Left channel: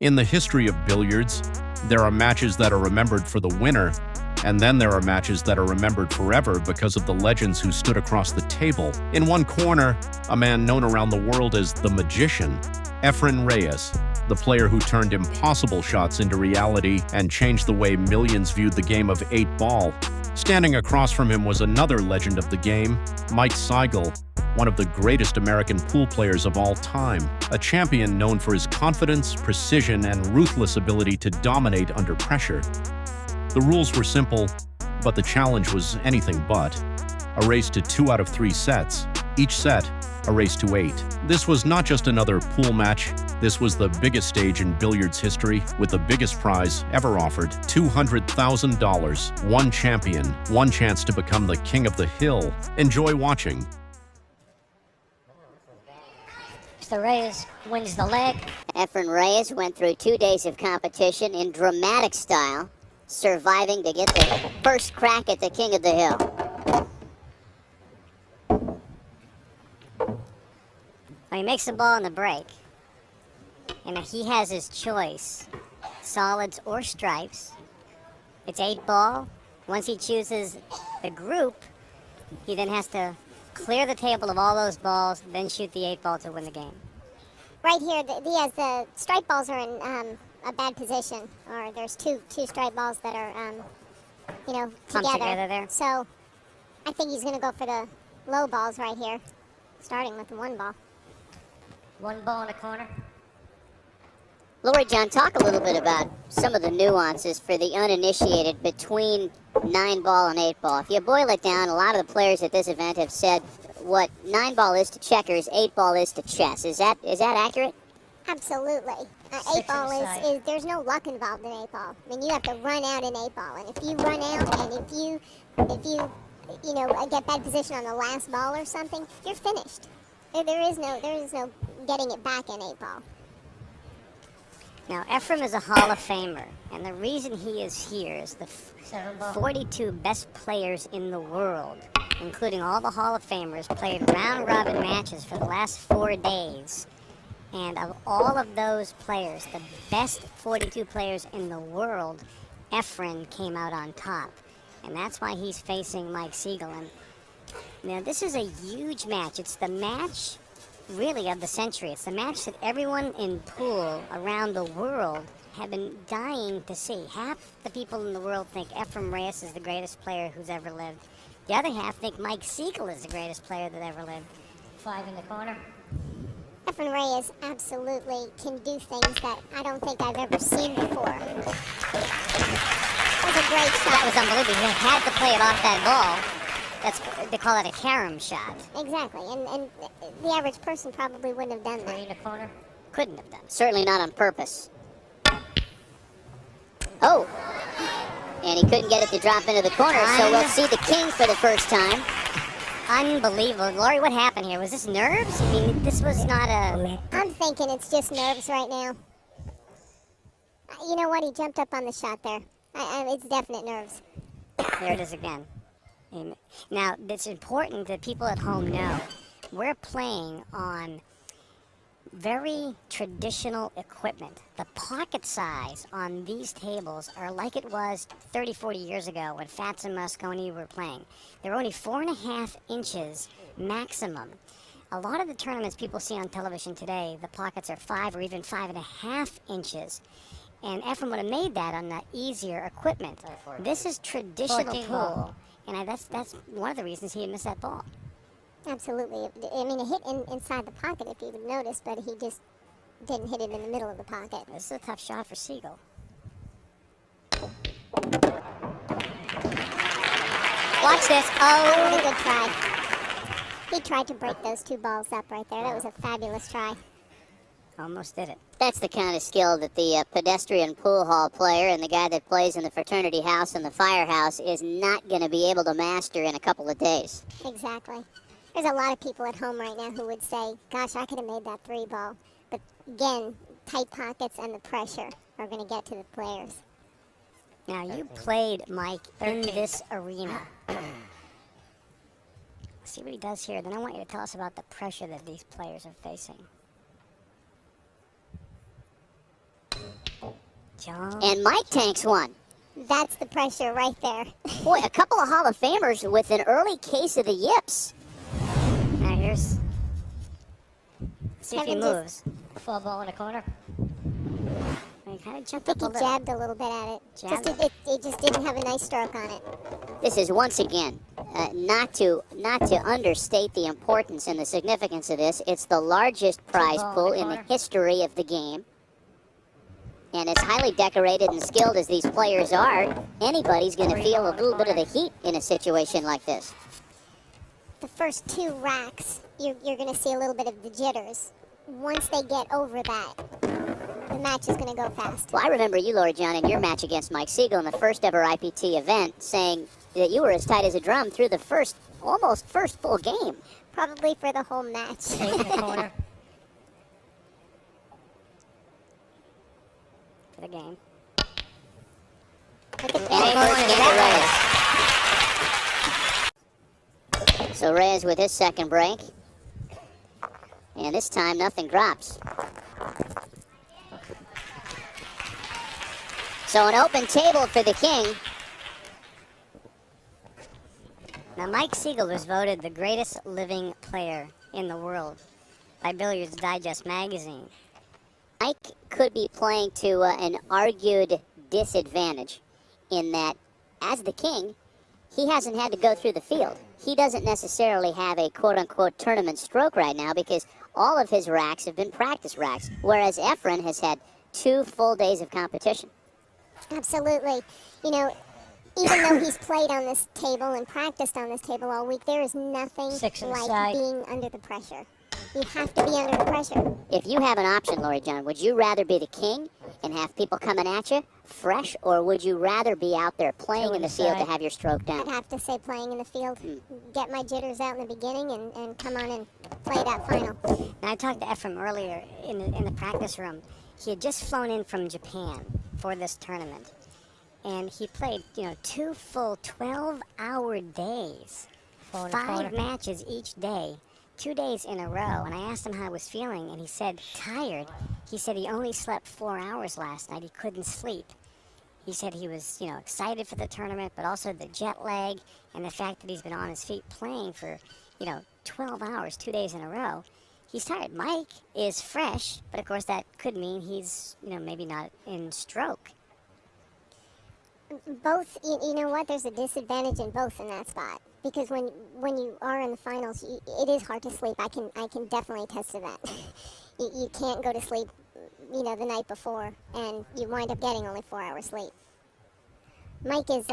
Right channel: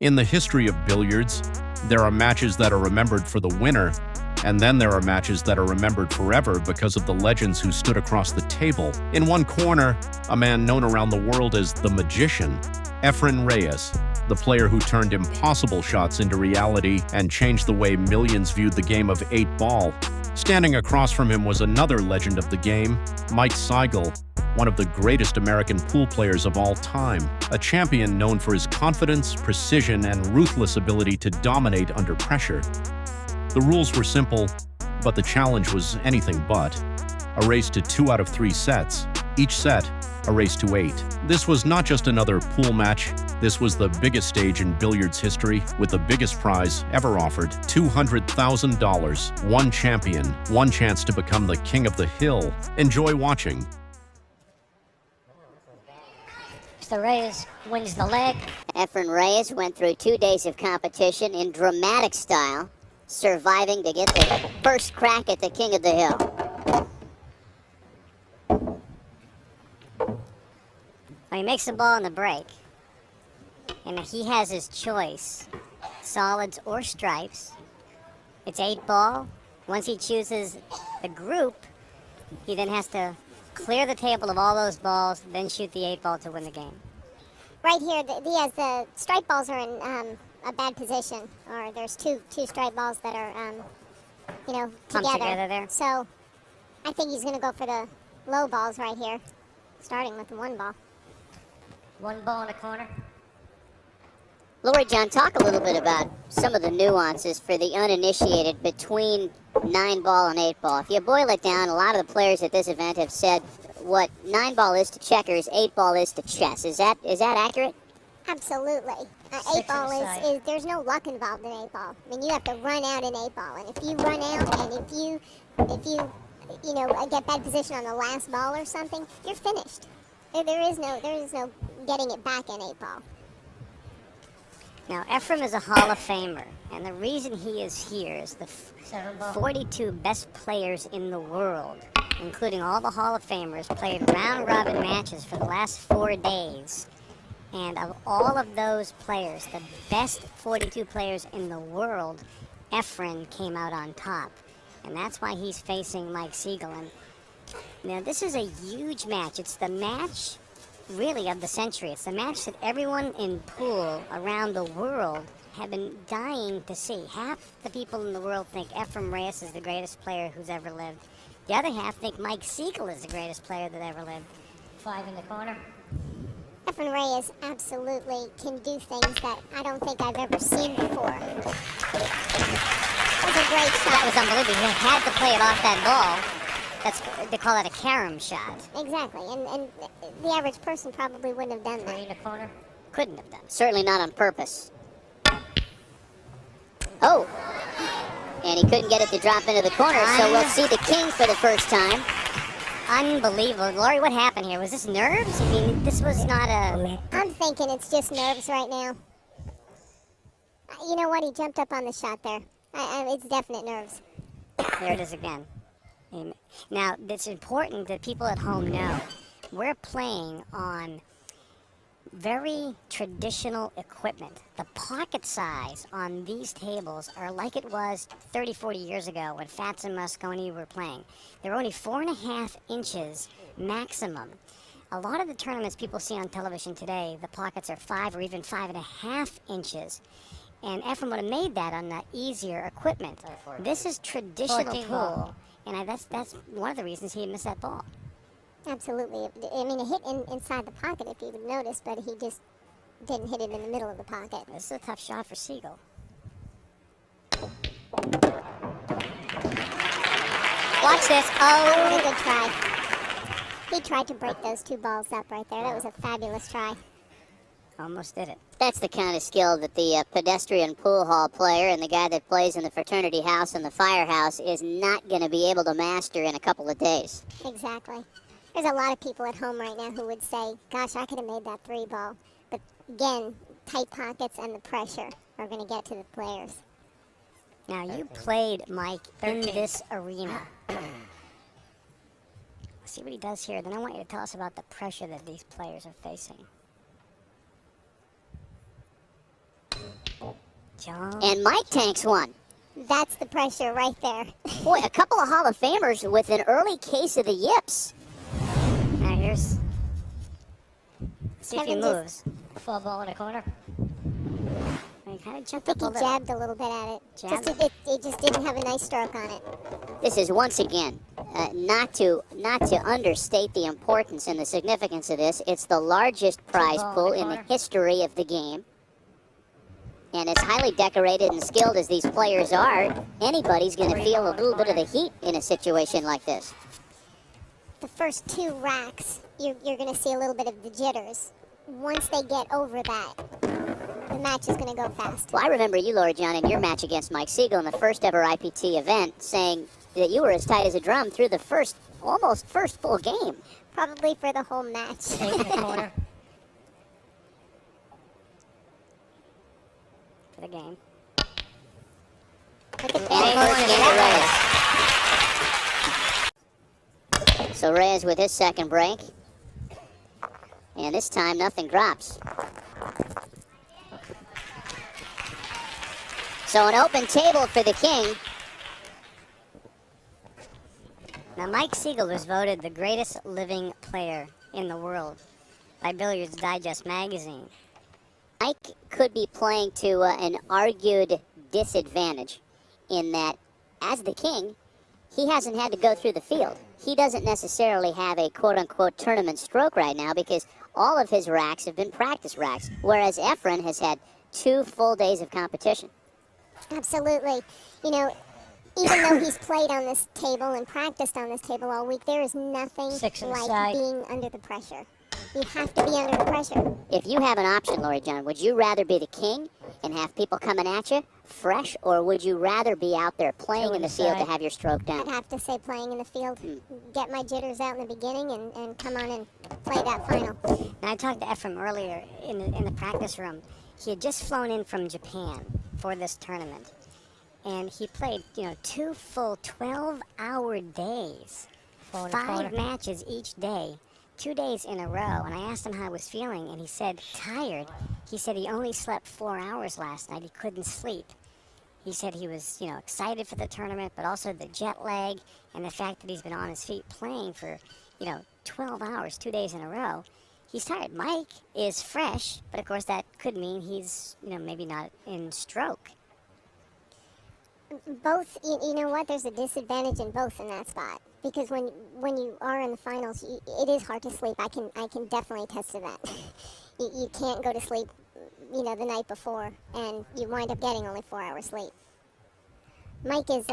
In the history of billiards, there are matches that are remembered for the winner, and then there are matches that are remembered forever because of the legends who stood across the table. In one corner, a man known around the world as the Magician, Efren Reyes, the player who turned impossible shots into reality and changed the way millions viewed the game of 8-ball. Standing across from him was another legend of the game, Mike Sigel, one of the greatest American pool players of all time, a champion known for his confidence, precision, and ruthless ability to dominate under pressure. The rules were simple, but the challenge was anything but. A race to 2 out of 3 sets, each set a race to 8. This was not just another pool match, this was the biggest stage in billiards history, with the biggest prize ever offered, $200,000, one champion, one chance to become the king of the hill. Enjoy watching. So Reyes wins the leg. Efren Reyes went through 2 days of competition in dramatic style, surviving to get the first crack at the king of the hill. Well, he makes the ball in the break, and he has his choice, solids or stripes. It's 8-ball. Once he chooses the group, he then has to clear the table of all those balls, then shoot the 8-ball to win the game. Right here, the stripe balls are in a bad position, or there's two stripe balls that are, together there. So I think he's going to go for the low balls right here, starting with the 1 ball. 1 ball in the corner. Lori John, talk a little bit about some of the nuances for the uninitiated between 9-ball and 8-ball. If you boil it down, a lot of the players at this event have said what 9-ball is to checkers, 8-ball is to chess. Is that accurate? Absolutely. 8-ball is there's no luck involved in 8-ball. I mean, you have to run out in 8-ball, and if you run out and if you get bad position on the last ball or something, you're finished. There is no getting it back in 8-ball. Now, Efren is a Hall of Famer, and the reason he is here is the 42 best players in the world, including all the Hall of Famers, played round-robin matches for the last 4 days. And of all of those players, the best 42 players in the world, Efren came out on top. And that's why he's facing Mike Sigel. Now, this is a huge match. It's the match, really, of the century. It's the match that everyone in pool around the world have been dying to see. Half the people in the world think Efren Reyes is the greatest player who's ever lived. The other half think Mike Sigel is the greatest player that ever lived. 5 in the corner. Efren Reyes absolutely can do things that I don't think I've ever seen before. That's a great shot. That was unbelievable. He had to play it off that ball. They call it a carom shot. Exactly, and the average person probably wouldn't have done that. In the corner? Couldn't have done it. Certainly not on purpose. Oh! And he couldn't get it to drop into the corner, so we'll see the king for the first time. Unbelievable. Lori, what happened here? Was this nerves? I mean, this was not a... I'm thinking it's just nerves right now. You know what? He jumped up on the shot there. It's definite nerves. There it is again. Now, it's important that people at home know we're playing on very traditional equipment. The pocket size on these tables are like it was 30, 40 years ago when Fats and Mosconi were playing. They're only 4.5 inches maximum. A lot of the tournaments people see on television today, the pockets are 5 or even 5.5 inches. And Efren would have made that on that easier equipment. This is traditional pool. And that's one of the reasons he missed that ball. Absolutely. I mean, it hit inside the pocket, if you would notice, but he just didn't hit it in the middle of the pocket. This is a tough shot for Sigel. Watch this. Oh, good try. He tried to break those 2 balls up right there. That was a fabulous try. Almost did it. That's the kind of skill that the pedestrian pool hall player and the guy that plays in the fraternity house and the firehouse is not going to be able to master in a couple of days. Exactly. There's a lot of people at home right now who would say, gosh, I could have made that 3 ball. But again, tight pockets and the pressure are going to get to the players. Now, you played, Mike, in this arena. See what he does here. Then I want you to tell us about the pressure that these players are facing. And Mike tanks one. That's the pressure right there. Boy, a couple of Hall of Famers with an early case of the yips. Now here's Kevin moves. Full ball in the corner. He kind of jumped I up think a he little. jabbed a little bit at it. Jabbed? It just didn't have a nice stroke on it. This is once again not to understate the importance and the significance of this. It's the largest prize pool in the history of the game. And as highly decorated and skilled as these players are, anybody's going to feel a little bit of the heat in a situation like this. The first 2 racks, you're going to see a little bit of the jitters. Once they get over that, the match is going to go fast. Well, I remember you, Laura John, in your match against Mike Sigel in the first ever IPT event, saying that you were as tight as a drum through the almost first full game. Probably for the whole match. For the game. Reyes. So Reyes with his second break. And this time nothing drops. So an open table for the king. Now, Mike Sigel was voted the greatest living player in the world by Billiards Digest magazine. Mike could be playing to an argued disadvantage in that, as the king, he hasn't had to go through the field. He doesn't necessarily have a quote-unquote tournament stroke right now because all of his racks have been practice racks, whereas Efren has had 2 full days of competition. Absolutely. You know, even though he's played on this table and practiced on this table all week, there is nothing like being under the pressure. You have to be under the pressure. If you have an option, Lori John, would you rather be the king and have people coming at you fresh, or would you rather be out there playing in the field to have your stroke down? I'd have to say playing in the field. Get my jitters out in the beginning and come on and play that final. Now, I talked to Efren earlier in the practice room. He had just flown in from Japan for this tournament. And he played, 2 full 12-hour days. 5 matches each day. 2 days in a row. And I asked him how he was feeling, and he said, tired. He said he only slept 4 hours last night. He couldn't sleep. He said he was, excited for the tournament, but also the jet lag and the fact that he's been on his feet playing for, 12 hours, 2 days in a row. He's tired. Mike is fresh, but of course that could mean he's, maybe not in stroke. Both, you know what? There's a disadvantage in both in that spot because when you are in the finals, it is hard to sleep. I can definitely attest to that. You can't go to sleep, the night before, and you wind up getting only 4 hours sleep. Mike is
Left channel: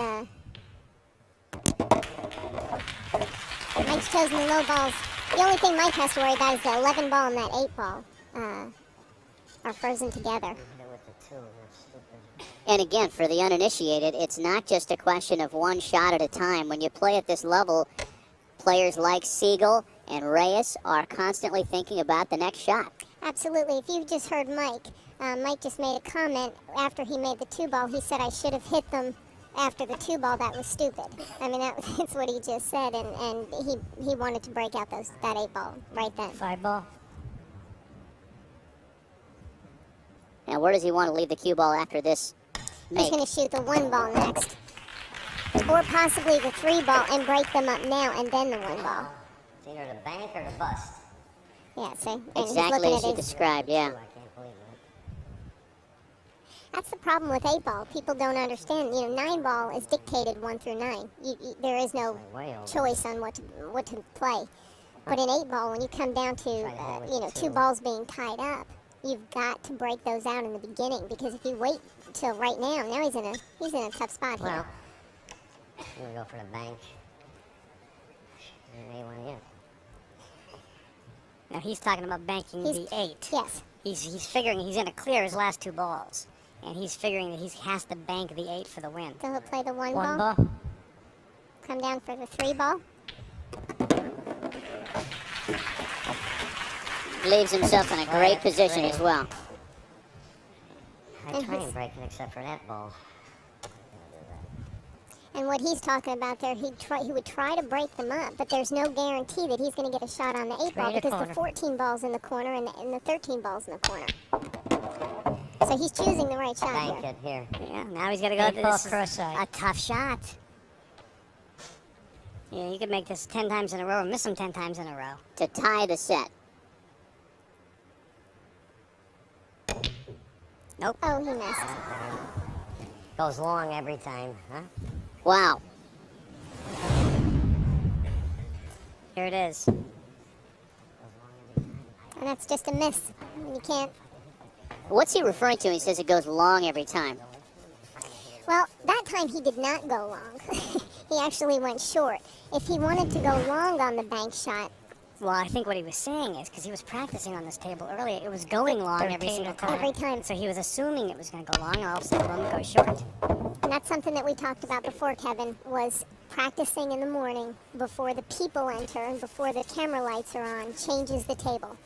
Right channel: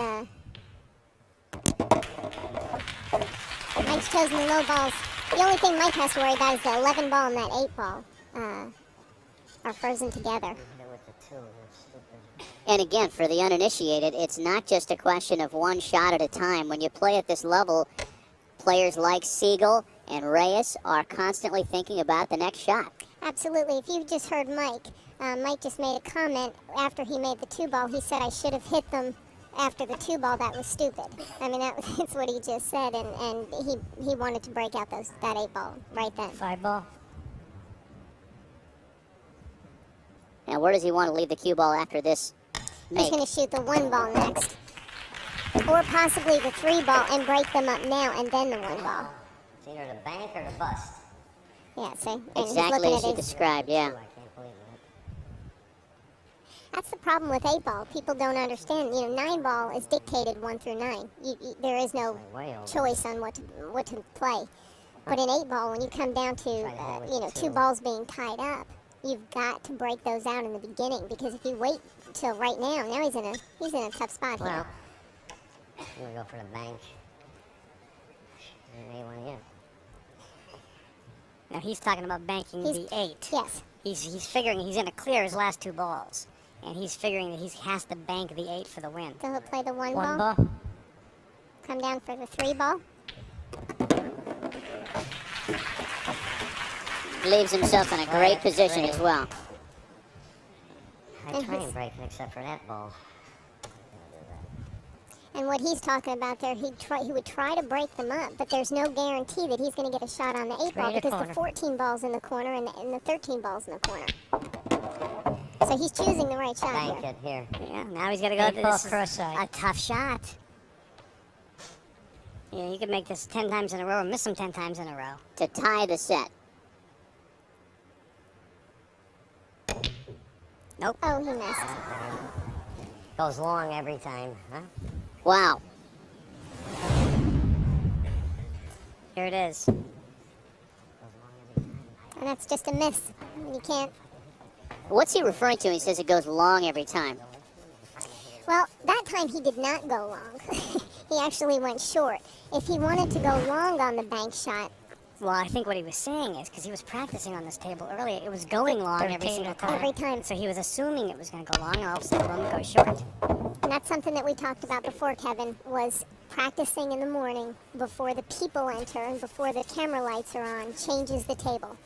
Mike's chosen the low balls. The only thing Mike has to worry about is the 11 ball and that 8 ball are frozen together. And again, for the uninitiated, it's not just a question of one shot at a time. When you play at this level, players like Sigel and Reyes are constantly thinking about the next shot. Absolutely. If you've just heard Mike, Mike just made a comment after he made the 2 ball. He said, I should have hit them after the 2 ball. That was stupid. I mean, that's what he just said, and he wanted to break out that 8 ball right then. 5 ball. Now, where does he want to leave the cue ball after this make? He's going to shoot the 1 ball next. Or possibly the 3 ball and break them up now and then the 1 ball. It's either the bank or the bust. Yeah, so Exactly as you described, yeah. That's the problem with 8 ball. People don't understand. 9 ball is dictated 1 through 9. There is no choice on what to play. But in 8 ball, when you come down to 2 balls being tied up, you've got to break those out in the beginning because if you wait until right now he's in a tough spot here. Well, I'm gonna go for the bank. Now he's talking about banking the 8. Yes. He's figuring he's gonna clear his last 2 balls, and he's figuring that he has to bank the 8 for the win. So he'll play the 1 1 ball. ball. Come down for the 3 ball. Leaves himself in a great position as well. I try and break it except for that ball. And what he's talking about there, he would try to break them up, but there's no guarantee that he's going to get a shot on the 8 ball because the 14 ball's in the corner and the 13 ball's in the corner. So he's choosing the right shot. Thank you. Here. Yeah, now he's got to go to Ball this. cross side. A tough shot. Yeah, you could make this 10 times in a row and miss them 10 times in a row. To tie the set. Nope. Oh, he missed. Goes long every time, huh? Wow. Here it is. And that's just a miss. You can't. What's he referring to? He says it goes long every time. Well, that time he did not go long. He actually went short. If he wanted to go long on the bank shot, Well, I think what he was saying is, because he was practicing on this table earlier, it was going long every single time. every time. So he was assuming it was going to go long, and all of a sudden the one goes short. And that's something that we talked about before, Kevin, was practicing in the morning before the people enter and before the camera lights are on, changes the table.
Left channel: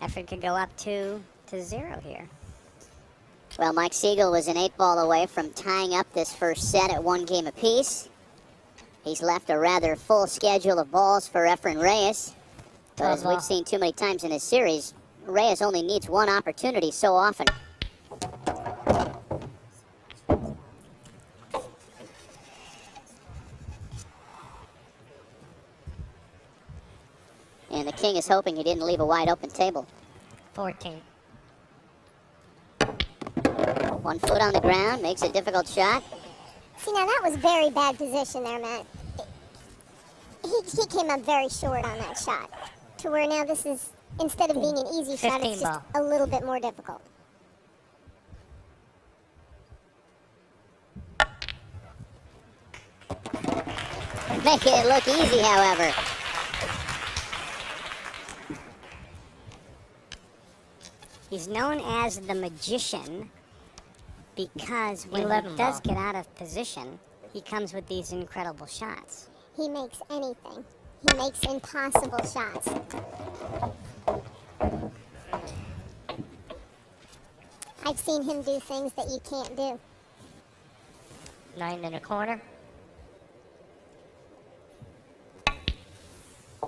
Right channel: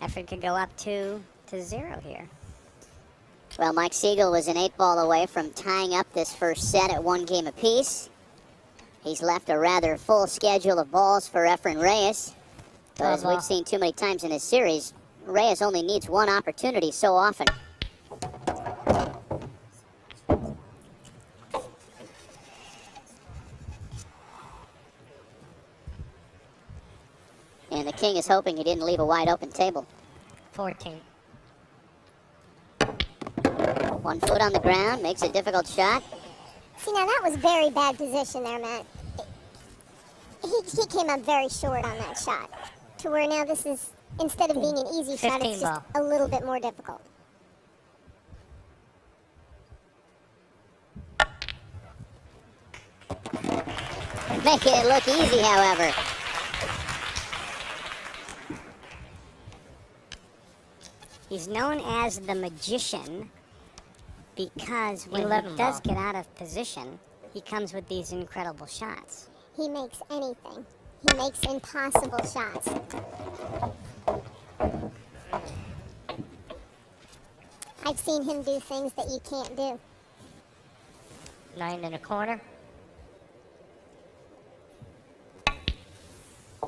Efren could go up 2-0 here. Well, Mike Sigel was an 8-ball away from tying up this first set at 1 game apiece. He's left a rather full schedule of balls for Efren Reyes. As we've seen too many times in this series, Reyes only needs one opportunity so often. And the king is hoping he didn't leave a wide open table. 14. 1 foot on the ground, makes a difficult shot. See, now that was very bad position there, Matt. He came up very short on that shot. To where now this is, instead of being an easy shot, it's just a little bit more difficult. Making it look easy, however. He's known as the magician because when he does get out of position, he comes with these incredible shots. He makes anything. He makes impossible shots. I've seen him do things that you can't do. 9 1/4.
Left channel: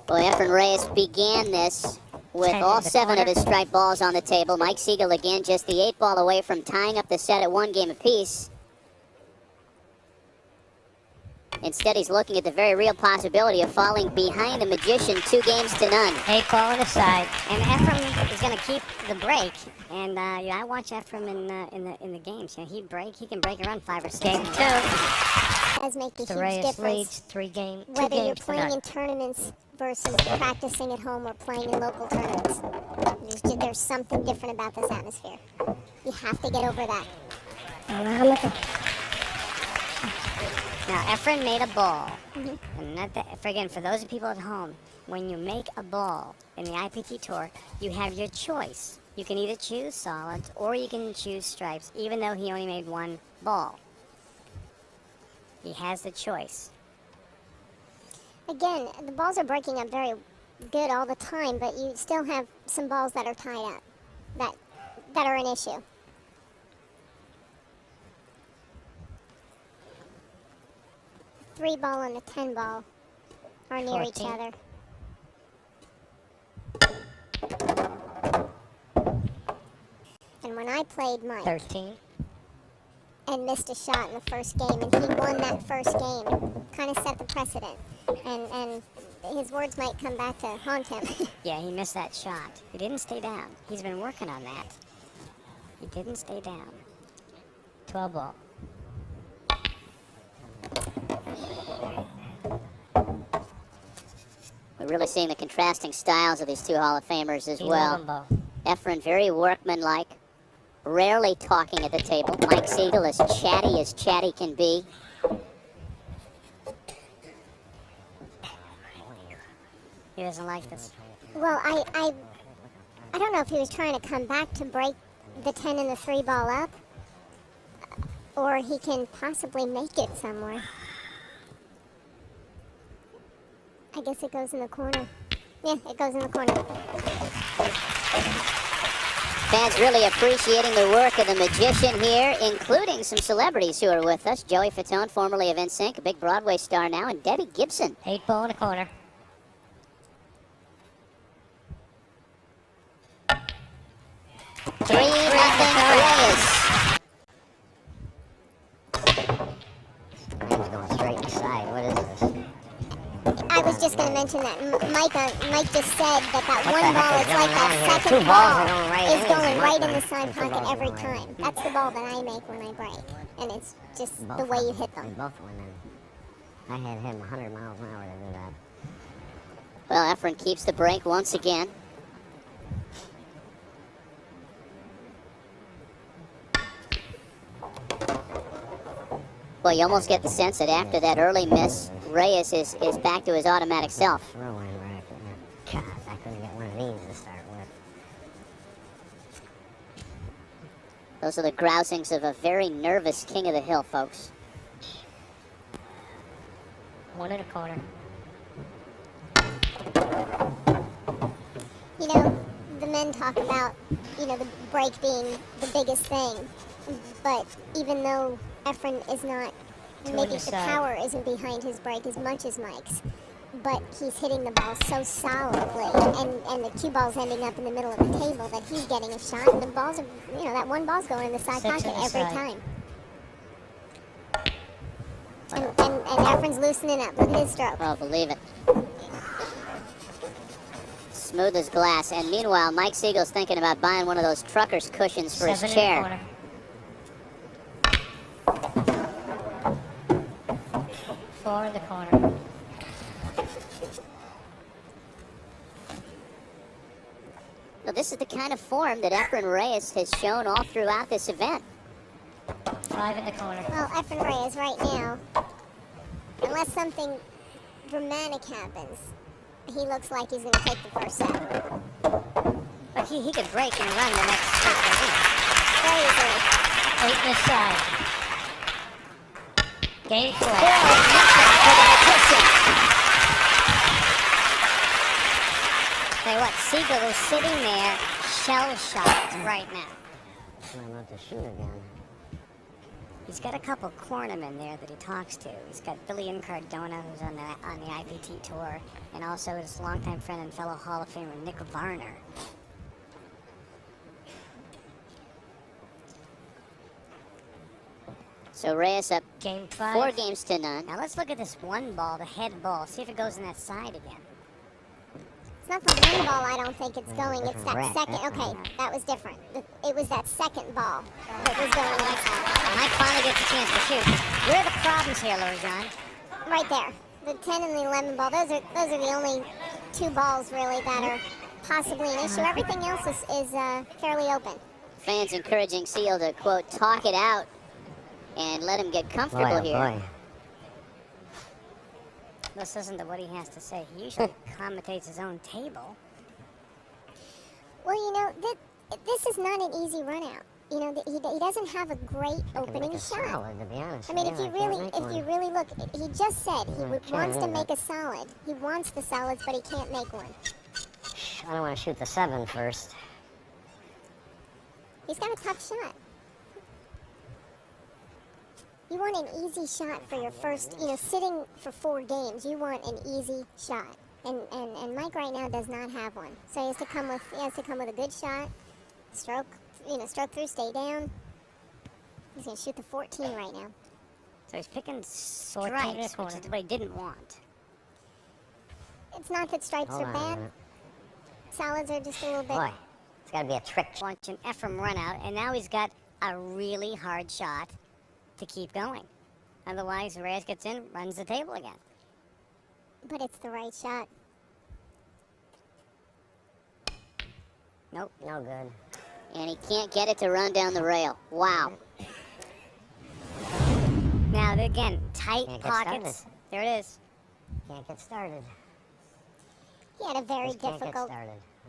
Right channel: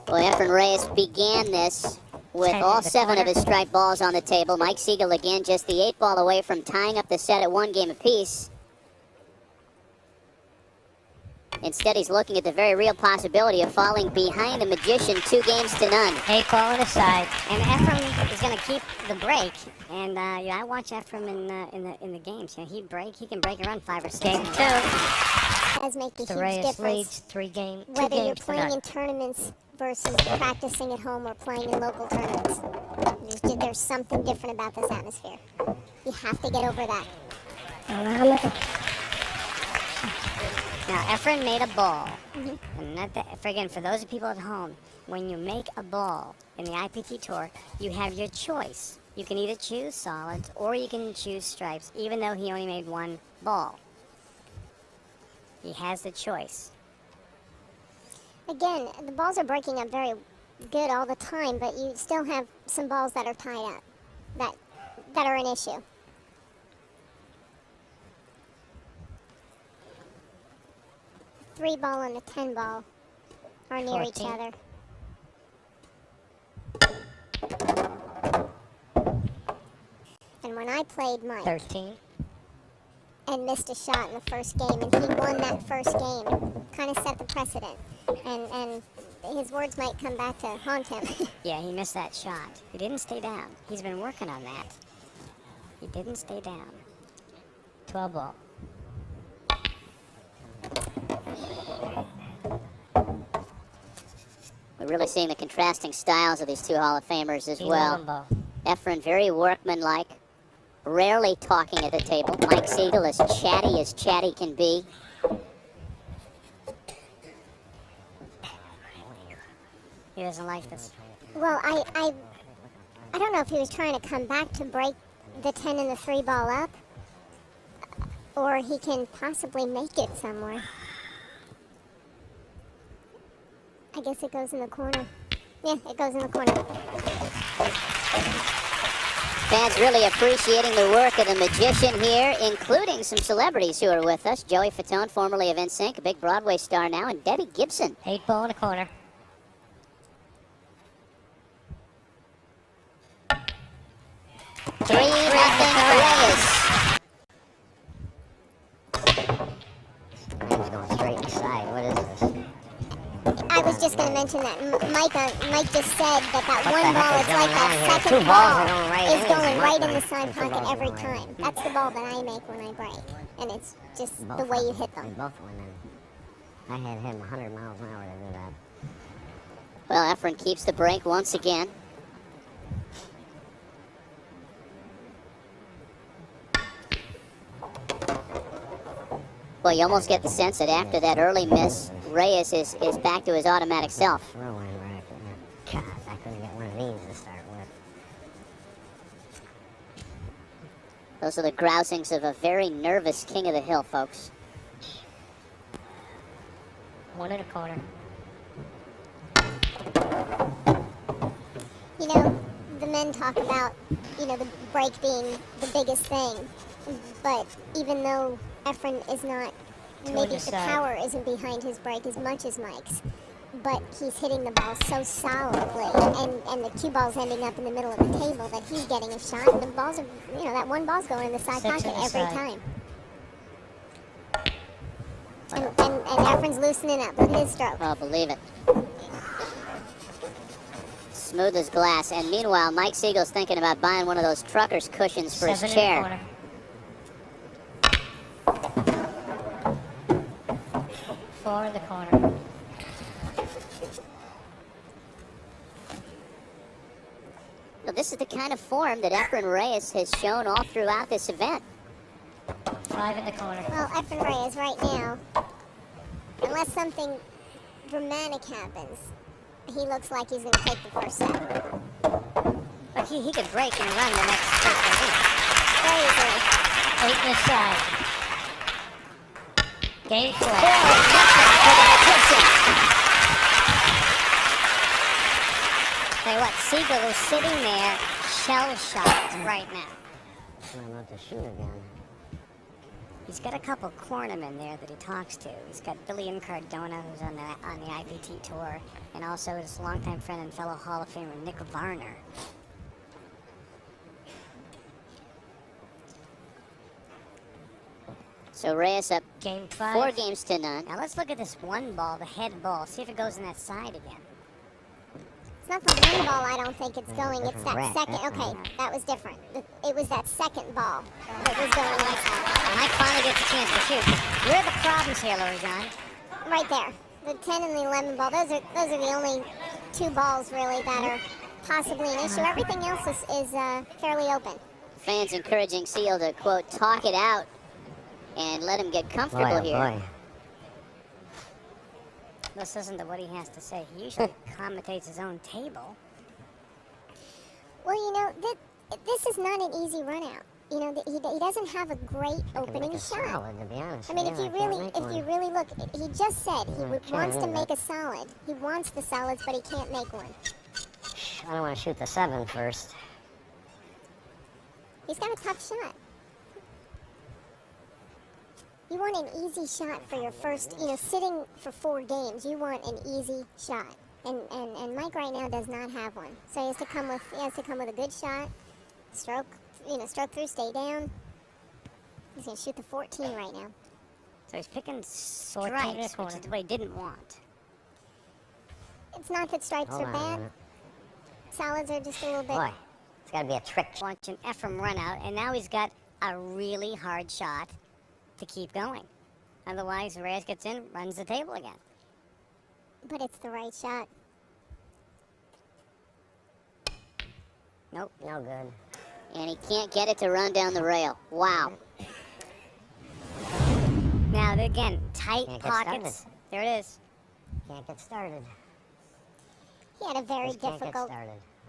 Well, Efren Reyes began this with all 7 of his strike balls on the table. Mike Sigel again just the 8-ball away from tying up the set at 1 game apiece. Instead, he's looking at the very real possibility of falling behind the magician 2 games to none. 8-ball on the side. And Efren is going to keep the break. And yeah, I watch Efren in the games. You know, he can break around 5 or 6. Game 2. Does make a huge Reyes difference. leads 3 games. Whether you're playing in tournaments versus practicing at home or playing in local tournaments. There's something different about this atmosphere. You have to get over that. Now, Efren made a ball. And not that, again, for those people at home, when you make a ball in the IPT Tour, you have your choice. You can either choose solids or you can choose stripes, even though he only made 1 ball. He has the choice. Again, the balls are breaking up very good all the time, but you still have some balls that are tied up that are an issue. Three ball and the 10 ball are near 14. each other. And when I played Mike 13. and missed a shot in the first game, and he won that first game, kind of set the precedent. And his words might come back to haunt him. Yeah, he missed that shot. He didn't stay down. He's been working on that. He didn't stay down. 12 ball. We're really seeing the contrasting styles of these 2 Hall of Famers as well. Ball. Efren, very workmanlike, rarely talking at the table. Mike Sigel as chatty can be. He doesn't like this. Well, I don't know if he was trying to come back to break the 10 and the 3 ball up, or he can possibly make it somewhere. I guess it goes in the corner. Yeah, it goes in the corner. Fans really appreciating the work of the magician here, including some celebrities who are with us. Joey Fatone, formerly of NSYNC, a big Broadway star now, and Debbie Gibson. 8-ball in the corner. 3-0 Reyes. He's going straight inside. What is this? I was just going to mention that Mike just said that one ball is like the second Two balls ball are going right is in. going right in the side pocket every time. That's the ball that I make when I break, and it's just the way you hit them. Both went in. I had him 100 miles higher than that. Well, Efren keeps the break once again. Well, you almost get the sense that after that early miss, Reyes is back to his automatic self. Whirlwind racket. God, I couldn't get one of these to start with. Those are the grousings of a very nervous king of the hill, folks. One in a corner. You know, the men talk about, the break being the biggest thing, but even though Efren is not, maybe the power isn't behind his break as much as Mike's, but he's hitting the ball so solidly, and the cue ball's ending up in the middle of the table that he's getting a shot, and the balls are, that one ball's going in the side pocket every time. And Efren's loosening up with his stroke. Oh, believe it. Smooth as glass. And meanwhile, Mike Siegel's thinking about buying one of those trucker's cushions for his chair. Four in the corner. Well, this is the kind of form that Efren Reyes has shown all throughout this event. 5 in the corner. Well, Efren Reyes right now, unless something dramatic happens, he looks like he's going to take the first set. But he could break and run the next 3 games. Crazy. 8 inside. Game 6. Hey, what? Sigel is sitting there shell-shocked right now. I want to shoot again. He's got a couple cornermen there that he talks to. He's got Billy Cardona, who's on the IPT tour, and also his longtime friend and fellow Hall of Famer Nick Varner. So Reyes up Game 5. 4 games to none. Now let's look at this one ball, the head ball. See if it goes in that side again. It's not the one ball, I don't think it's going. It's that second. Okay, that was different. It was that second ball that was going inside. Mike finally gets a chance to hit. Where are the problems here, Louis? Right there. The 10 and the 11 ball. Those are the only 2 balls really that are possibly an issue. Everything else is fairly open. Fans encouraging Sigel to, quote, talk it out and let him get comfortable here. Let's listen to what he has to say. He usually commentates his own table. Well, this is not an easy run out. He doesn't have a great opening shot. I mean, if you really look, he just said he wants to make a solid. He wants the solids, but he can't make one. I don't want to shoot the 7 first. He's got a tough shot. You want an easy shot for your first, sitting for 4 games, you want an easy shot. And Mike right now does not have one. So he has to come with a good shot, stroke through, stay down. He's going to shoot the 14 right now. So he's picking stripes, which is what he didn't want. It's not that stripes are bad. Solids are just a little bit. It's got to be a trick. Launch an Efren run out, and now he's got a really hard shot to keep going. Otherwise, Reyes gets in, runs the table again. But it's the right shot. Nope, no good. And he can't get it to run down the rail. Wow. Now, again, tight pockets. There it is. Can't get started. He had a very difficult.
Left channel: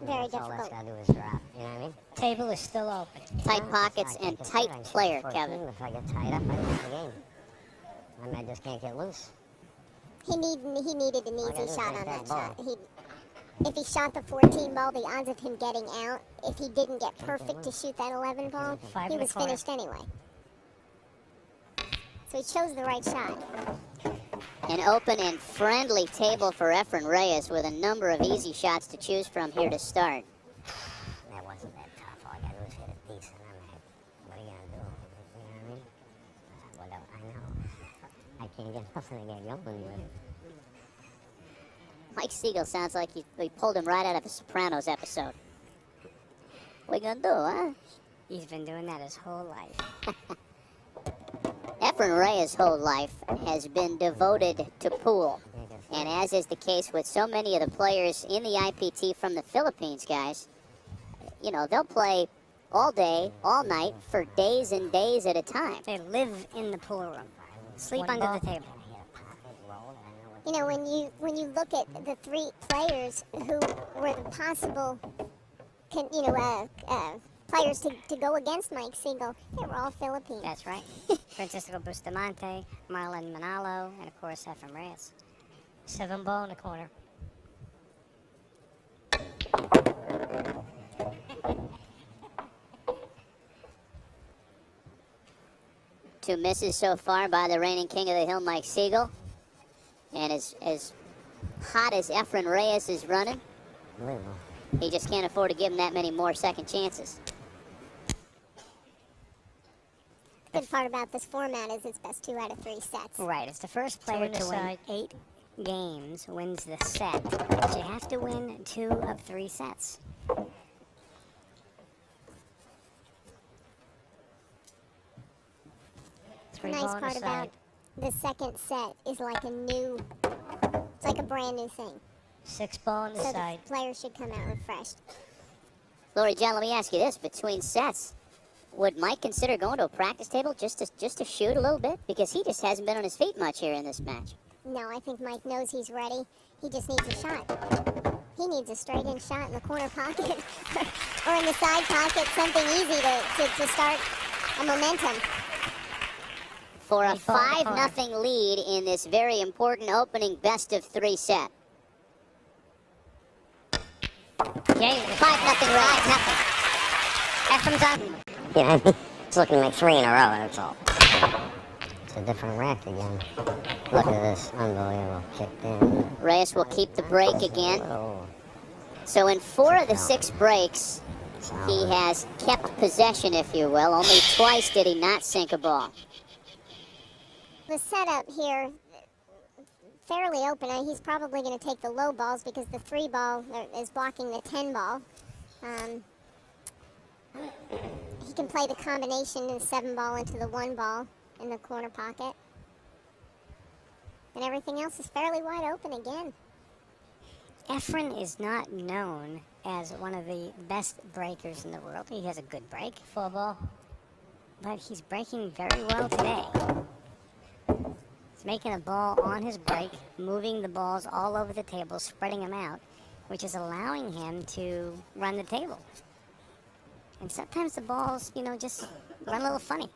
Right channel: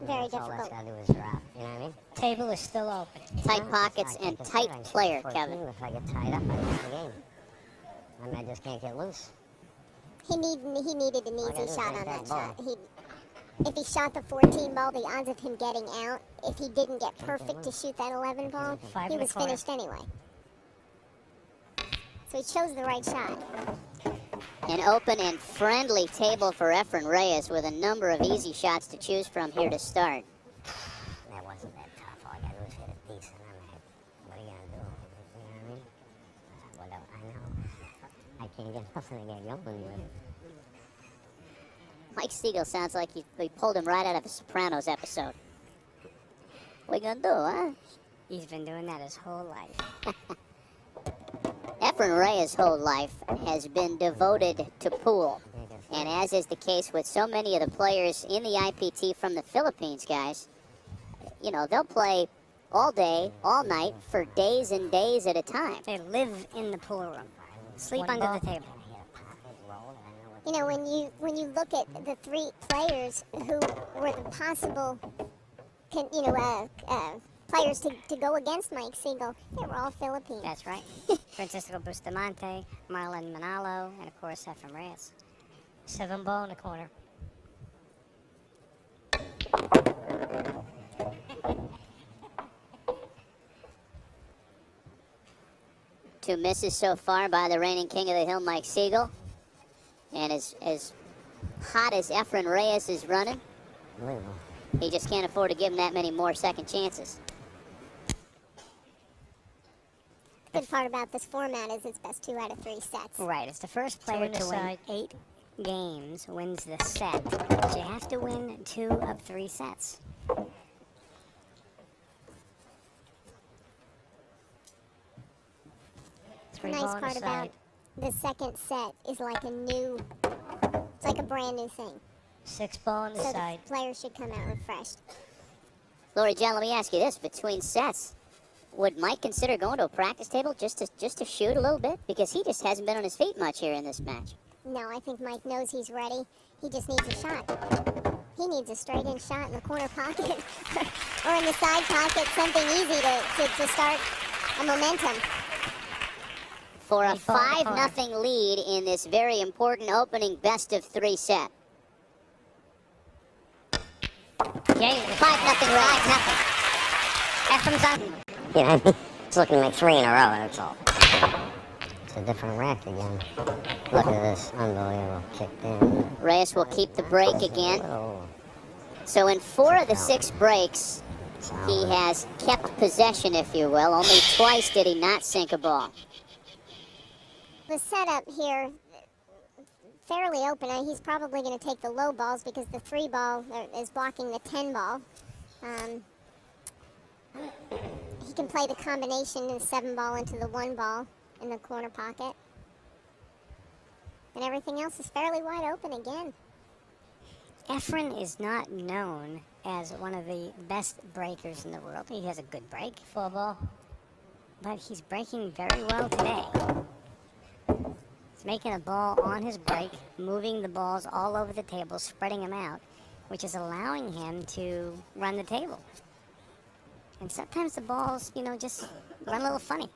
Very difficult. All that's got to do is drop. You know what I mean? Table is still open. Tight pockets and tight player, Kevin. If I get tied up, I lose the game. I mean, I just can't get loose. He needed an easy shot on that shot. If he shot the 14 ball, the odds of him getting out, if he didn't get perfect to shoot that 11 ball, he was finished anyway. So he chose the right shot. An open and friendly table for Efren Reyes with a number of easy shots to choose from here to start. That wasn't that tough. All I got to do is hit it can't get nothing to get going with. Mike Sigel sounds like they pulled him right out of a Sopranos episode. What you gonna do, huh? He's been doing that his whole life. Efren Reyes' whole life has been devoted to pool. And as is the case with so many of the players in the IPT from the Philippines, guys, you know, they'll play all day, all night, for days and days at a time. They live in the pool room, sleep under the table. You know, when you look at the three players who were the possible, players to go against Mike Sigel, they were all Philippines. That's right. Francisco Bustamante, Marlon Manalo, and of course Efren Reyes. 7 ball in the corner. Two misses so far by the reigning king of the hill, Mike Sigel. And as hot as Efren Reyes is running, he just can't afford to give him that many more second chances. Good part about this format is it's best 2 out of 3 sets. Right, it's the first player to win 8 games wins the set. But you have to win 2 of 3 sets. The nice part about the second set is like it's like a brand new thing. 6 ball on the So side. the players should come out refreshed. Lori John, let me ask you this. Between sets, would Mike consider going to a practice table just to shoot a little bit? Because he just hasn't been on his feet much here in this match. No, I think Mike knows he's ready. He just needs a shot. He needs a straight-in shot in the corner pocket or in the side pocket, something easy to start a momentum. For a 5-0 lead in this very important opening best-of-3 set. Okay, 5-0 race. Efren's up. Yeah, it's looking like 3 in a row, that's all. It's a different rack again. Look at this, unbelievable. Kick down. Reyes will keep the break again. So in 4 of the 6 breaks, he has kept possession, if you will. Only twice did he not sink a ball. The setup here, fairly open. He's probably going to take the low balls because the 3 ball is blocking the 10 ball. He can play the combination of 7 ball into the 1 ball in the corner pocket. And everything else is fairly wide open again. Efren is not known as one of the best breakers in the world. He has a good break, full ball, but he's breaking very well today. He's making a ball on his break, moving the balls all over the table, spreading them out, which is allowing him to run the table. And sometimes the balls, just run a little funny.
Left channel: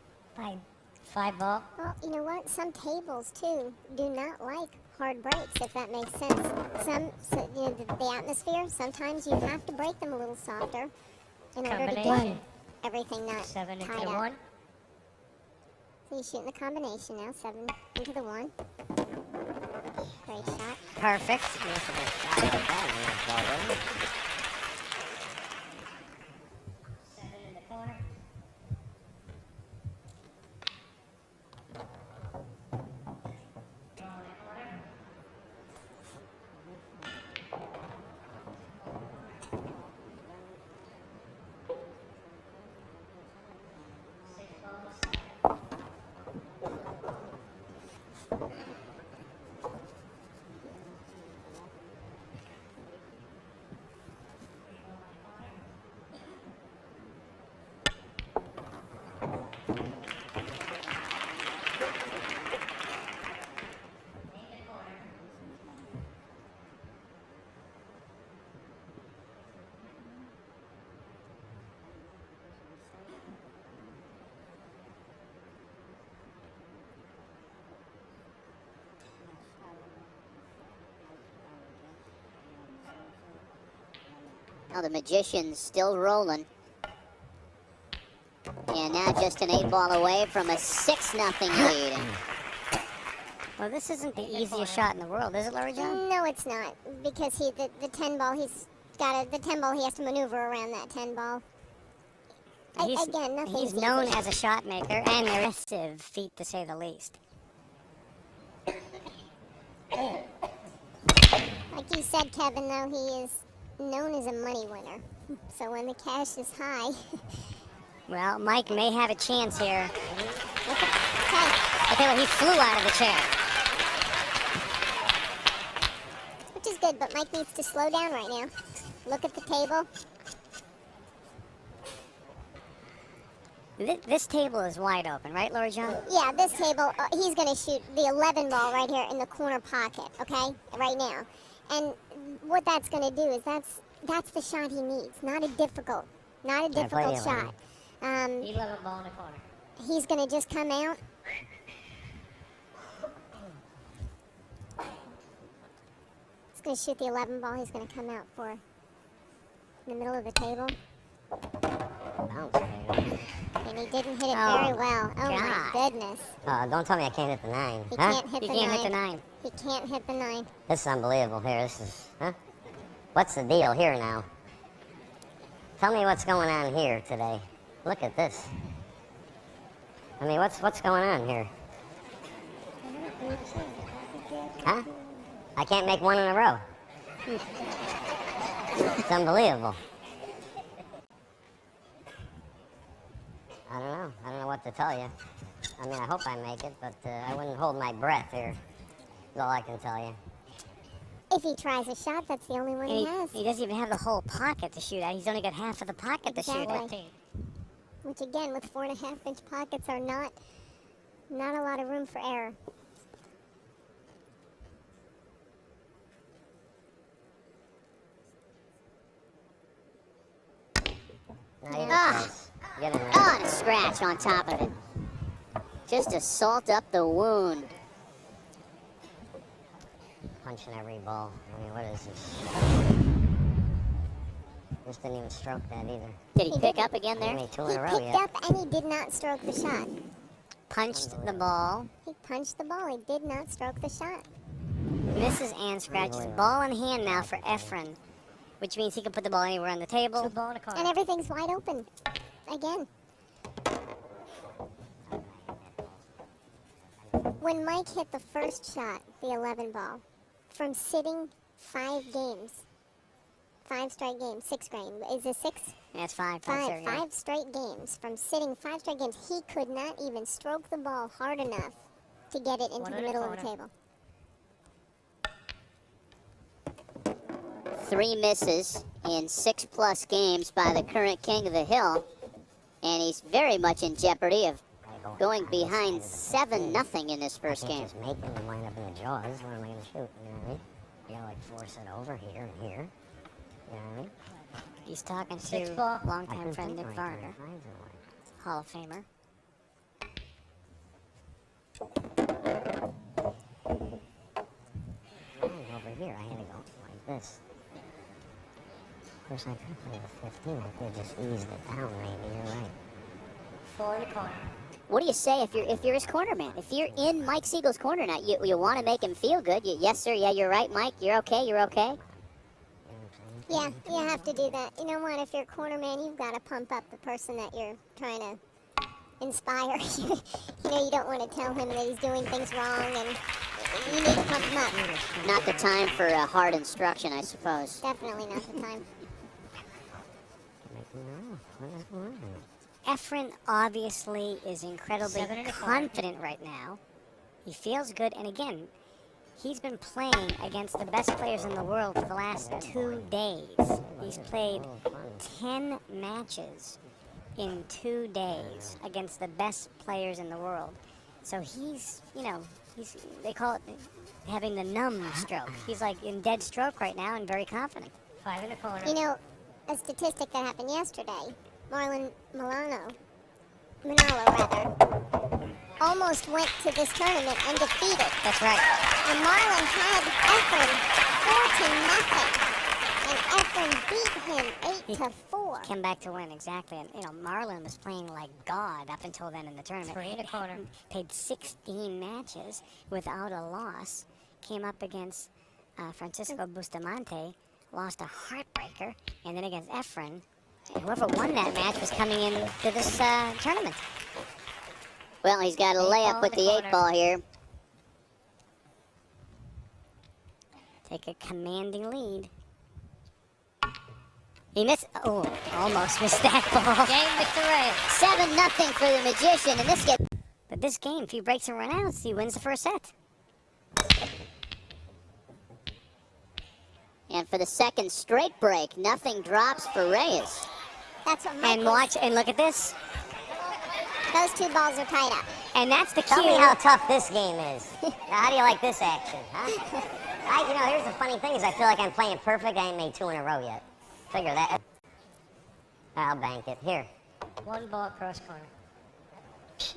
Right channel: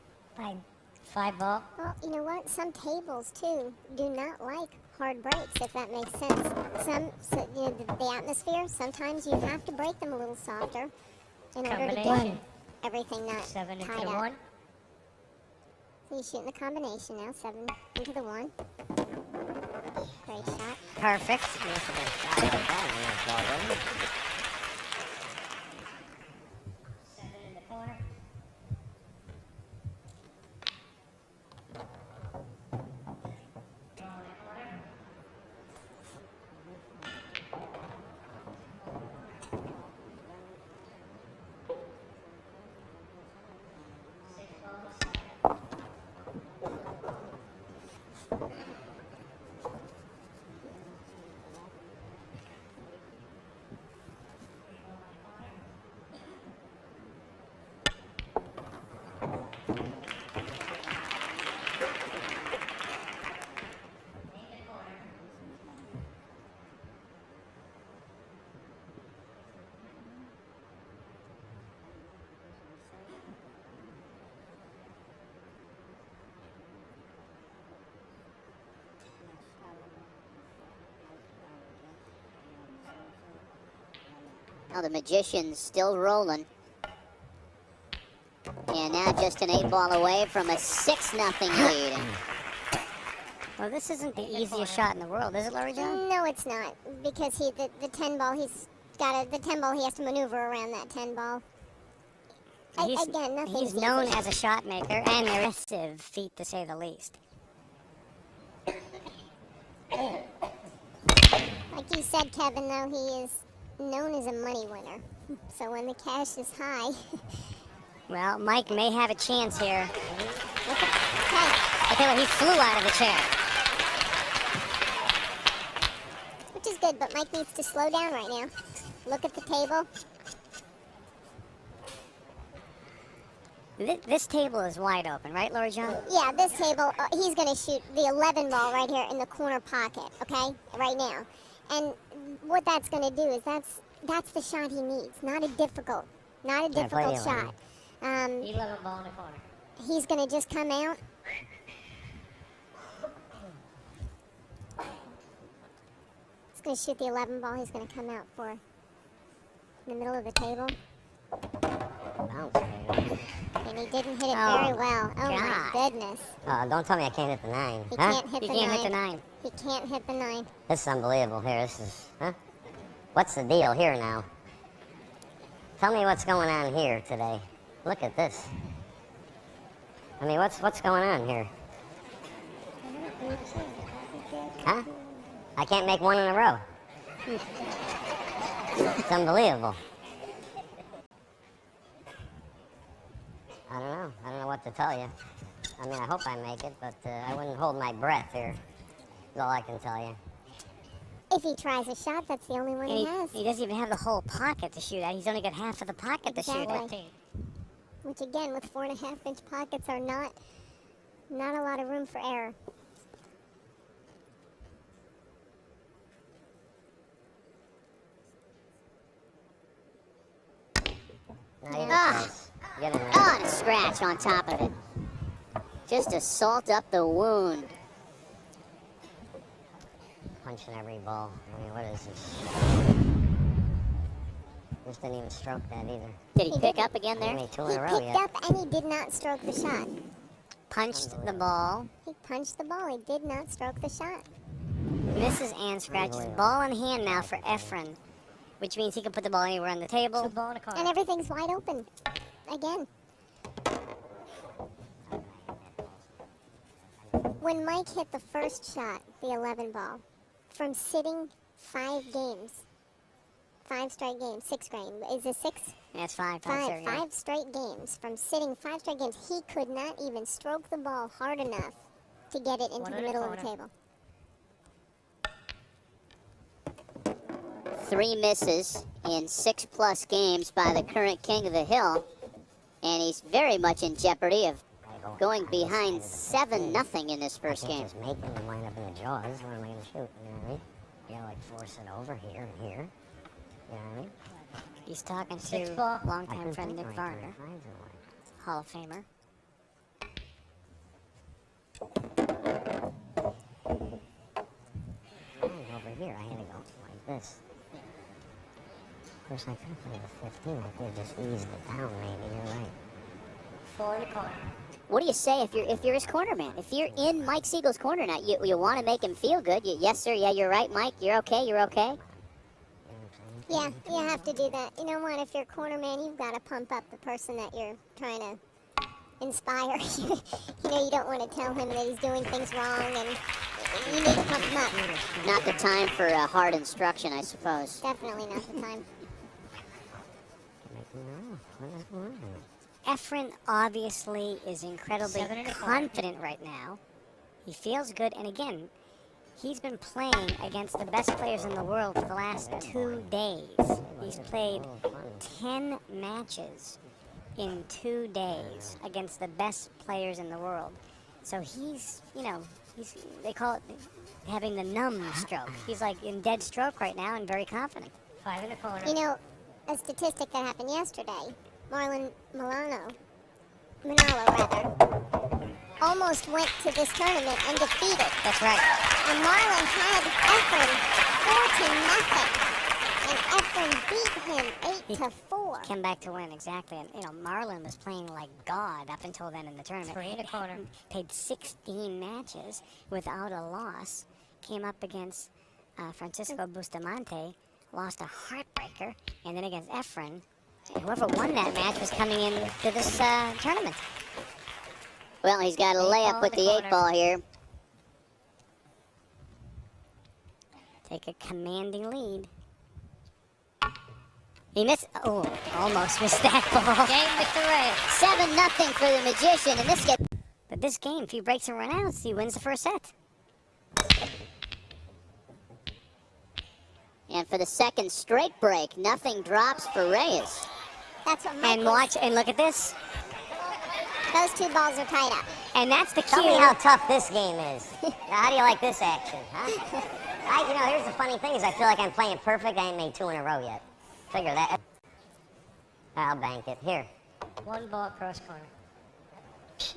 5 ball. Well, you know what? Some tables, too, do not like hard breaks, if that makes sense. The atmosphere, sometimes you have to break them a little softer in order to get everything not 7 tied into the up. 1. So you're shooting the combination now, 7 into the 1. Great shot. Perfect. Now the Magician's still rolling. And now just an 8 ball away from a 6-0 lead. Well, this isn't the easiest shot in the world, is it, Larry John? No, it's not, because the 10 ball, the 10 ball, he has to maneuver around that 10 ball. He's known as a shot maker and aggressive feat, to say the least. Like you said, Kevin, though, he is known as a money winner. So when the cash is high, Well, Mike may have a chance here. Look how he flew out of the chair. which is good, but Mike needs to slow down right now. Look at the table. This table is wide open, right, Lori John? Yeah, this table, he's going to shoot the 11 ball right here in the corner pocket, okay? Right now. And what that's going to do is that's the shot he needs. Not a difficult shot. He's going to just come out. He's going to shoot the 11 ball. He's going to come out for in the middle of the table. And he didn't hit it very well. Oh my goodness. Don't tell me I can't hit the 9. He Huh? can't hit He the can't 9. hit the 9. He can't hit the 9. This is unbelievable here. This is, huh? What's the deal here now? Tell me what's going on here today. Look at this. I mean, what's going on here? Huh? I can't make one in a row. It's unbelievable. I don't know what to tell you. I mean, I hope I make it, but I wouldn't hold my breath here. That's all I can tell you. If he tries a shot, that's the only one he has. He doesn't even have the whole pocket to shoot at. He's only got half of the pocket to shoot at. Exactly. Which again, with 4.5-inch pockets, are not a lot of room for error. Get in there. Oh, and a scratch on top of it. Just to salt up the wound. Punching every ball. I mean, what is this? This didn't even stroke that either. Did he pick up again there? He made 2 He in a row picked yet. up and he did not stroke the shot. Punched the ball. He punched the ball. He did not stroke the shot. Misses and scratches. Ball in hand now for Efren, which means he can put the ball anywhere on the table. And everything's wide open. Again. When Mike hit the first shot, the 11 ball, from sitting 5 games, 5 straight games, 6 games, is it 6? Yeah, it's fine. Five straight games. From sitting 5 straight games, he could not even stroke the ball hard enough to get it into the middle of the table. 3 misses in 6+ games by the current king of the hill. And he's very much in jeopardy of going behind 7-0 in this first game. Just make them line up in the jaws. What am I going to shoot? You gotta like force it over here. He's talking to longtime friend Nick Varner, Hall of Famer. Over here, I had to go like this. There's like a 15. I could just eased it down, maybe. You're right. What do you say if you're his corner man? If you're in Mike Siegel's corner now, you want to make him feel good. Yes, sir. Yeah, you're right, Mike. You're okay. You're okay. Yeah, you have to do that. You know what? If you're a corner man, you've got to pump up the person that you're trying to inspire. You don't want to tell him that he's doing things wrong, and you need to pump him up. Not the time for hard instruction, I suppose. Definitely not the time. Efren obviously is incredibly confident right now. He feels good, and again, he's been playing against the best players in the world for the last 2 days. He's played 10 matches in 2 days against the best players in the world. So he's, they call it having the numb stroke. He's like in dead stroke right now and very confident. 5 in the corner. You know, a statistic that happened yesterday, Marlon Manalo, almost went to this tournament undefeated. That's right. And Marlon had Efren 14-0. And Efren beat him 8-4. Came back to win, exactly. And, Marlon was playing like God up until then in the tournament. 3 in the corner. Played 16 matches without a loss. Came up against Francisco Bustamante, lost a heartbreaker, and then against Efren. Whoever won that match was coming into this tournament. Well, he's got a layup with the 8 ball here. take a commanding lead. He missed. Oh, almost missed that ball. Game to 7-0 for the Magician in this game. But this game, if he breaks and runs, he wins the first set. And for the second straight break, nothing drops for Reyes. That's what And watch, and look at this. Those two balls are tied up. And that's the Tell me cue. how tough this game is. How do you like this action? Huh? Here's the funny thing is I feel like I'm playing it perfect. I ain't made 2 in a row yet. Figure that. I'll bank it. Here. One ball cross corner.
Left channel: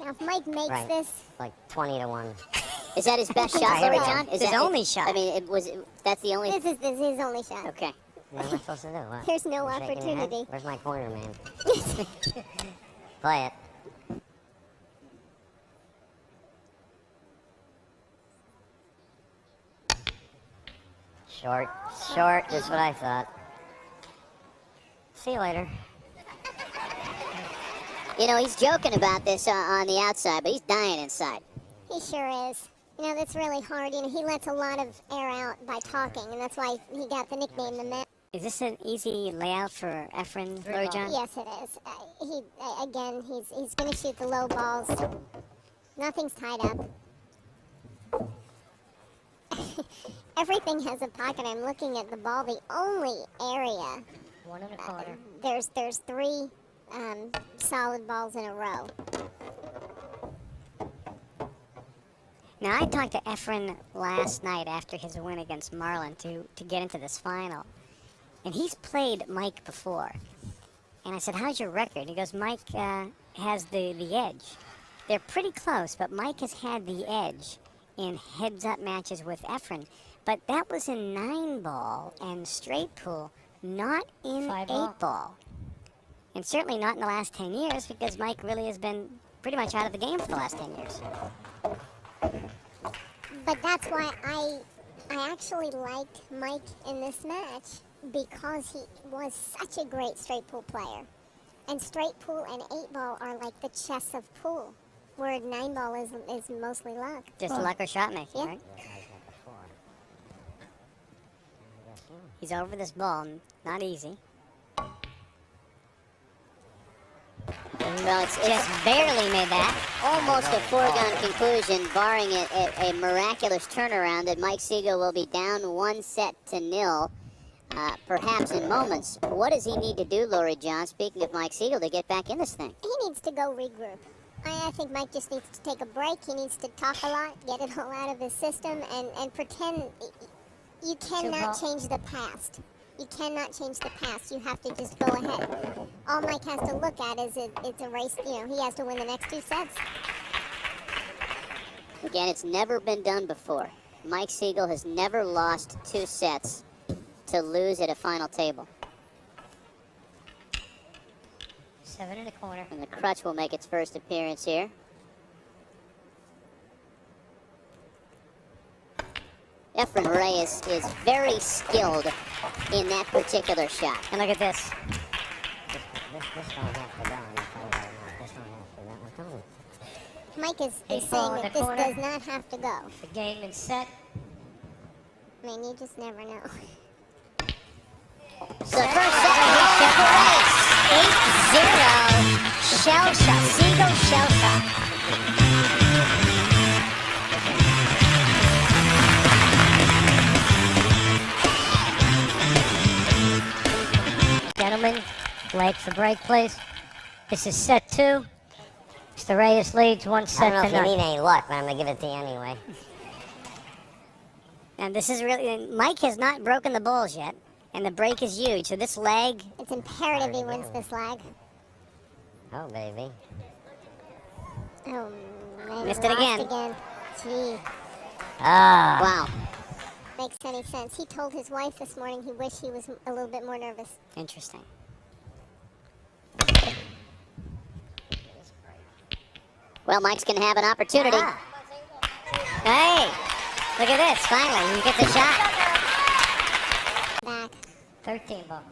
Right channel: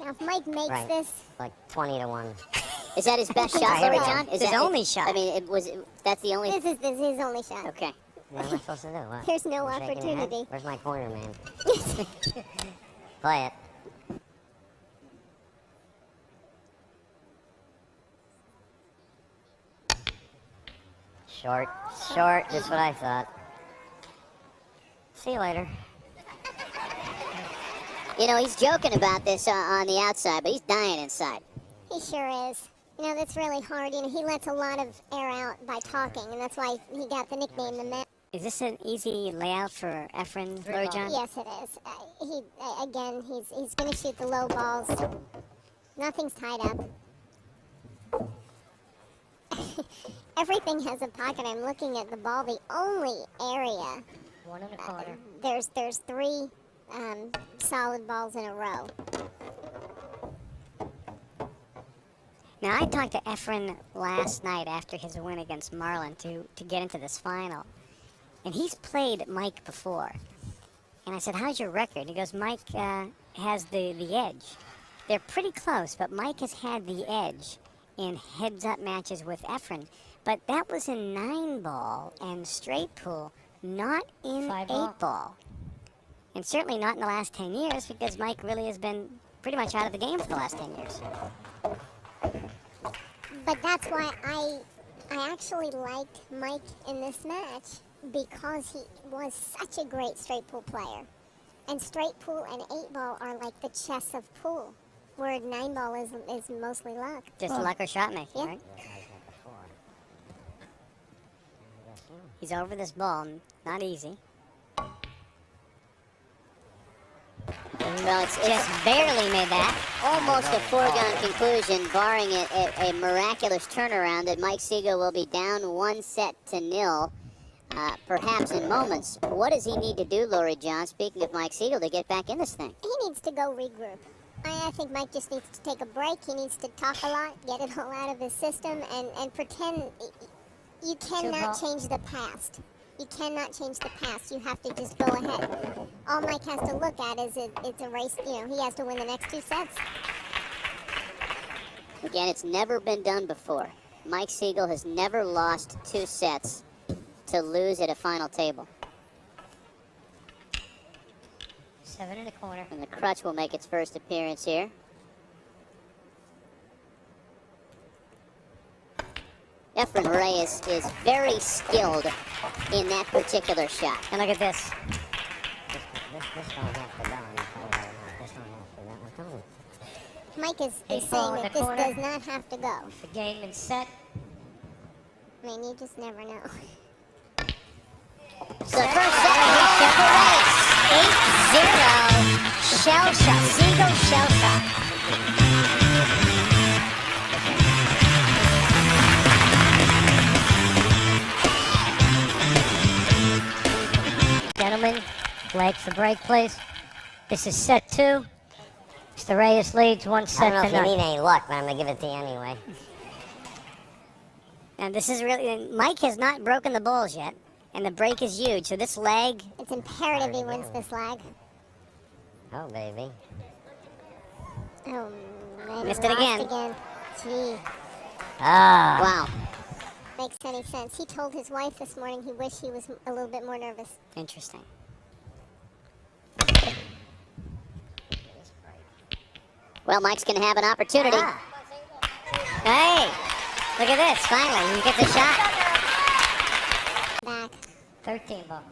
Now, if Mike makes Right. this, Like 20 to 1. Is that his best shot, Here we Lori go. John? Is His that only shot. I mean, that's the only. this is his only shot. Okay. What am I supposed to do? What? There's no Shaking your head? opportunity. Where's my corner, man? Play it. Short. That's what I thought. See you later. You know, he's joking about this on the outside, but he's dying inside. He sure is. You know, that's really hard. You know, he lets a lot of air out by talking, and that's why he got the nickname the Man. Is this an easy layout for Efren, Lori John? Yes, it is. He's going to shoot the low balls. Nothing's tied up. Everything has a pocket. I'm looking at the ball. The only area One in the corner. there's 3 solid balls in a row. Now, I talked to Efren last night after his win against Marlin to get into this final. And he's played Mike before. And I said, how's your record? He goes, Mike has the edge. They're pretty close, but Mike has had the edge in heads-up matches with Efren. But that was in 9-ball and straight pool, not in 8-ball. And certainly not in the last 10 years, because Mike really has been pretty much out of the game for the last 10 years. But that's why I actually liked Mike in this match, because he was such a great straight pool player. And straight pool and 8-ball are like the chess of pool, where 9-ball is mostly luck. Just luck or shot making, Yeah. right? He's over this ball. Not easy. Well, it's Just barely made that. almost a foregone conclusion, barring a miraculous turnaround, that Mike Sigel will be down 1-0, perhaps in moments. What does he need to do, Lori John, speaking of Mike Sigel, to get back in this thing? He needs to go regroup. I think Mike just needs to take a break. He needs to talk a lot, get it all out of his system, and pretend you cannot change the past. You cannot change the past. You have to just go ahead. All Mike has to look at is it's a race. You know, he has to win the next 2 sets. Again, it's never been done before. Mike Sigel has never lost 2 sets to lose at a final table. 7 in the corner. And the crutch will make its first appearance here. Efren Reyes is very skilled in that particular shot. And look at this. This don't have to go. This don't have to go. Mike is Eight saying ball in that the this corner. does not have to go. The game is set. I mean, you just never know. So first, Sigel shell shot. Gentlemen, lights the break, please. This is set 2. Mr. Reyes leads 1 I set don't know to if you none. need any luck, but I'm going to give it to you anyway. And this is really, Mike has not broken the balls yet. And the break is huge. So this leg, It's imperative he wins this leg. Oh, baby. Oh, man. Missed it lost again. Gee, Oh. wow, makes any sense. He told his wife this morning he wished he was a little bit more nervous. interesting. Well, Mike's going to have an opportunity. Hey, look at this. Finally, he gets a shot. Back. 13 ball.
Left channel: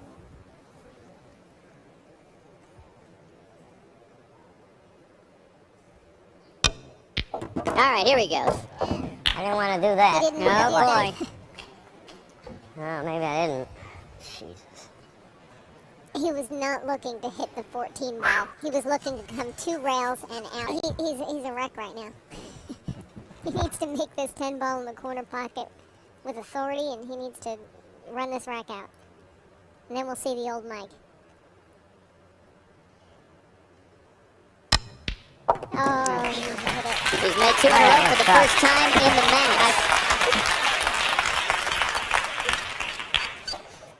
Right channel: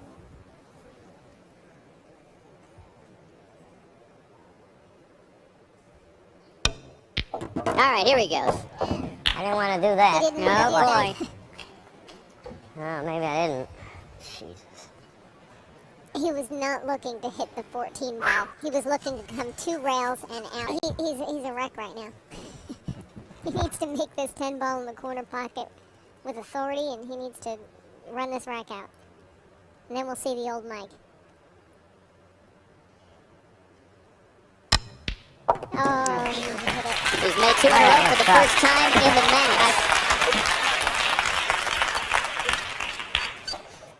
All right, here he goes. I didn't want to do that. Didn't Oh want boy. thought maybe I didn't. Jesus. He was not looking to hit the 14 ball. He was looking to come 2 rails and out. He's a wreck right now. He needs to make this 10 ball in the corner pocket with authority, and he needs to run this rack out. And then we'll see the old Mike. He's made 2 in a row for the first time in the match.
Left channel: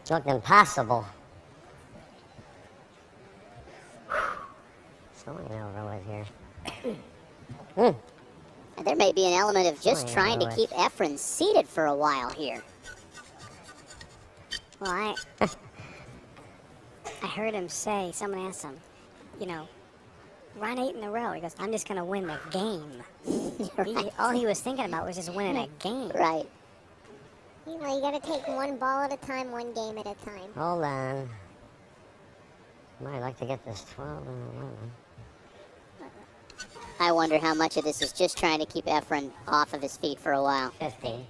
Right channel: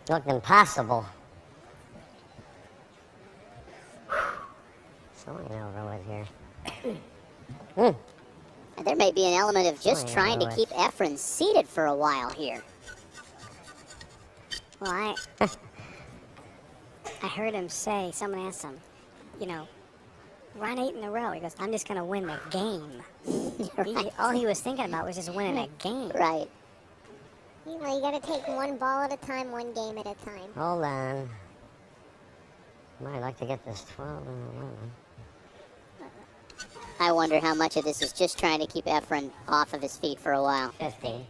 It looked impossible. So here. There may be an element of just trying to keep Efren seated for a while here. Well, I heard him say, somebody asked him, run 8 in a row. He goes, I'm just going to win the game. All he was thinking about was just winning a game. Right. Well, you gotta take 1 ball at a time, 1 game at a time. Hold on. Might like to get this 12. I wonder how much of this is just trying to keep Efren off of his feet for a while. 15.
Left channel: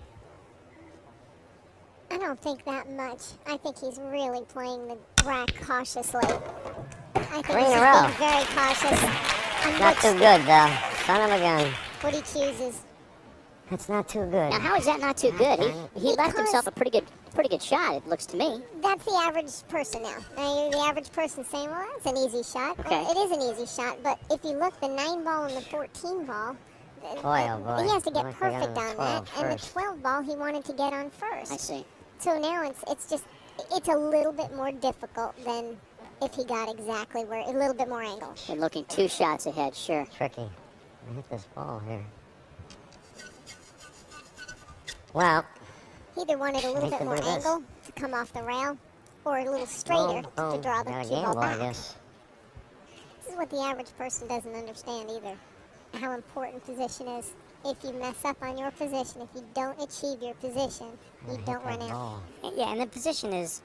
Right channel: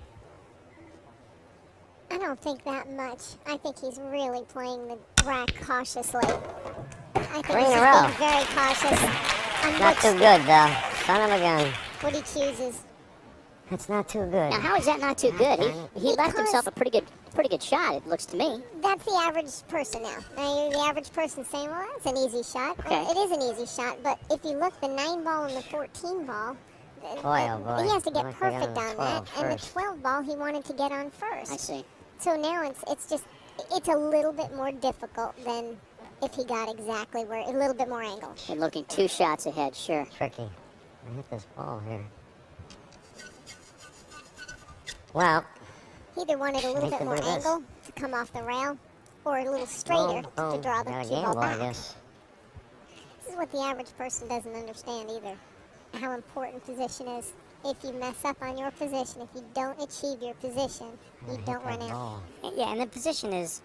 I don't think that much. I think he's really playing the rack cautiously. I think he's being very cautious. Not too good, though. Son of a gun. What he chooses. It's not too good. Now, how is that not too good? He left himself a pretty good shot, it looks to me. That's the average person now. The average person saying, well, that's an easy shot. Okay. It is an easy shot, but if you look, the 9 ball and the 14 ball, Boy. he has to get Like perfect on on that. 12 And the first. 12 ball, he wanted to get on first. I see. So now it's a little bit more difficult than if he got exactly a little bit more angle. And looking 2 shots ahead, sure. Tricky. I hit this ball here. Well, He either wanted a little Need bit to more do this. angle to come off the rail, or a little straighter to draw the got a cue ball gamble, I back. guess. This is what the average person doesn't understand either. How important position is. If you mess up on your position, if you don't achieve your position, you don't run out. Yeah, and the position is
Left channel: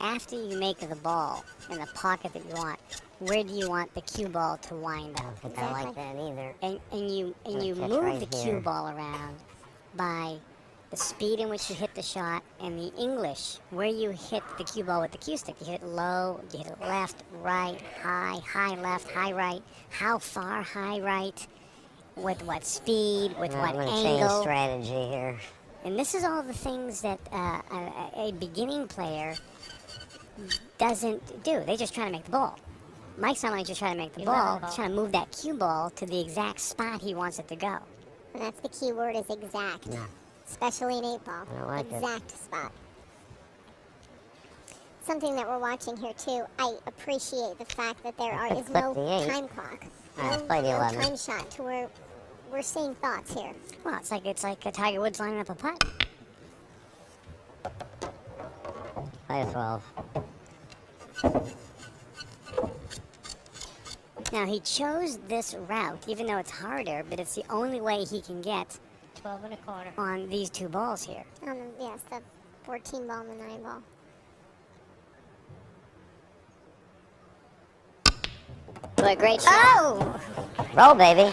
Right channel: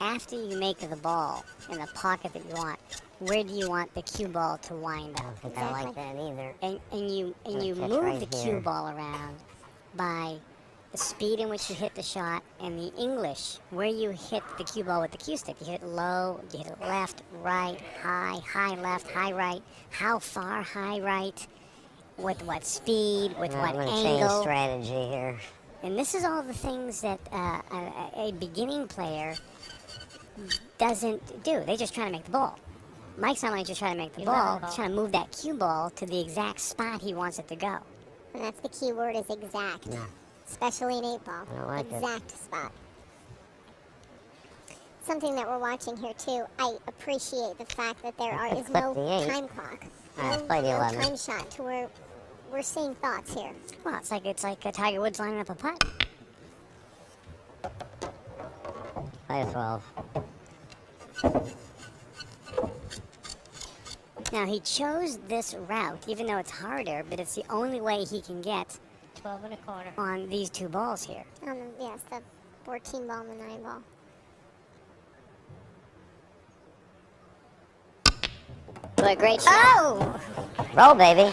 after you make the ball in the pocket that you want, where do you want the cue ball to wind up? I like that either. And you catch move right the here. cue ball around by the speed in which you hit the shot and the English, where you hit the cue ball with the cue stick. You hit it low, you hit it left, right, high left, high right, how far high right, with what speed, with I'm what going to angle. change strategy here. And this is all the things that a beginning player doesn't do. They just try to make the ball. Mike's not only just trying to make the ball, he's trying to move that cue ball to the exact spot he wants it to go. And that's the key word, is exact. Especially in 8 ball. I like it. Exact spot. Something that we're watching here too, I appreciate the fact that there is no the 8. time clock. I played the 11. time shot to where we're seeing thoughts here. Well, it's like a Tiger Woods lining up a putt. Play a 12. Now he chose this route, even though it's harder, but it's the only way he can get 12 and a quarter. on these 2 balls here. Yes, the 14 ball and the 9 ball. What a great shot. Oh! Roll, baby.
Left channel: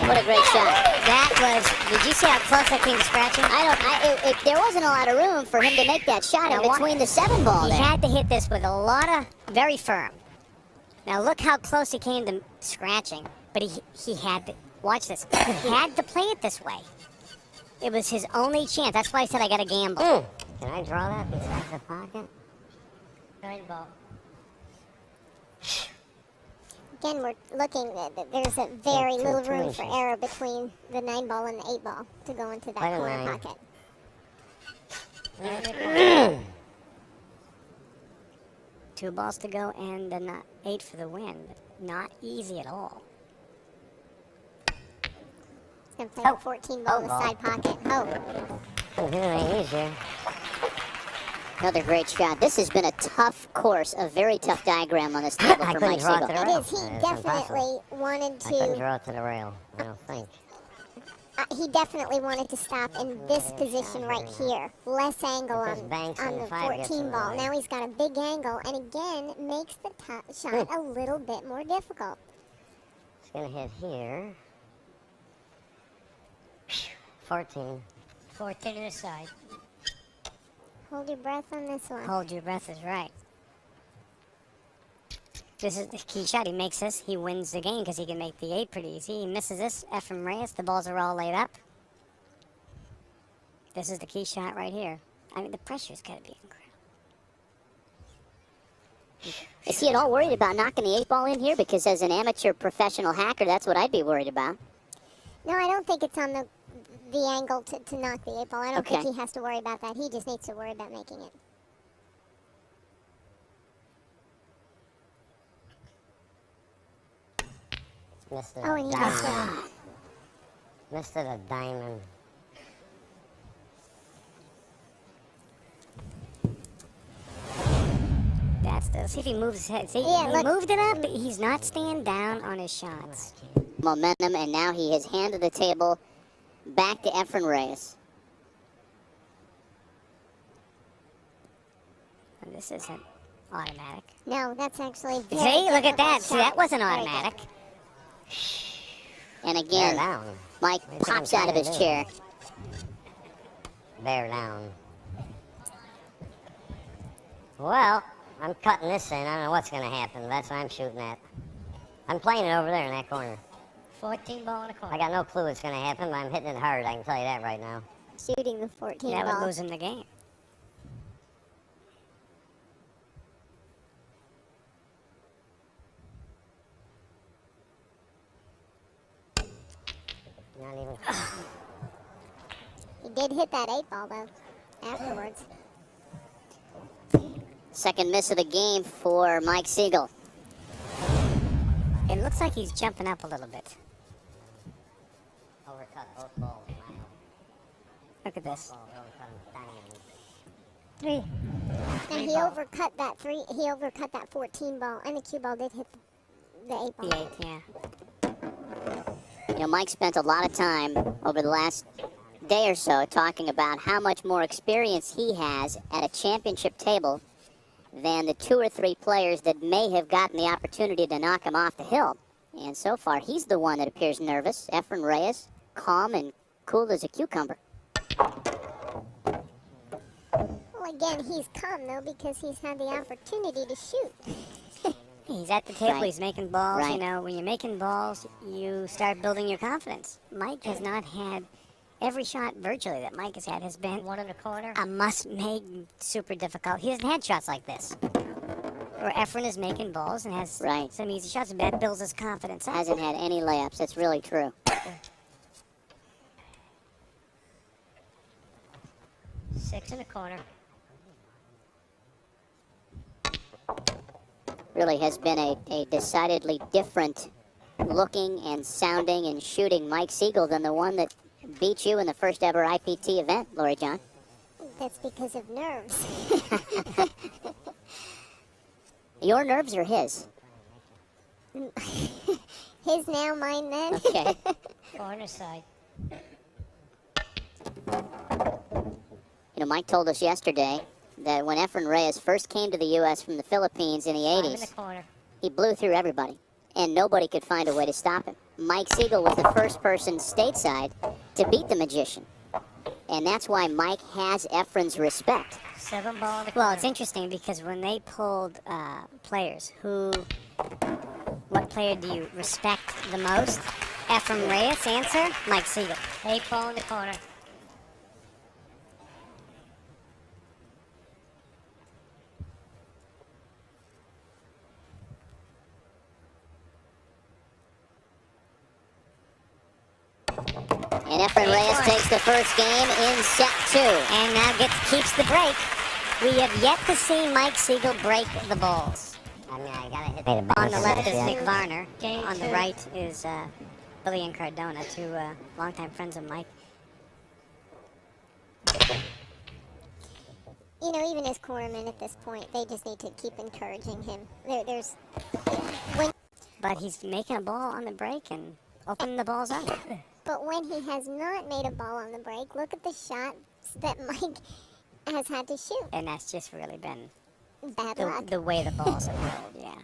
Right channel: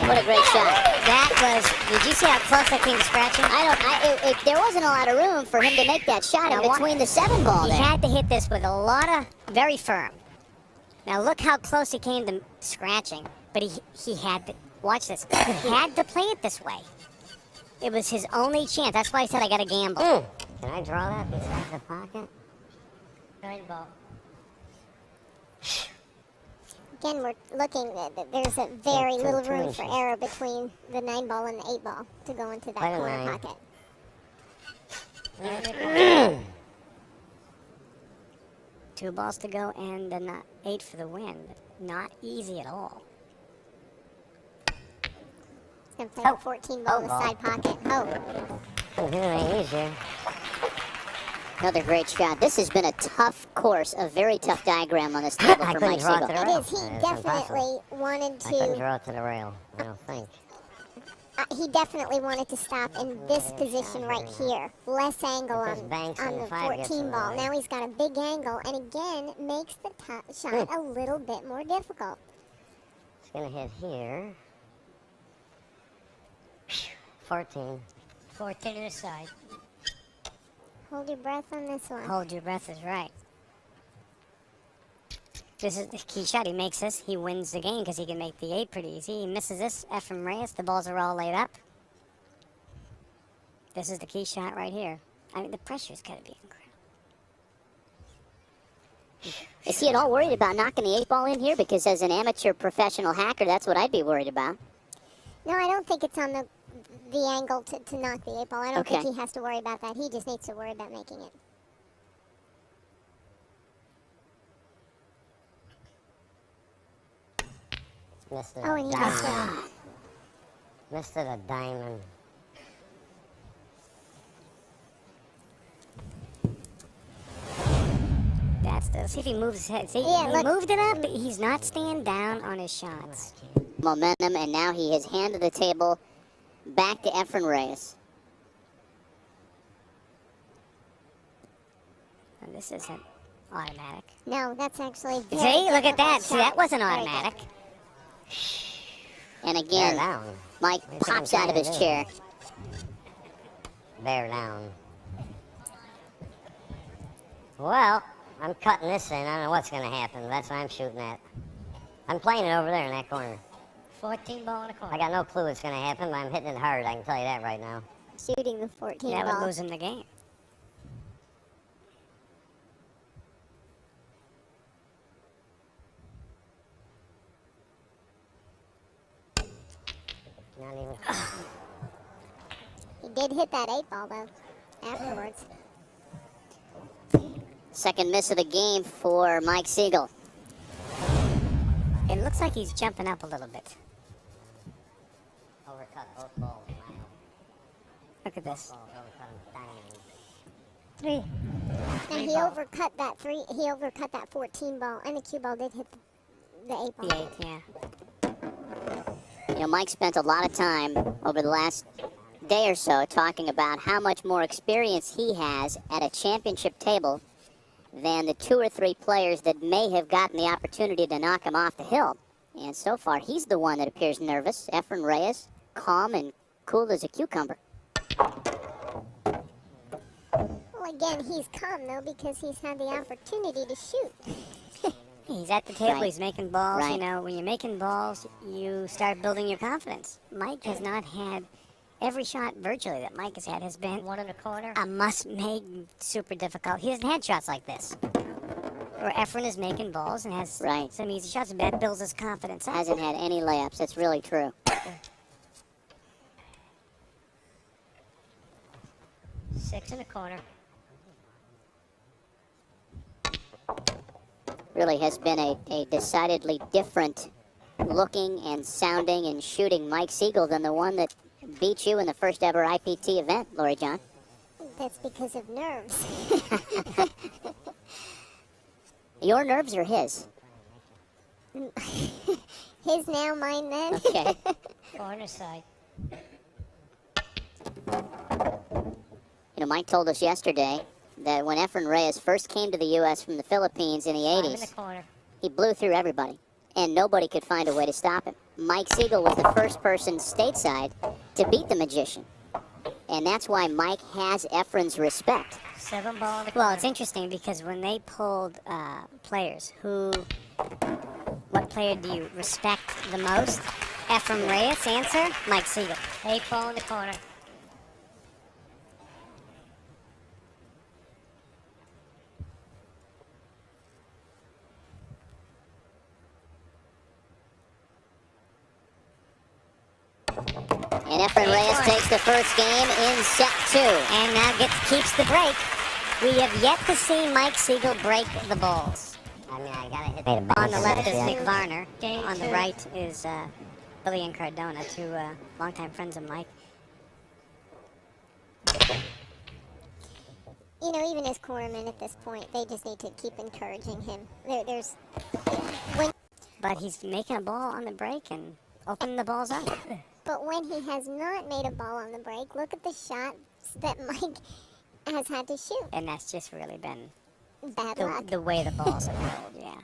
What a great shot. That was, did you see how close it came to scratching? There wasn't a lot of room for him to make that shot in between the 7 ball He there. had to hit this with a lot of, very firm. Now look how close he came to scratching, but he had to, watch this, he had to play it this way. It was his only chance. That's why I said I got to gamble. Can I draw that beside the pocket? 9 ball. Again, we're looking at, there's a very little room for error between the 9 ball and the 8 ball to go into that corner pocket. 2 balls to go and a 8 for the win. Not easy at all. And for the 14 ball in the side pocket. Couldn't do it any easier. Another great shot. This has been a tough course, a very tough diagram on this table I for couldn't Mike draw it to Sigel. the rail. It is. He It's definitely impossible. wanted I couldn't to. draw it to the rail, I don't think. He definitely wanted to stop in this position right here. Less angle It just on banks the in the 5 gets 14 in the ball. way. Now he's got a big angle, and again, makes the shot a little bit more difficult. It's going to hit here. 14. 14 to the side. Hold your breath on this one. Hold your breath is right. This is the key shot. He makes this. He wins the game because he can make the 8 pretty easy. He misses this. Efren Reyes. The balls are all laid up. This is the key shot right here. I mean, the pressure's got to be incredible. Is he at all worried about knocking the 8 ball in here? Because as an amateur professional hacker, that's what I'd be worried about. No, I don't think it's on the angle to knock the 8 ball. I don't Okay. think he has to worry about that. He just needs to worry about making it. Missed it Oh, a and he diamond. missed it. Missed it a diamond. That's the. If he moves his head. See, Yeah, he look. moved it up, but he's not staying down on his shots. Momentum, and now he has handed the table back to Efren Reyes. This isn't automatic. No, that's actually. See, look at that. See, that wasn't automatic. And They're again, down. Mike pops out of his chair. They're down. Well, I'm cutting this in. I don't know what's going to happen. That's what I'm shooting at. I'm playing it over there in that corner. 14 ball in a corner. I got no clue what's going to happen, but I'm hitting it hard. I can tell you that right now. Shooting the 14 That would ball. lose him the game. Not even. He did hit that 8 ball, though, afterwards. Second miss of the game for Mike Sigel. It looks like he's jumping up a little bit. Overcut both balls. Wow. Look at this. Now he overcut that 3. He overcut that 14 ball, and the 2 ball did hit the 8 ball. The 8, yeah. You know, Mike spent a lot of time over the last day or so talking about how much more experience he has at a championship table than the 2 or 3 players that may have gotten the opportunity to knock him off the hill. And so far, he's the one that appears nervous. Efren Reyes, calm and cool as a cucumber. Well, again, he's calm, though, because he's had the opportunity to shoot. He's at the table, Right. he's making balls. Right. You know, when you're making balls, you start building your confidence. Mike has not had every shot virtually that Mike has had has been one in the corner. A must make, super difficult. He hasn't had shots like this. Where Efren is making balls and has Right. some easy shots, and that builds his confidence up. Hasn't had any layups. That's really true. 6 in the corner. Really has been a decidedly different looking and sounding and shooting Mike Sigel than the one that beat you in the first ever IPT event, Lori John. That's because of nerves. Your nerves are his. His now, mine then. Okay. Corner side. You know, Mike told us yesterday that when Efren Reyes first came to the U.S. from the Philippines in the In the 80s, corner. he blew through everybody, and nobody could find a way to stop him. Mike Sigel was the first person stateside to beat the magician, and that's why Mike has Efren's respect. 7 ball. Well, it's interesting because when they pulled players, what player do you respect the most? Efren Reyes answered Mike Sigel. 8 ball in the corner. And Efren Reyes takes the first game in set 2. And that keeps the break. We have yet to see Mike Sigel break the balls. I mean, I gotta hit the On the left is ball. Nick Varner. On the right is Billy and Cardona, 2 longtime friends of Mike. You know, even as cornermen at this point, they just need to keep encouraging him. But he's making a ball on the break and opening the balls up. But when he has not made a ball on the break, look at the shots that Mike has had to shoot. And that's just really been Bad luck. the way the balls are rolled, yeah.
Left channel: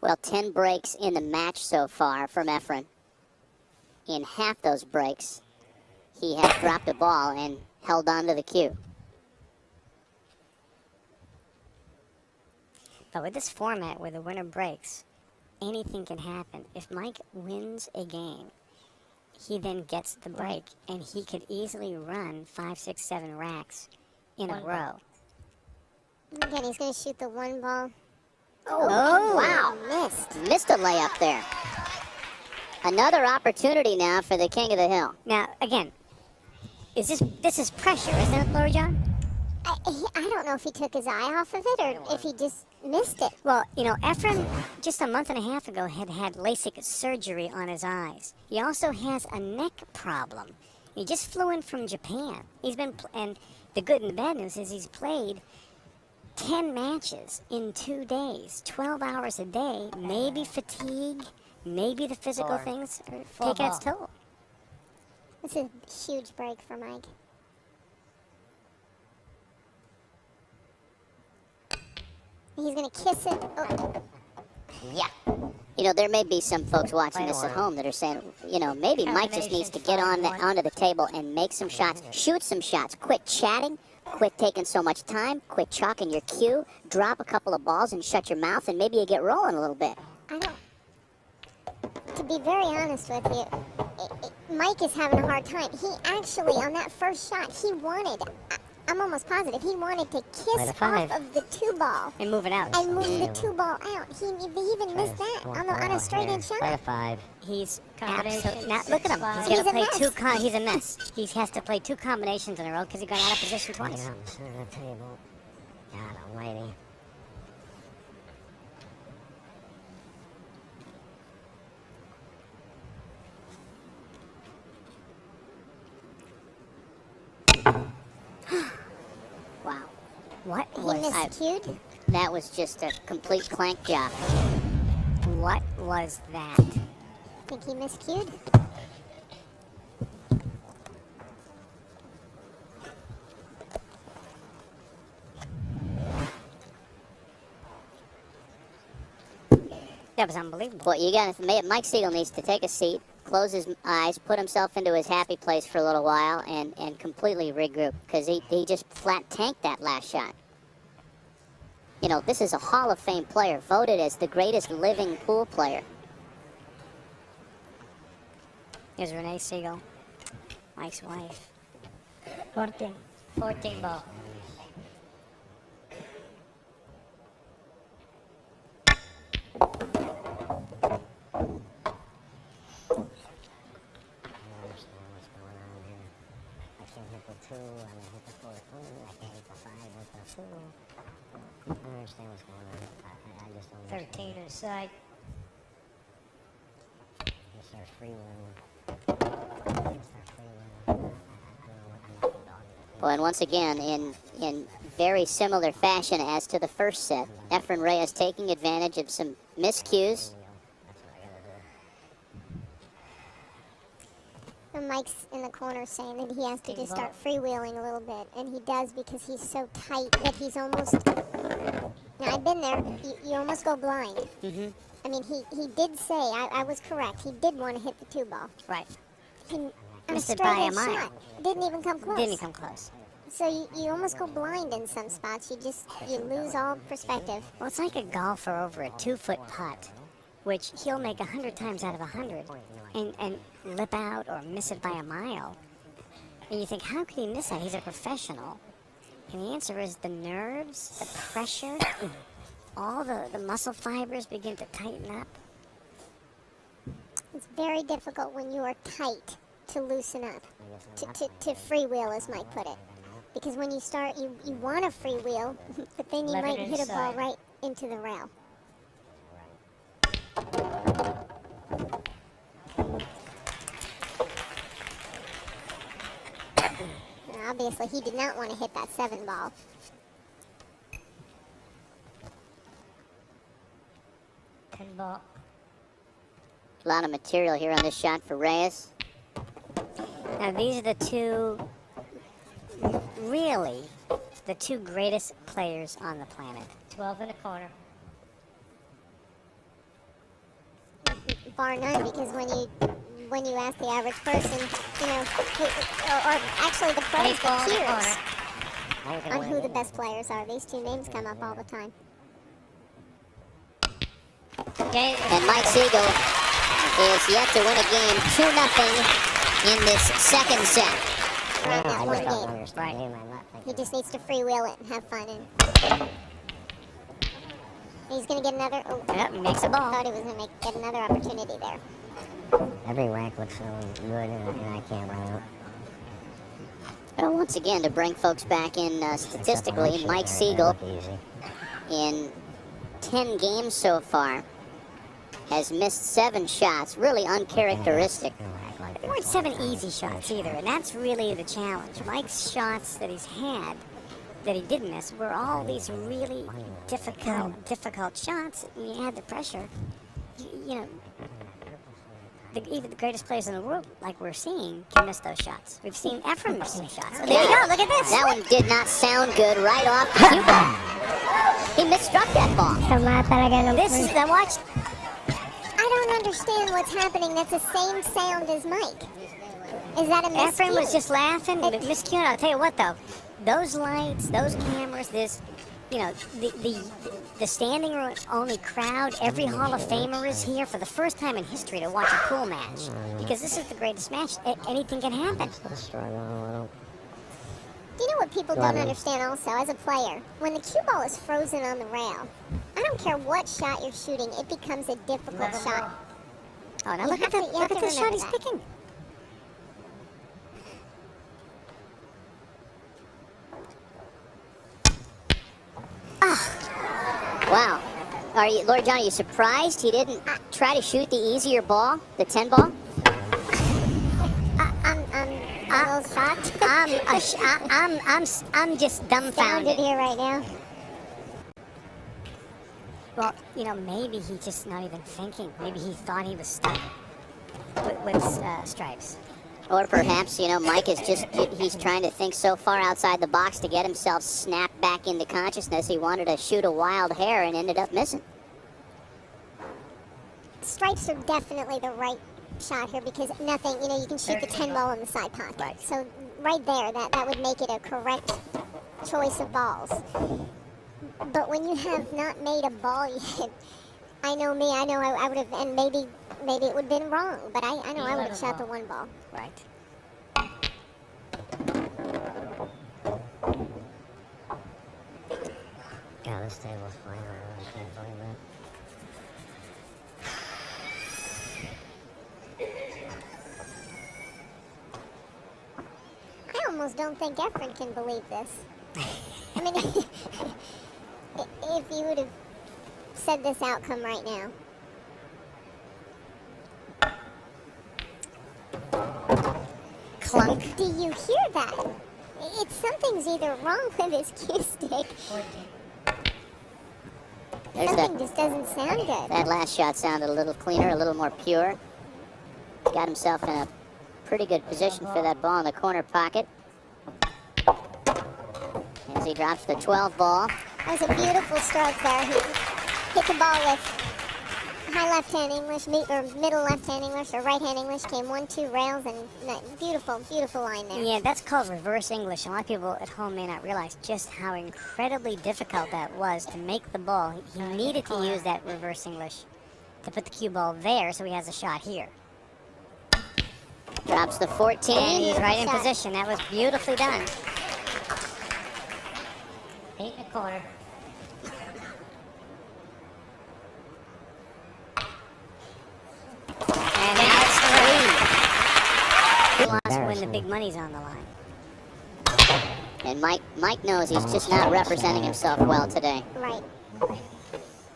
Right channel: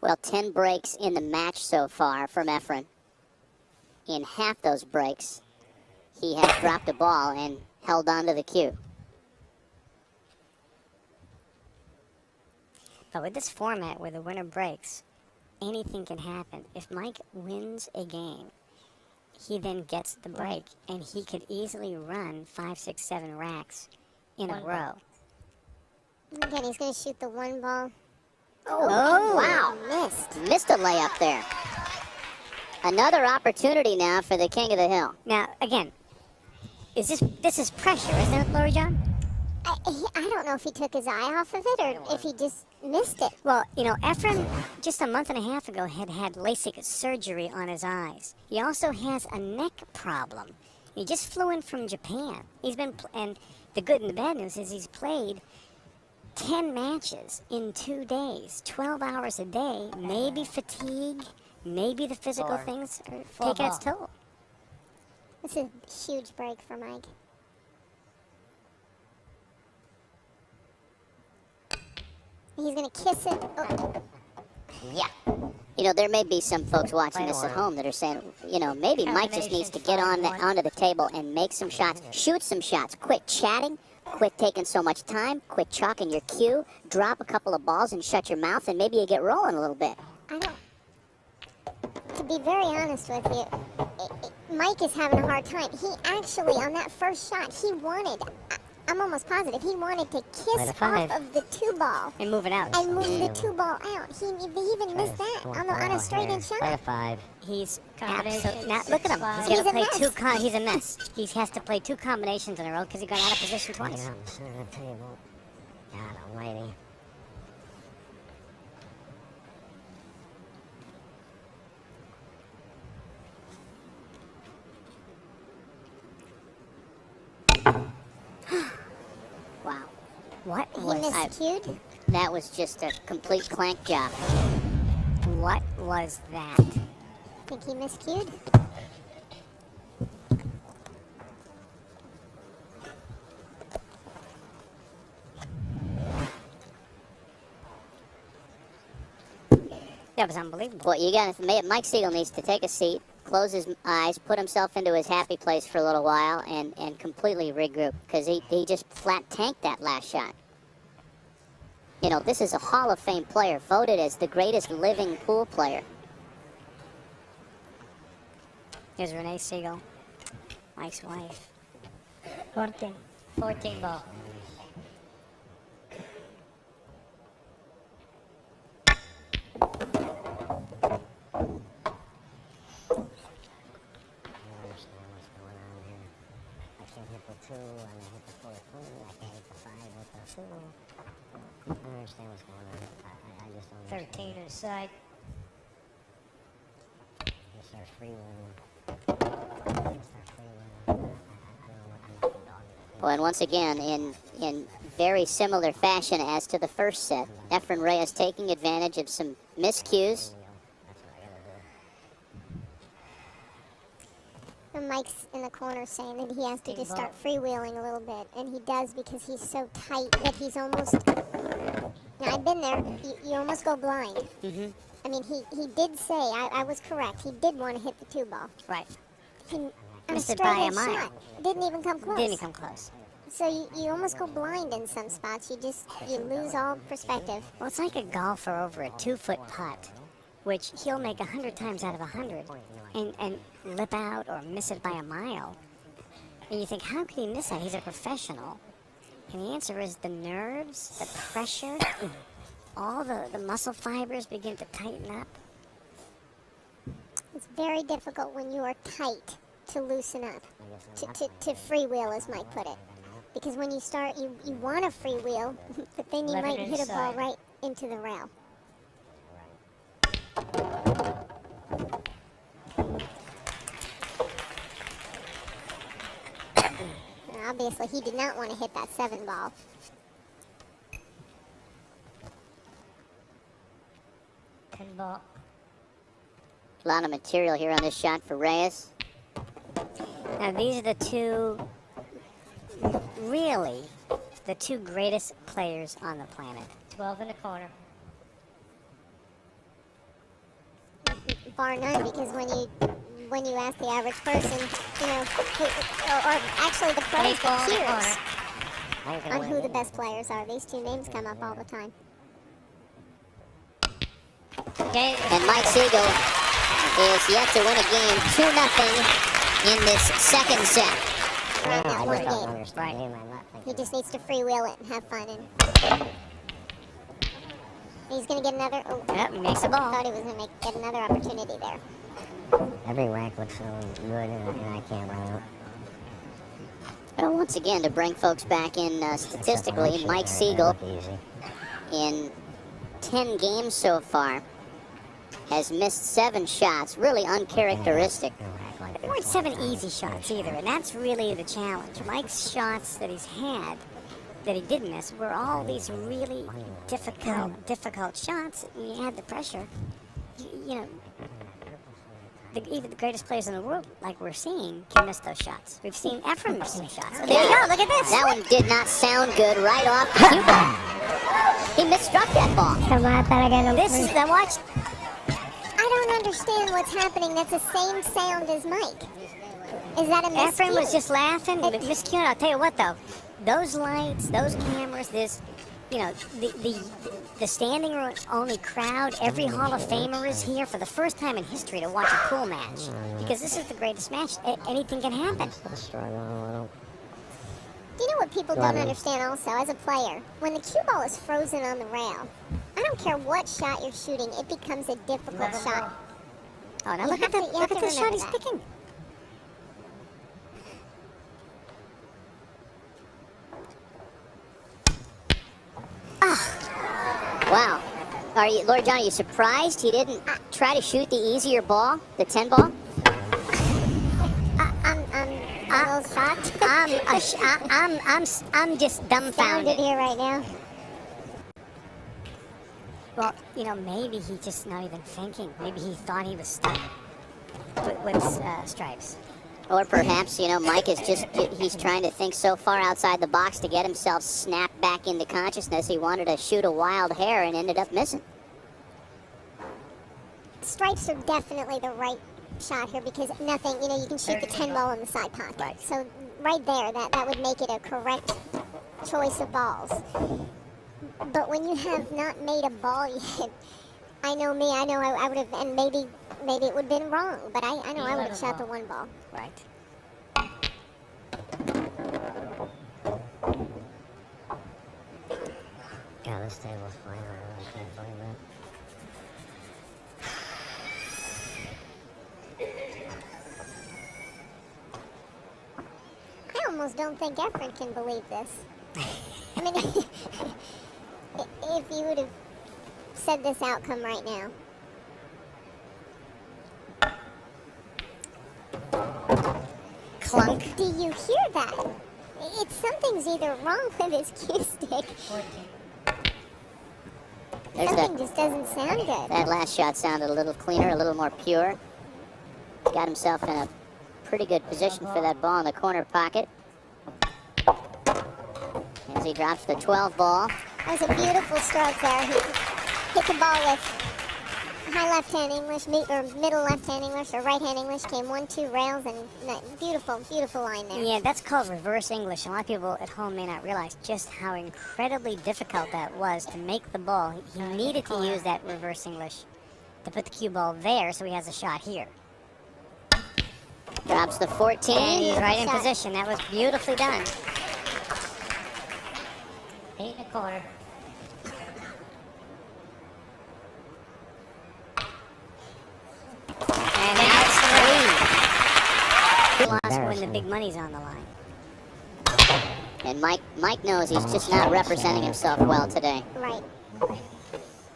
Well, 10 breaks in the match so far from Efren. In half those breaks, he has dropped a ball, and held on to the cue. But with this format where the winner breaks, anything can happen. If Mike wins a game, he then gets the break, and he could easily run 5, 6, 7 racks in a row. Again, he's going to shoot the one ball. Oh, Wow, missed a layup there. Another opportunity now for the King of the Hill. Now, again, this is pressure, isn't it, Laura John? I don't know if he took his eye off of it or if he just missed it. Well, you know, Efren, just a month and a half ago, had LASIK surgery on his eyes. He also has a neck problem. He just flew in from Japan. And the good and the bad news is he's played 10 matches in 2 days, 12 hours a day. Maybe fatigue, maybe the physical things are taking its toll. It's a huge break for Mike. He's going to kiss it. Oh. Yeah. You know, there may be some folks watching this at home that are saying, you know, maybe Mike just needs to get onto the table and make some shots, shoot some shots, quit chatting, quit taking so much time, quit chalking your cue, drop a couple of balls and shut your mouth, and maybe you get rolling a little bit. I don't. To be very honest with you, Mike is having a hard time. He actually, on that first shot, I'm almost positive, he wanted to kiss off of the 2-ball. And move it out. And move the 2-ball out. He even missed that on a straight-in shot. 5. He's absolutely not. Look at him. He's gonna play he's a mess. He has to play 2 combinations in a row because he got out of position twice. God almighty. Wow. What? He miscued? That was just a complete clank job. What was that? Think he miscued? That was unbelievable. Well, Mike Sigel needs to take a seat, close his eyes, put himself into his happy place for a little while, and completely regroup, because he just flat tanked that last shot. You know, this is a Hall of Fame player, voted as the greatest living pool player. Here's Renee Sigel, Mike's wife. 14 ball. I don't understand what's going on. 13 aside. Well, and once again, in very similar fashion as to the first set, Efren Reyes taking advantage of some miscues. And Mike's in the corner saying that he has to start freewheeling a little bit, and he does because he's so tight that he's almost. Now, I've been there. You almost go blind. Mm-hmm. I mean, he did say I was correct. He did want to hit the 2-ball. Right. On a Missed it straight by a in mile. shot. Didn't even come close. Didn't come close. So you almost go blind in some spots. You lose all perspective. Well, it's like a golfer over a 2-foot putt, which he'll make 100 times out of 100 and lip out or miss it by a mile. And you think, how could he miss that? He's a professional. And the answer is the nerves, the pressure, all the muscle fibers begin to tighten up. It's very difficult when you are tight to loosen up, to freewheel, as Mike put it. Because when you start, you want to freewheel, but then you might hit a ball right into the rail. Obviously, he did not want to hit that 7-ball. Ball. A lot of material here on this shot for Reyes. Now, these are the two, really, the two greatest players on the planet. 12 in the corner. Bar none, because when you ask the average person, you know, actually the pros, the cues on who the best players are. These two names come up all the time. Okay, and Mike Sigel is yet to win a game 2-0 in this second set. He just needs to freewheel it and have fun. And he's going to get another. Makes the ball. I thought he was going to get another opportunity there. Every whack looks really good, and I can't run out. Well, once again, to bring folks back in statistically, Mike Sigel in 10 games so far has missed 7 shots, really uncharacteristic. There weren't 7 easy shots either, and that's really the challenge. Mike's shots that he's had, that he did miss, were all these really difficult shots. And you had the pressure. You know, even the greatest players in the world, like we're seeing, can miss those shots. We've seen Efren miss some shots. There you go, look at this. That one did not sound good right off the cue ball. He misstruck that ball. This is the watch. I don't understand what's happening. That's the same sound as Mike. Is that a miscue? Efren was just laughing. Miscue. I'll tell you what, though. Those lights, those cameras, this, you know, the standing room only crowd. Every Hall of Famer is here for the first time in history to watch a pool match, because this is the greatest match. Anything can happen. Do you know what people don't understand also as a player? When the cue ball is frozen on the rail, I don't care what shot you're shooting, it becomes a difficult shot. Oh, no, look at the shot he's picking. Wow. Are you, Lord John, are you surprised he didn't try to shoot the easier ball, the 10 ball? I'm a little shocked. I'm just dumbfounded here right now. Well, you know, maybe he's just not even thinking. Maybe he thought he was stuck with stripes. Or perhaps, you know, Mike is just, he's trying to think so far outside the box to get himself snapped back into consciousness. He wanted to shoot a wild hair and ended up missing. Stripes are definitely the right shot here because nothing, you know, you can shoot the 10 ball in the side pocket. Right. So right there, that would make it a correct choice of balls. But when you have not made a ball yet, I know me, I know I would have, and maybe it would have been wrong, but I know I would have shot the 1 ball. Right. Yeah, this table's fine. I almost don't think Efren can believe this. I mean, if you would have said this outcome right now. Clunk, do you hear that? Something's either wrong with his cue stick. Something just doesn't sound good. That last shot sounded a little cleaner, a little more pure. Got himself in a pretty good position for that ball in the corner pocket. As he drops the 12 ball. That was a beautiful stroke there. He hit the ball with high left-hand English, or middle left-hand English, or right-hand English, came 1-2 rails, and beautiful line there. Yeah, that's called reverse English. A lot of people at home may not realize just how incredibly difficult that was to make the ball. He needed to use that reverse English to put the cue ball there so he has a shot here. Drops the 14. He's right in position. That was beautifully done. Beat the corner. And then that's the lead. He wants when the big money's on the line. And Mike knows he's just not representing himself well today. Right.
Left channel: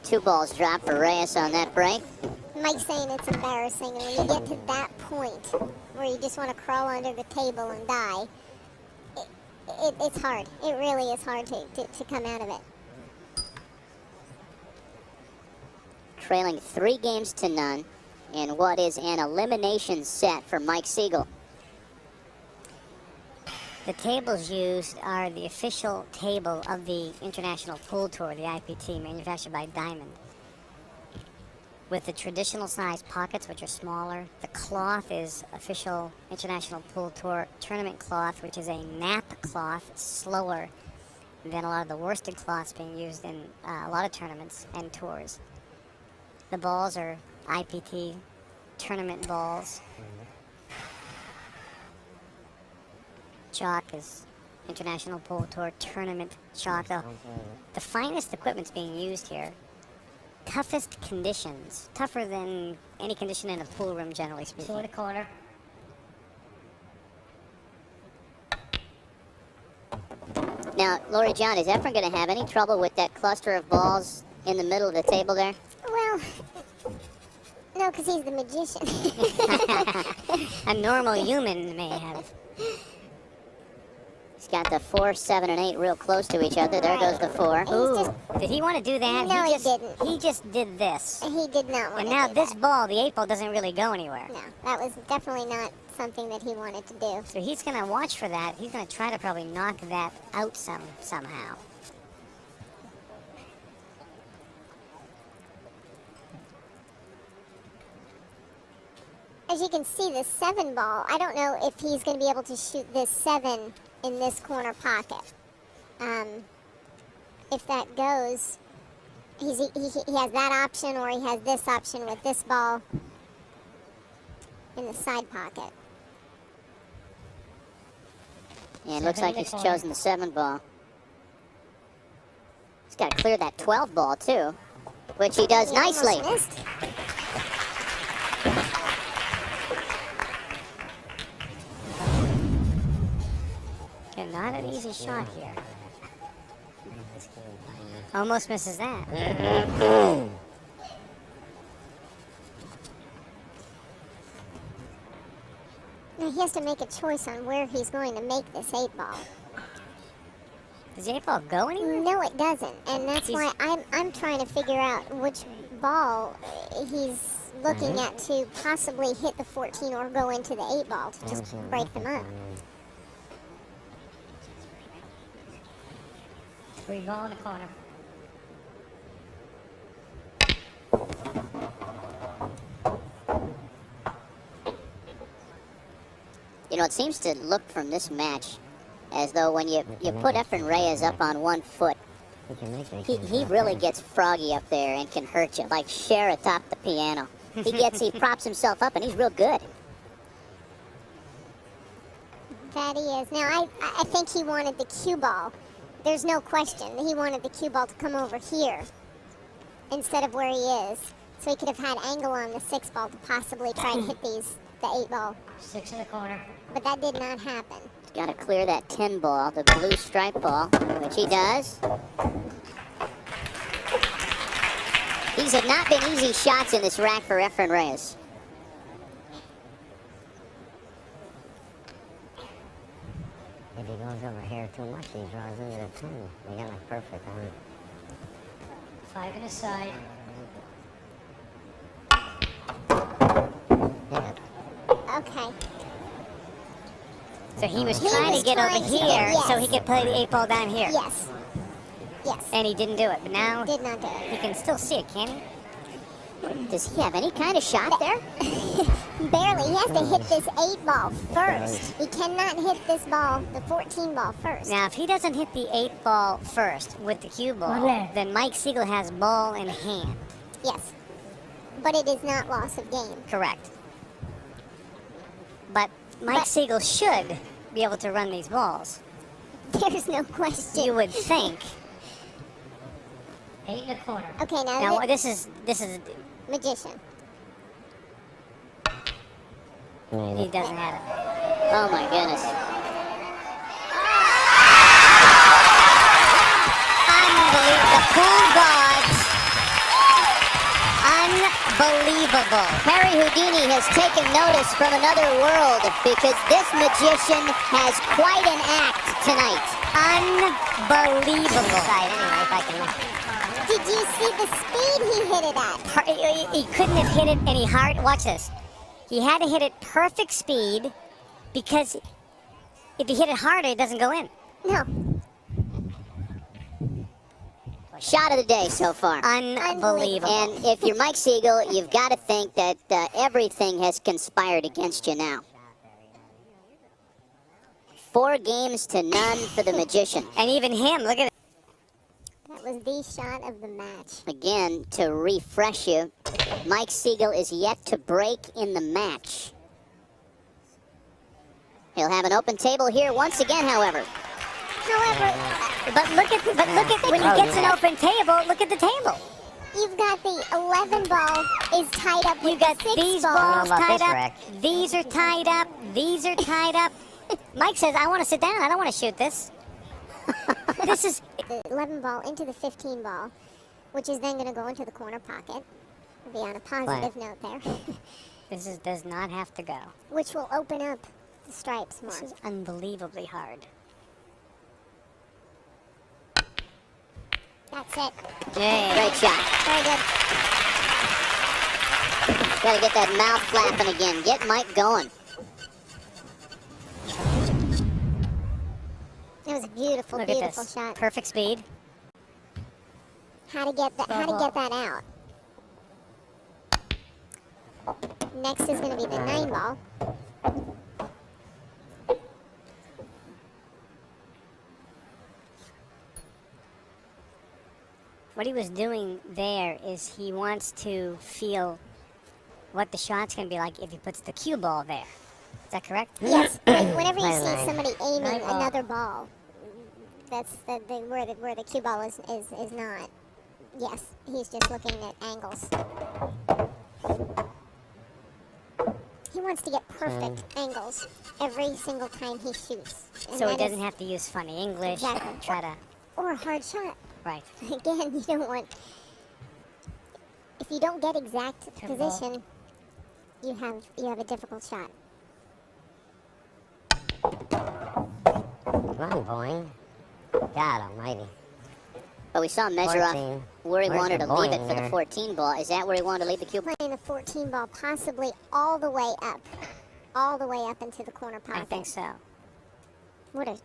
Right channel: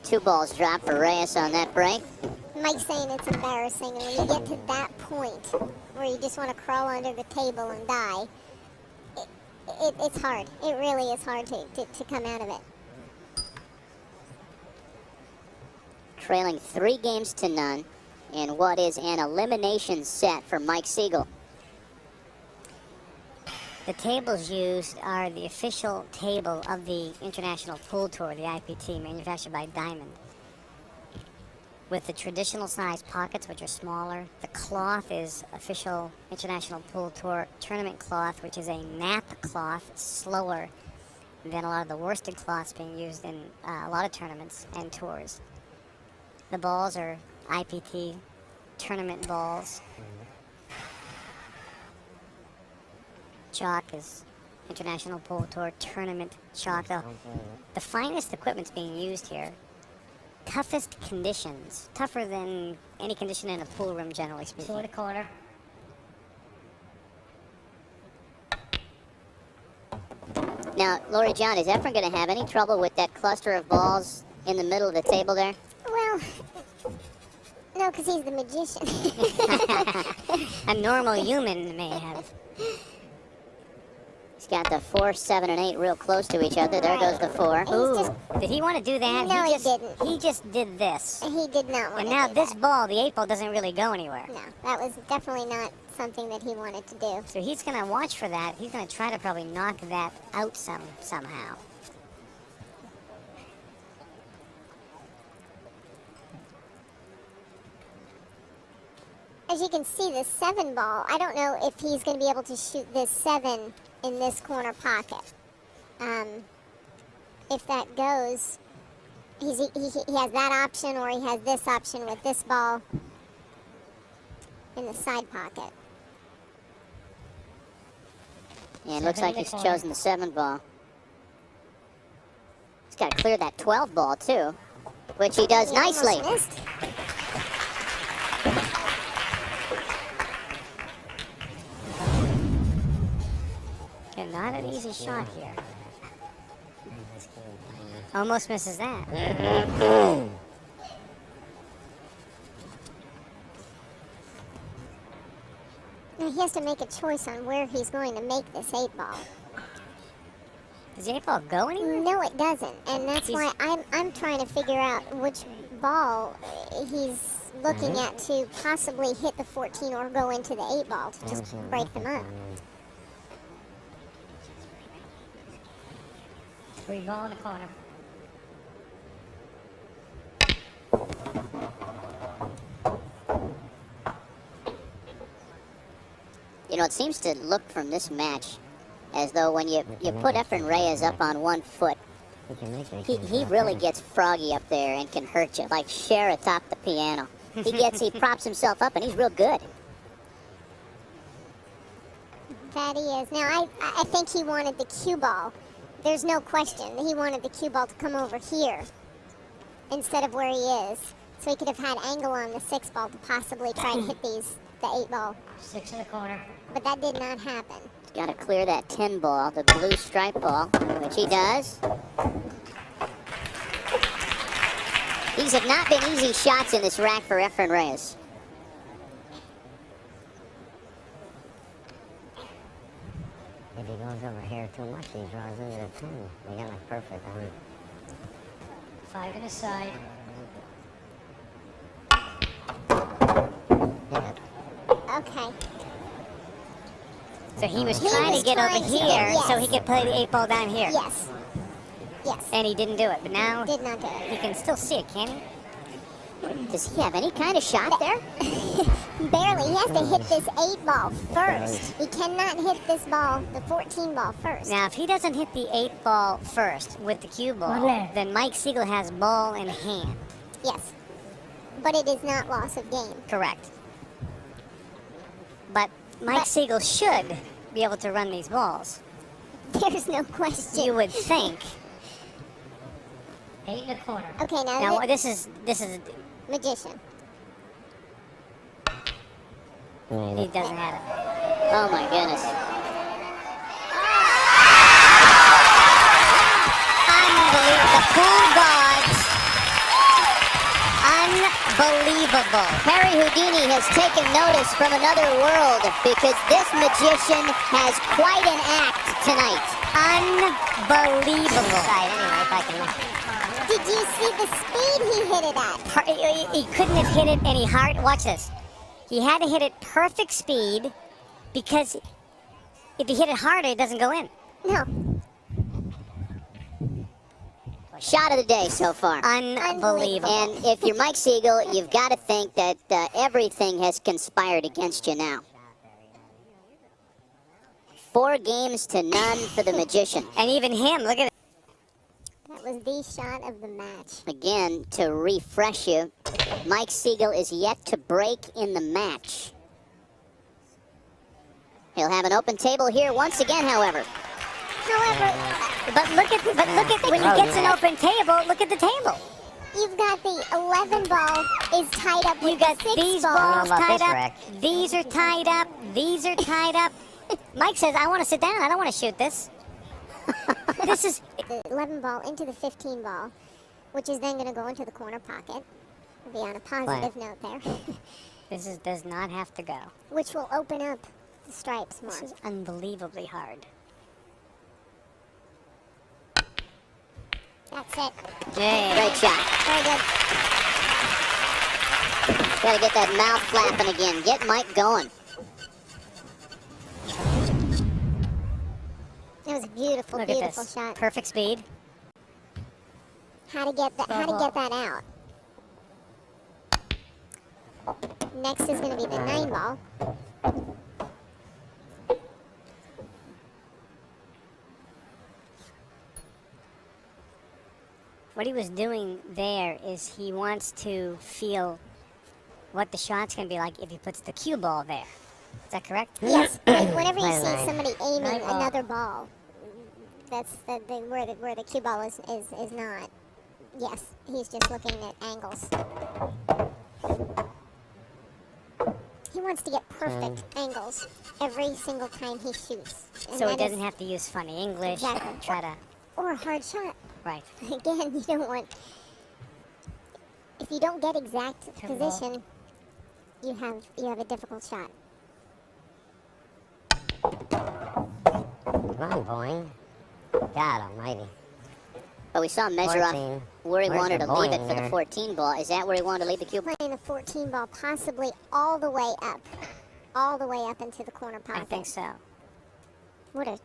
2 balls dropped for Reyes on that break. Mike's saying it's embarrassing, and when you get to that point where you just want to crawl under the table and die, it's hard. It really is hard to come out of it. Trailing 3 games to none in what is an elimination set for Mike Sigel. The tables used are the official table of the International Pool Tour, the IPT, manufactured by Diamond. with the traditional size pockets, which are smaller. The cloth is official International Pool Tour tournament cloth, which is a nap cloth, slower than a lot of the worsted cloths being used in a lot of tournaments and tours. The balls are IPT tournament balls. Chalk is International Pool Tour tournament chalk. The finest equipment's being used here. Toughest conditions, tougher than any condition in a pool room, generally speaking. Quarter corner. Now, Lori John, is Efren going to have any trouble with that cluster of balls in the middle of the table there? Well, no, because he's the magician. A normal human may have. He's got the 4, 7, and 8 real close to each other. There goes the 4. Did he want to do that? No, he didn't. He just did this. He did not want And to now do this that. ball, the 8 ball, doesn't really go anywhere. No, that was definitely not something that he wanted to do. So he's going to watch for that. He's going to try to probably knock that out somehow. As you can see, this 7 ball, I don't know if he's going to be able to shoot this 7 in this corner pocket. If that goes, he has that option, or he has this option with this ball in the side pocket. Yeah, it looks like he's chosen the 7 ball. He's got to clear that 12 ball, too, which he does nicely. Almost missed. And not an easy shot here. Almost misses that. Now he has to make a choice on where he's going to make this 8 ball. Does the 8 ball go anywhere? No, it doesn't, and that's why I'm trying to figure out which ball he's looking at to possibly hit the 14 or go into the 8 ball to just break them up. 3 ball in the corner. You know, it seems to look from this match as though when you put Efren Reyes up on 1 foot, he really gets froggy up there and can hurt you, like Cher atop the piano. He props himself up, and he's real good. That he is. Now, I think he wanted the cue ball. There's no question that he wanted the cue ball to come over here instead of where he is. So he could have had angle on the 6 ball to possibly try to hit the 8 ball. 6 in the corner. But that did not happen. Got to clear that 10 ball, the blue stripe ball, which he does. These have not been easy shots in this rack for Efren Reyes. If he goes over here too much, he draws into the 10. They got it perfect. 5 to the side. Okay. So he was trying to get over here so he could play the 8 ball down here. Yes. Yes. And he didn't do it, but now Did not do it. he can still see it, can he? Does he have any kind of shot there? Barely. He has to hit this 8 ball first. He cannot hit this ball, the 14 ball first. Now, if he doesn't hit the 8 ball first with the cue ball, then Mike Sigel has ball in hand. Yes. But it is not loss of game. Correct. But Mike Sigel should be able to run these balls. There's no question. You would think. 8 in the corner. Okay, now Now this is magician. he doesn't have it. Oh my goodness. Unbelievable. Harry Houdini has taken notice from another world because this magician has quite an act tonight. Unbelievable. Did you see the speed he hit it at? He couldn't have hit it any hard. Watch this. He had to hit it perfect speed because if you hit it harder, it doesn't go in. No. Shot of the day so far. Unbelievable. And if you're Mike Sigel, you've got to think that everything has conspired against you now. 4 games to none for the magician. And even him, look at it. That was the shot of the match. Again, to refresh you, Mike Sigel is yet to break in the match. He'll have an open table here once again, however. But look at when he gets an open table, look at the table. You've got the 11 ball is tied up. You got 6 these ball. balls How about tied this up. rack? These are tied up. These are tied up. Mike says, I want to sit down. I don't want to shoot this. This is The 11 ball into the 15 ball, which is then going to go into the corner pocket. We'll be on a positive note there, does not have to go. which will open up the stripes This match. is unbelievably hard. That's it. Great shot. Very good. Gotta get that mouth flapping again. Get Mike going. It was a beautiful, Look at beautiful this. shot. Perfect speed. How to get that out. Next is going to be the 9 ball. What he was doing there is he wants to feel what the shot's going to be like if he puts the cue ball there. Is that correct? Yes, but whenever you see somebody aiming another ball, that's where the cue ball is not. Yes, he's just looking at angles. He wants to get perfect angles every single time he shoots. And So he that doesn't is- have to use funny English. Exactly. Try to. or a hard shot. Right. Again, you don't want. If you don't get exact position, you have a difficult shot. Come on, boy. God almighty. But we saw him measure off 14. where he Where's wanted the to leave ball it for the here? 14 ball. Is that where he wanted to leave the cue? Playing a 14 ball, possibly all the way up into the corner I pocket. think so. What a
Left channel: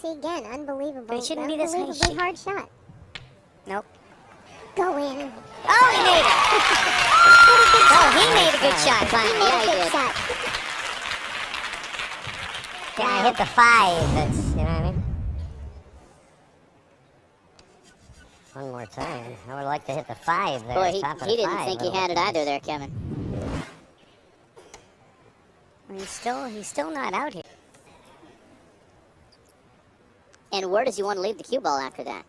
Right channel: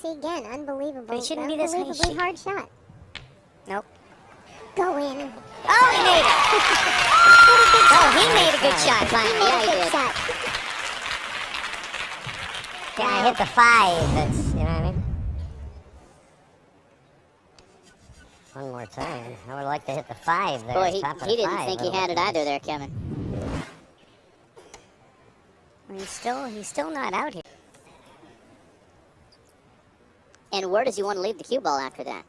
see again, unbelievable. But it shouldn't be this high. Unbelievably hard shot. Nope. Go in. Oh, he made a good shot. Very good. Shot. Can I hit the 5? That's, you know what I mean? One more time. I would like to hit the 5 there. Boy, he top of didn't 5, think but- he had it either there, Kevin. Well, he's still not out here. And where does he want to leave the cue ball after that?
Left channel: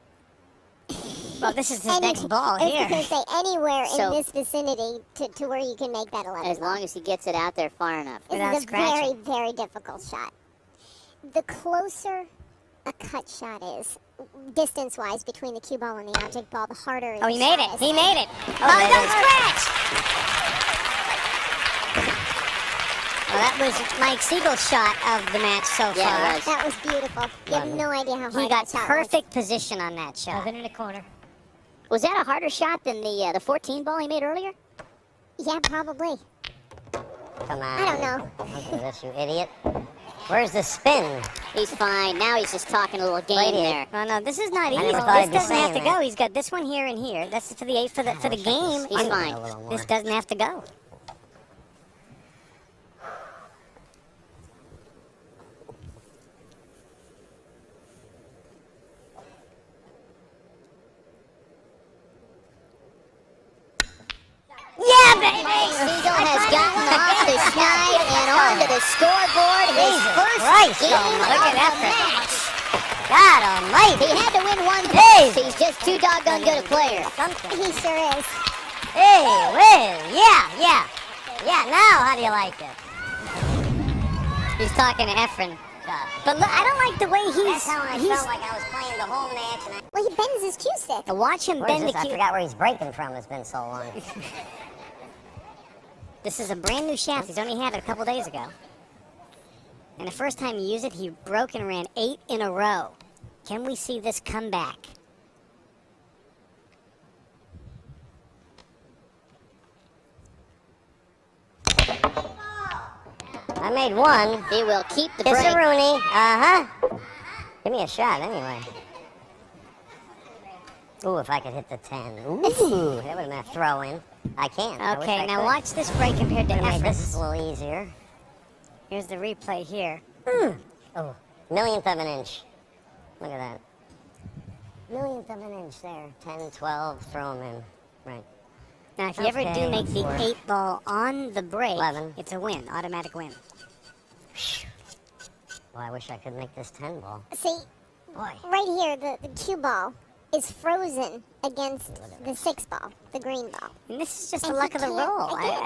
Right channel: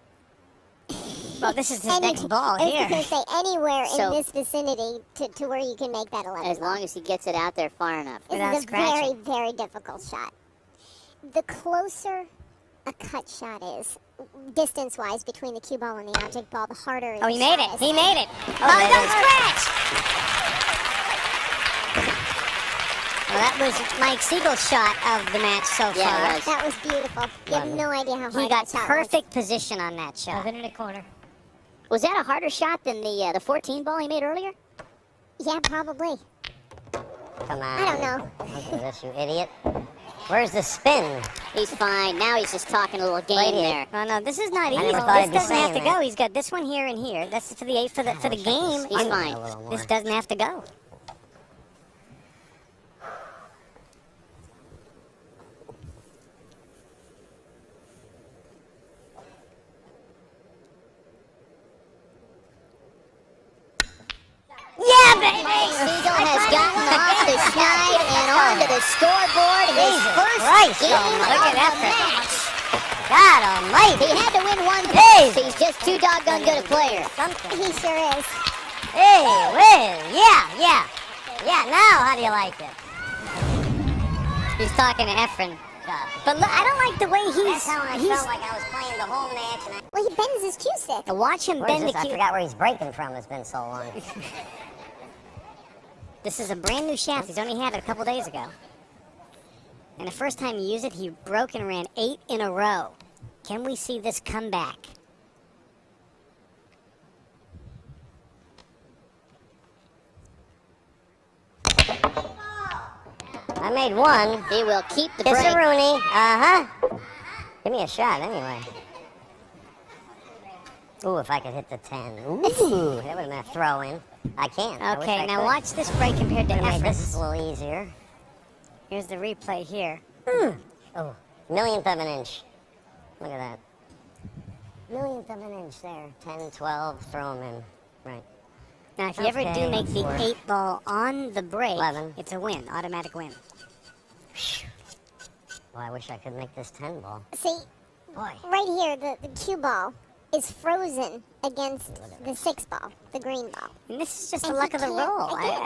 Well, this is his And next ball I was here. going to say anywhere So- in this vicinity to where you can make that 11. As long as he gets it out there far enough. This Without is a very, scratching. very difficult shot. The closer a cut shot is, distance-wise, between the cue ball and the object ball, the harder. Oh, he the made shot it. is. He made it. Oh, Oh, there don't it is. scratch! Well, that was Mike Siegel's shot of the match so Yeah, far. nice. That was beautiful. You have no idea how hard He got that shot was. perfect position on that shot. in the corner. Was that a harder shot than the 14 ball he made earlier? Yeah, probably. Come on. I don't know. Look at this, you idiot. Where's the spin? He's fine. Now he's just talking a little game there. Oh no, this is not easy. never thought This it'd be doesn't have to saying go. that. He's got this one here and here. This is for the game. He's fine. This doesn't have to go. Yeah, baby! Has gotten off the side and onto the scoreboard. His first game Look at of the that. match. God almighty! He had to win one game. He's just too doggone good a player. He sure is. Hey, well, yeah. Now, how do you like it? He's talking to Efren. But look, I don't like the way That's how I felt like I was playing the whole match, and Well, he bends his cue stick. And watch him I bend the cue. forgot where he's breaking from. It's been so long. This is a brand new shaft. He's only had it a couple days ago. And the first time you use it, he broke and ran 8 in a row. Can we see this come back? I made one. He will keep the Kiss break. a Rooney. Uh-huh. Give me a shot, anyway. Ooh, if I could hit the 10. Ooh, that would have been a throw-in. I can't. I wish I Okay, now could. watch this break compared to Could've made this Efren's. a little easier. Here's the replay here. Oh, millionth of an inch. Look at that. Millionth of an inch there. 10, 12, throwing in. Right. Now, if you ever do Okay, make the four. 8 ball on the break, 11. it's a win, automatic win. Oh, I wish I could make this 10 ball. See, Boy. right here, the cue ball is frozen against the 6 ball, the green ball. And this is just the And luck he of the can't roll. again.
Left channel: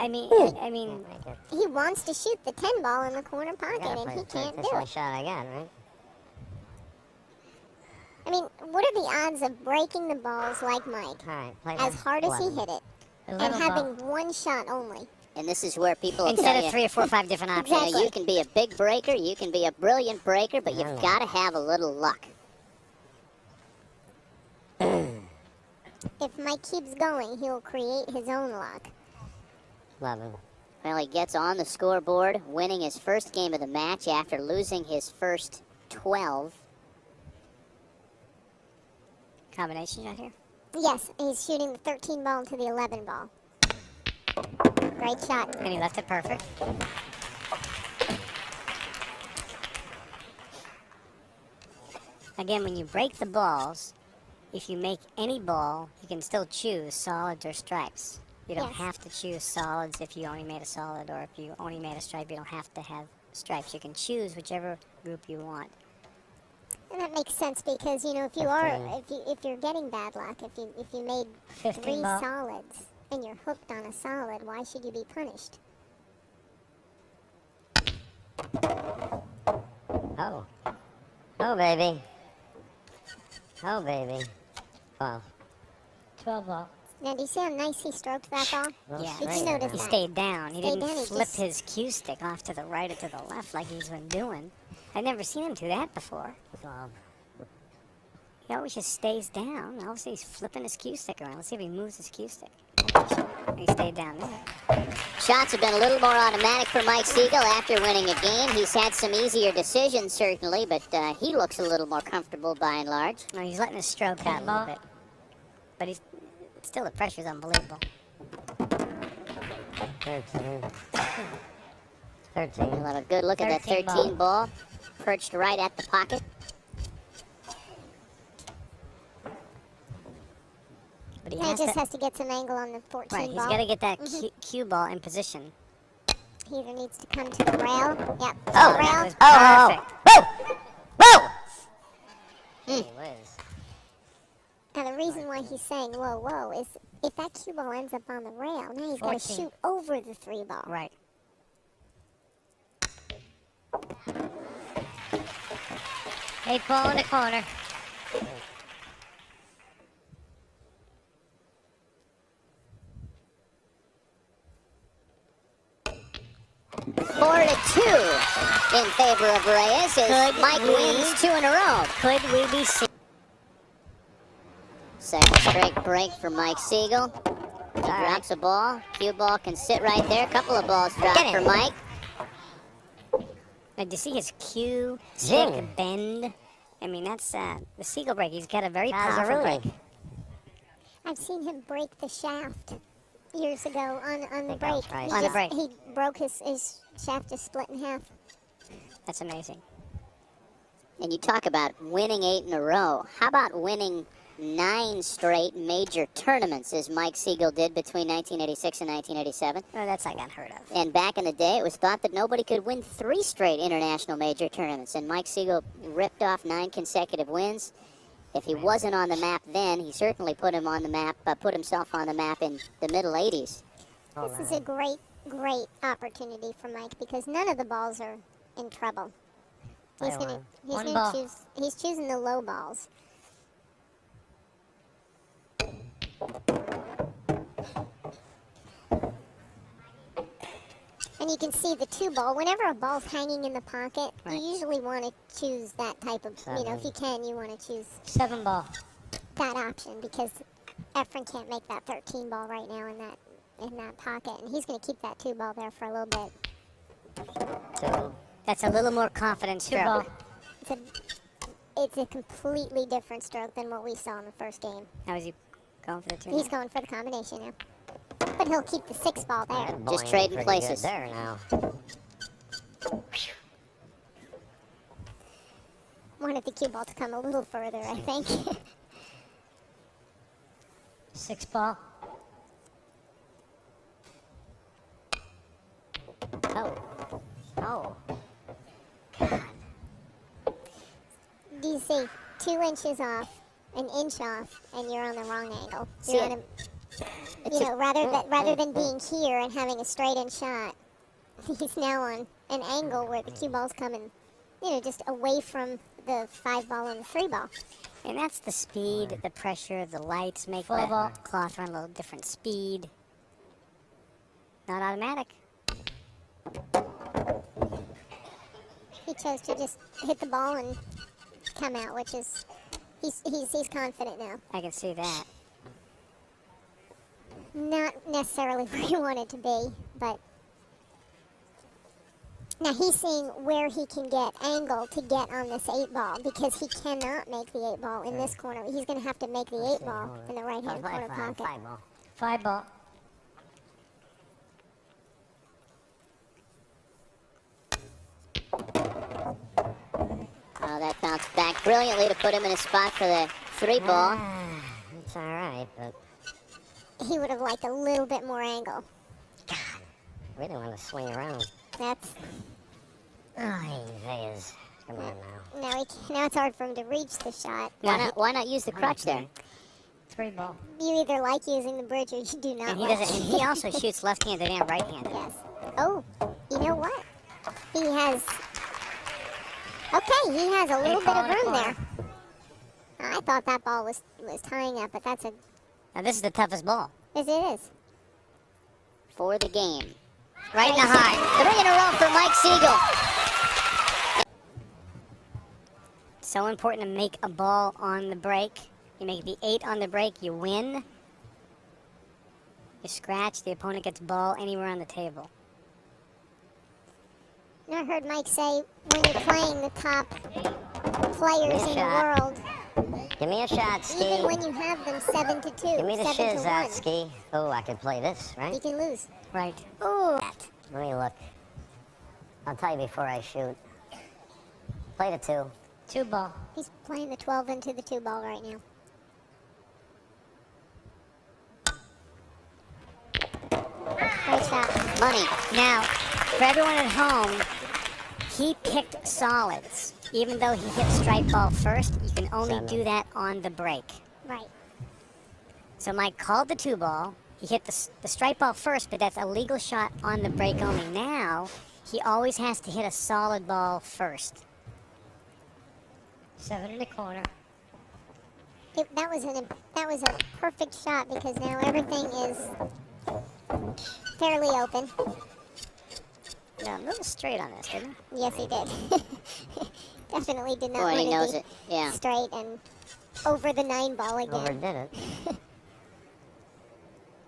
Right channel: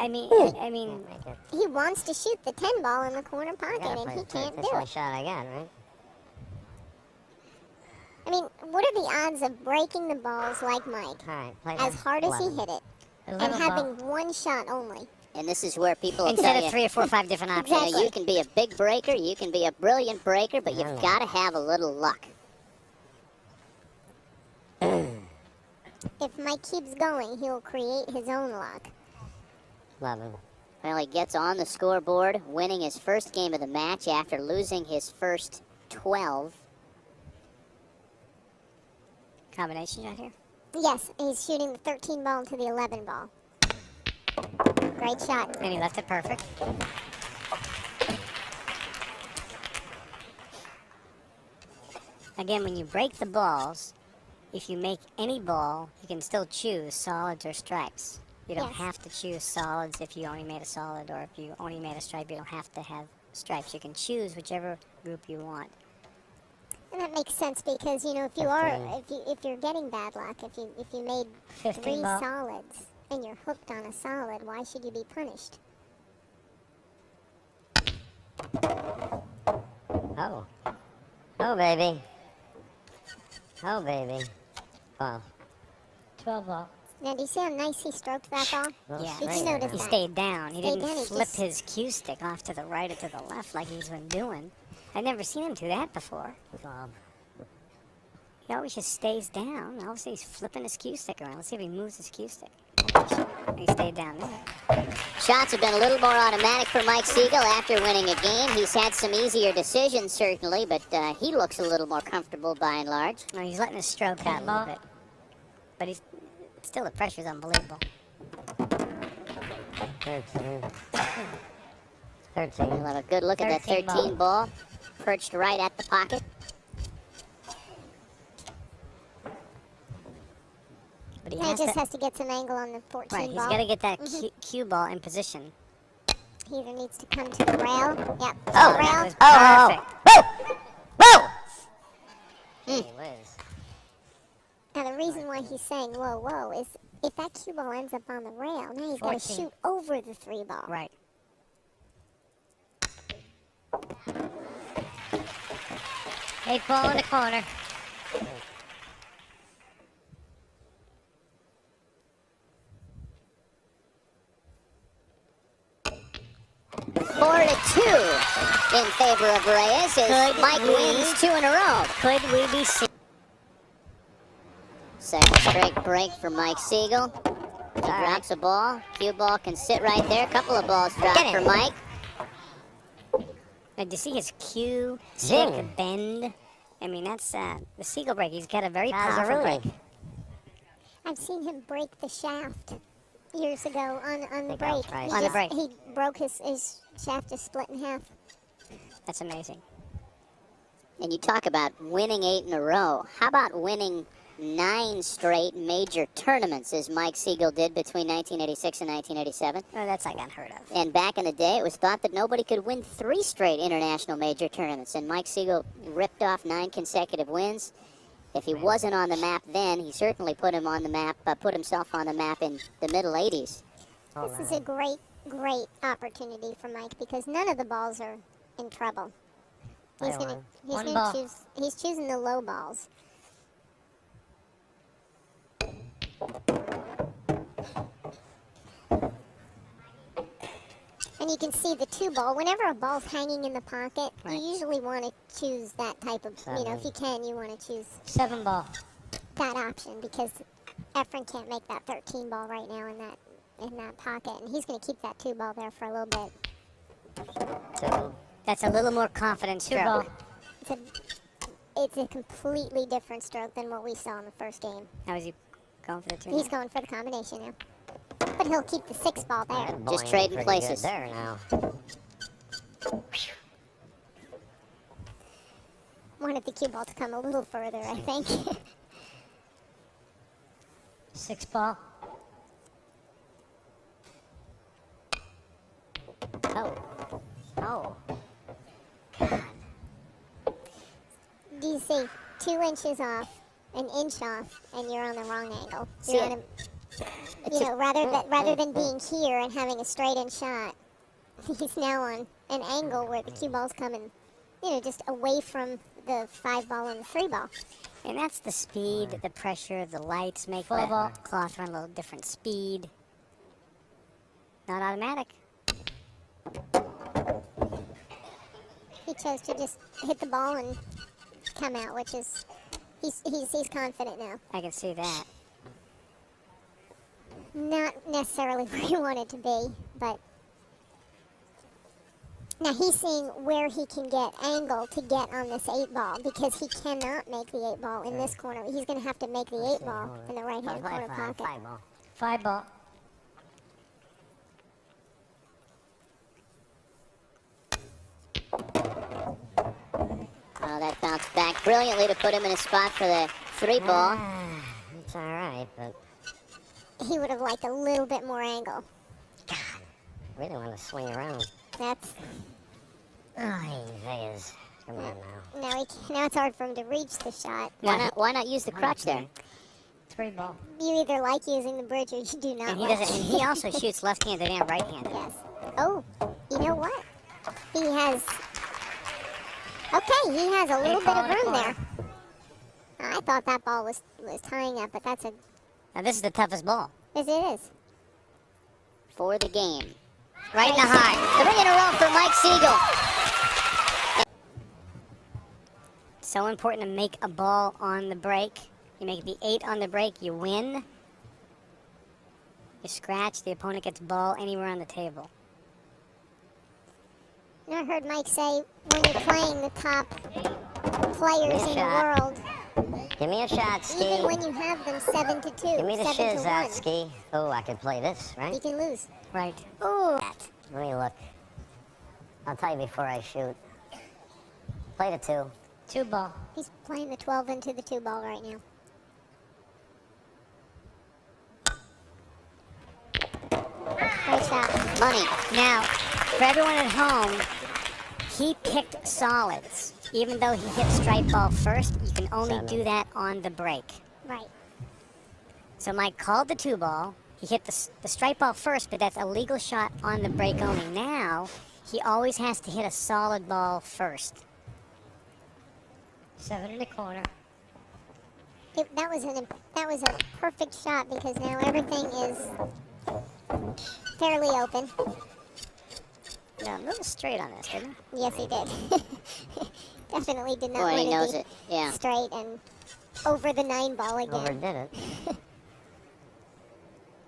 I mean, He wants to shoot the 10 ball in the corner I pocket, gotta and play he can't this do one it. shot again, right? I mean, what are the odds of breaking the balls like Mike, Alright, play as this. hard as he 11. hit it, and having one shot only? And this is where people will instead tell of you, 3 or 4 or 5 different options. Exactly. you can be a big breaker, you can be a brilliant breaker, but you've got to have a little luck. If Mike keeps going, he'll create his own luck. 11. Well, he gets on the scoreboard, winning his first game of the match after losing his first 12. Combination right here. Yes, he's shooting the 13 ball to the 11 ball. Great shot. And he left it perfect. Again, when you break the balls, if you make any ball, you can still choose solids or stripes. You don't Yes. have to choose solids if you only made a solid, or if you only made a stripe, you don't have to have stripes. You can choose whichever group you want. And that makes sense because if you're getting bad luck, if you made 3 ball. solids and you're hooked on a solid, why should you be punished? Oh. Oh, baby. Oh, baby. 12. 12 ball. Now, do you see how nice he stroked that ball? Yeah. Did you notice He that? stayed down. He Stayed didn't down, he flip just- his cue stick off to the right or to the left like he's been doing. I've never seen him do that before. He always just stays down. Obviously, he's flipping his cue stick around. Let's see if he moves his cue stick. He stayed down there. Shots have been a little more automatic for Mike Sigel after winning a game. He's had some easier decisions, certainly, but he looks a little more comfortable by and large. No, he's letting his stroke out a little bit. But he's still, the pressure's unbelievable. 13. 13. We'll have a good look at the 13 ball, perched right at the pocket. But he Now, he has just to, has to get some angle on the 14 right, he's ball. got to get that cue ball in position. He either needs to come to the rail. Yep. Oh, the rail. That was perfect. And the reason why he's saying whoa, whoa is if that cue ball ends up on the rail, now he's got to 14. shoot over the 3 ball. Right. Eight ball in the corner. Four to 2 in favor of Reyes as Mike wins 2 in a row. Could we be seeing? Second straight break for Mike Sigel. He drops a ball. Cue ball can sit right there. A couple of balls dropped for Mike. Did you see his cue Zing. stick bend? I mean, that's the Sigel break. He's got a very How's powerful it break. really? I've seen him break the shaft years ago on the Think break. I'll try On the break. He broke his shaft is split in half. That's amazing. And you talk about winning 8 in a row. How about winning 9 straight major tournaments, as Mike Sigel did between 1986 and 1987? Oh, that's not unheard of. And back in the day, it was thought that nobody could win 3 straight international major tournaments. And Mike Sigel ripped off 9 consecutive wins. If he wasn't on the map then, he certainly put him on the map, put himself on the map in the middle 80s. This is a great, great opportunity for Mike because none of the balls are in trouble. He's choosing the low balls. And you can see the 2 ball. Whenever a ball's hanging in the pocket, you usually want to choose that type of, if you can, you want to choose 7 ball. that option because Efren can't make that 13 ball right now in that pocket, and he's going to keep that 2 ball there for a little bit. That's a little more confident stroke. It's it's a completely different stroke than what we saw in the first game. How is he going for the 2? He's going for the combination now. But he'll keep the 6 ball there. That Just boing trading pretty places. good there now. Wanted the cue ball to come a little further, I think. 6 ball. Oh. Oh. Do you say 2 inches off, an inch off, and you're on the wrong angle? See You're it. on a, you know, rather than being here and having a straight-in shot, he's now on an angle where the cue ball's coming, you know, just away from the 5 ball and the 3 ball. And that's the speed, the pressure, the lights make the cloth run a little different speed. Not automatic. He chose to just hit the ball and come out, which is he's confident now. I can see that. Not necessarily where he wanted to be, but now he's seeing where he can get angle to get on this 8 ball because he cannot make the 8 ball in this corner. He's going to have to make the 8 ball in the right hand corner pocket. 5 ball. 5 ball. Oh, that bounced back brilliantly to put him in a spot for the 3 ball. It's all right, but He would have liked a little bit more angle. we don't want to swing around. That's Oh, Reyes. Come on now. now it's hard for him to reach the shot. Why not use the crutch there? 3 ball. You either like using the bridge or you do not. And he like doesn't. He also shoots left-handed and right-handed. Yes. Oh, you know what? He has. Okay, he has a little bit of room there. I thought that ball was tying up, but that's a. Now this is the toughest ball. Yes, it is. For the game. Right in the high. 3 in a row for Mike Sigel. So important to make a ball on the break. You make the 8 on the break, you win. You scratch, the opponent gets ball anywhere on the table. I heard Mike say when you're playing the top players in the world, Give me a shot, Ski. even when you have them 7-2, Give me the 7-1, shiz out, Ski. Oh, I could play this, you right? can lose. Right. Let me look. I'll tell you before I shoot. Play the 2. 2 ball. He's playing the 12 into the 2 ball right now. Great shot. Money. Now, for everyone at home, he picked solids. Even though he hit strike ball first, you can only do that on the break. Right. So Mike called the 2 ball. He hit the strike ball first, but that's a legal shot on the break only. Now, he always has to hit a solid ball first. 7 in the corner. That was a perfect shot because now everything is fairly open. No, a little straight on this, didn't he? Yes, he did. Definitely did not Boy, he want knows to it. Yeah. straight and over the 9 ball again. Overdid it.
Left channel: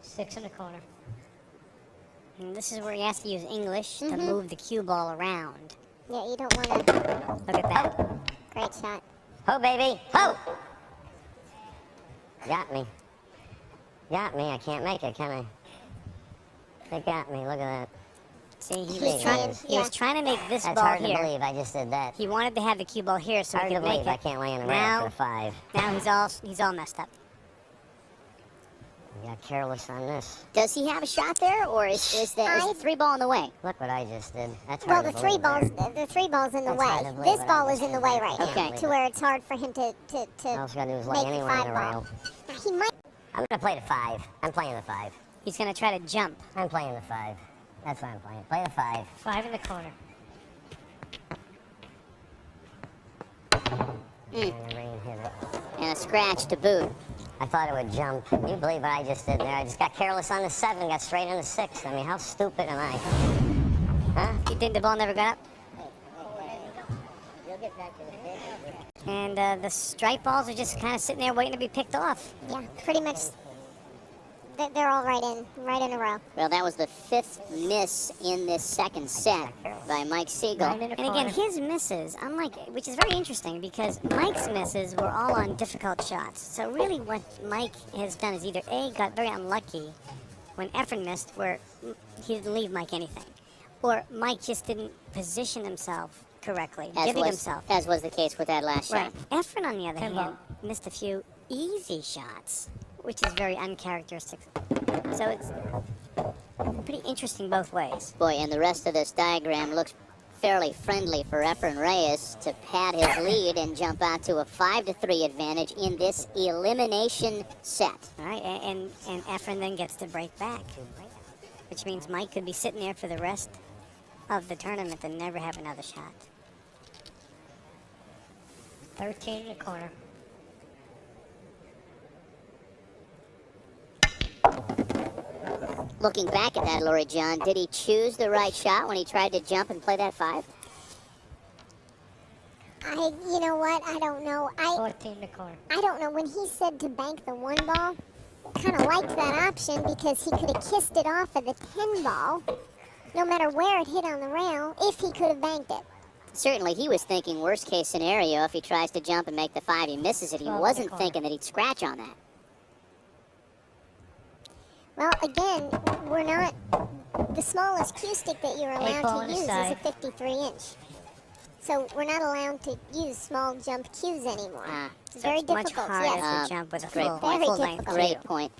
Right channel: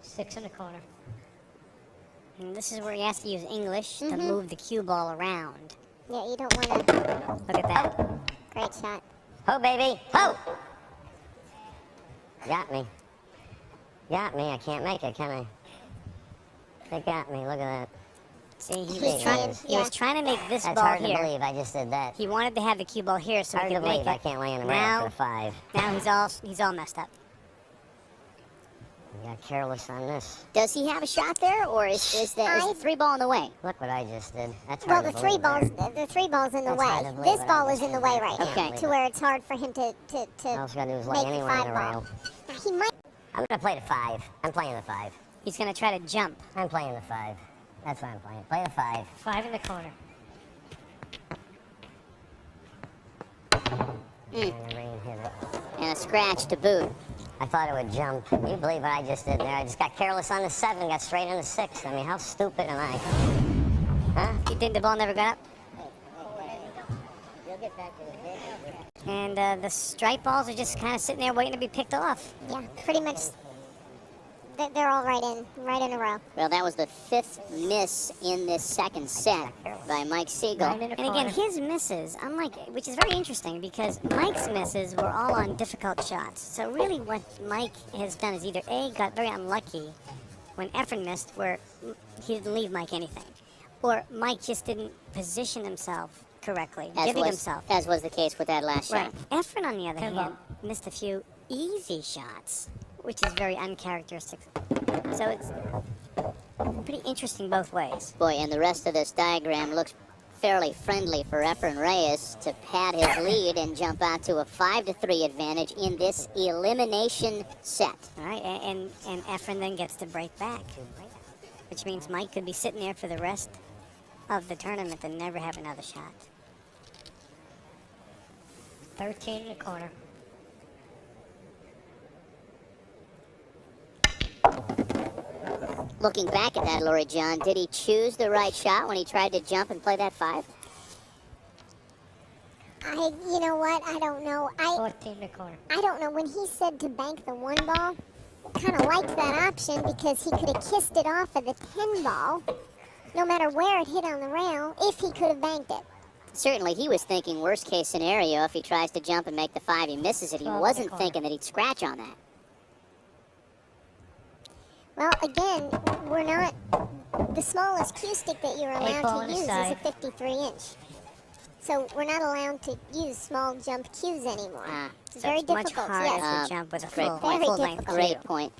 6 in the corner. And this is where he has to use English to move the cue ball around. Yeah, you don't want to. Look at that. Great shot. Oh, baby. Oh. Got me. Got me. I can't make it, can I? They got me. Look at that. See, He's he was trying to make this That's ball hard here. to believe. I just did that. He wanted to have the cue ball here so he Hard to could make believe I it. can't lay in the Now- middle for the 5. Now he's all messed up. Got careless on this. Does he have a shot there, or is the 3 ball in the way? Look what I just did. That's Well, hard the to 3 believe. balls, the 3 ball's in the That's hard to way. believe This what ball I is in the just way did. right now, Okay. to where it's hard for him to All he's got to do is lay make the anywhere in 5 a ball. row. He might. I'm going to play the 5. I'm playing the 5. He's going to try to jump. I'm playing the 5. That's what I'm playing. Play the 5. 5 in the corner. And the rain hit it. And a scratch to boot. I thought it would jump. Can you believe what I just did there? I just got careless on the 7, got straight on the 6. I mean, how stupid am I? Huh? You think the ball never got up? And the strike balls are just kind of sitting there waiting to be picked off. Yeah, pretty much. they're all right in a row. Well, that was the 5th miss in this second set by Mike Sigel. And again, his misses, which is very interesting because Mike's misses were all on difficult shots. So really what Mike has done is either A, got very unlucky when Efren missed where he didn't leave Mike anything, or Mike just didn't position himself correctly, giving himself. As was the case with that last shot. Efren, on the other hand, missed a few easy shots, which is very uncharacteristic. So it's pretty interesting both ways. Boy, and the rest of this diagram looks fairly friendly for Efren Reyes to pad his lead and jump out to a 5-3 advantage in this elimination set. All right, and Efren then gets to break back, which means Mike could be sitting there for the rest of the tournament and never have another shot. 13.25. Looking back at that, Lori John, did he choose the right shot when he tried to jump and play that 5? You know what? I don't know. 14.25. I don't know. When he said to bank the 1 ball, I kind of liked that option because he could have kissed it off of the 10 ball, no matter where it hit on the rail, if he could have banked it. Certainly, he was thinking worst case scenario if he tries to jump and make the 5, he misses it. He wasn't thinking that he'd scratch on that. Well, again, we're not. The smallest cue stick that you're allowed to use is a 53-inch. So we're not allowed to use small jump cues anymore. It's very difficult. Much Yes. harder to jump with a Great full point. length Great cue. point.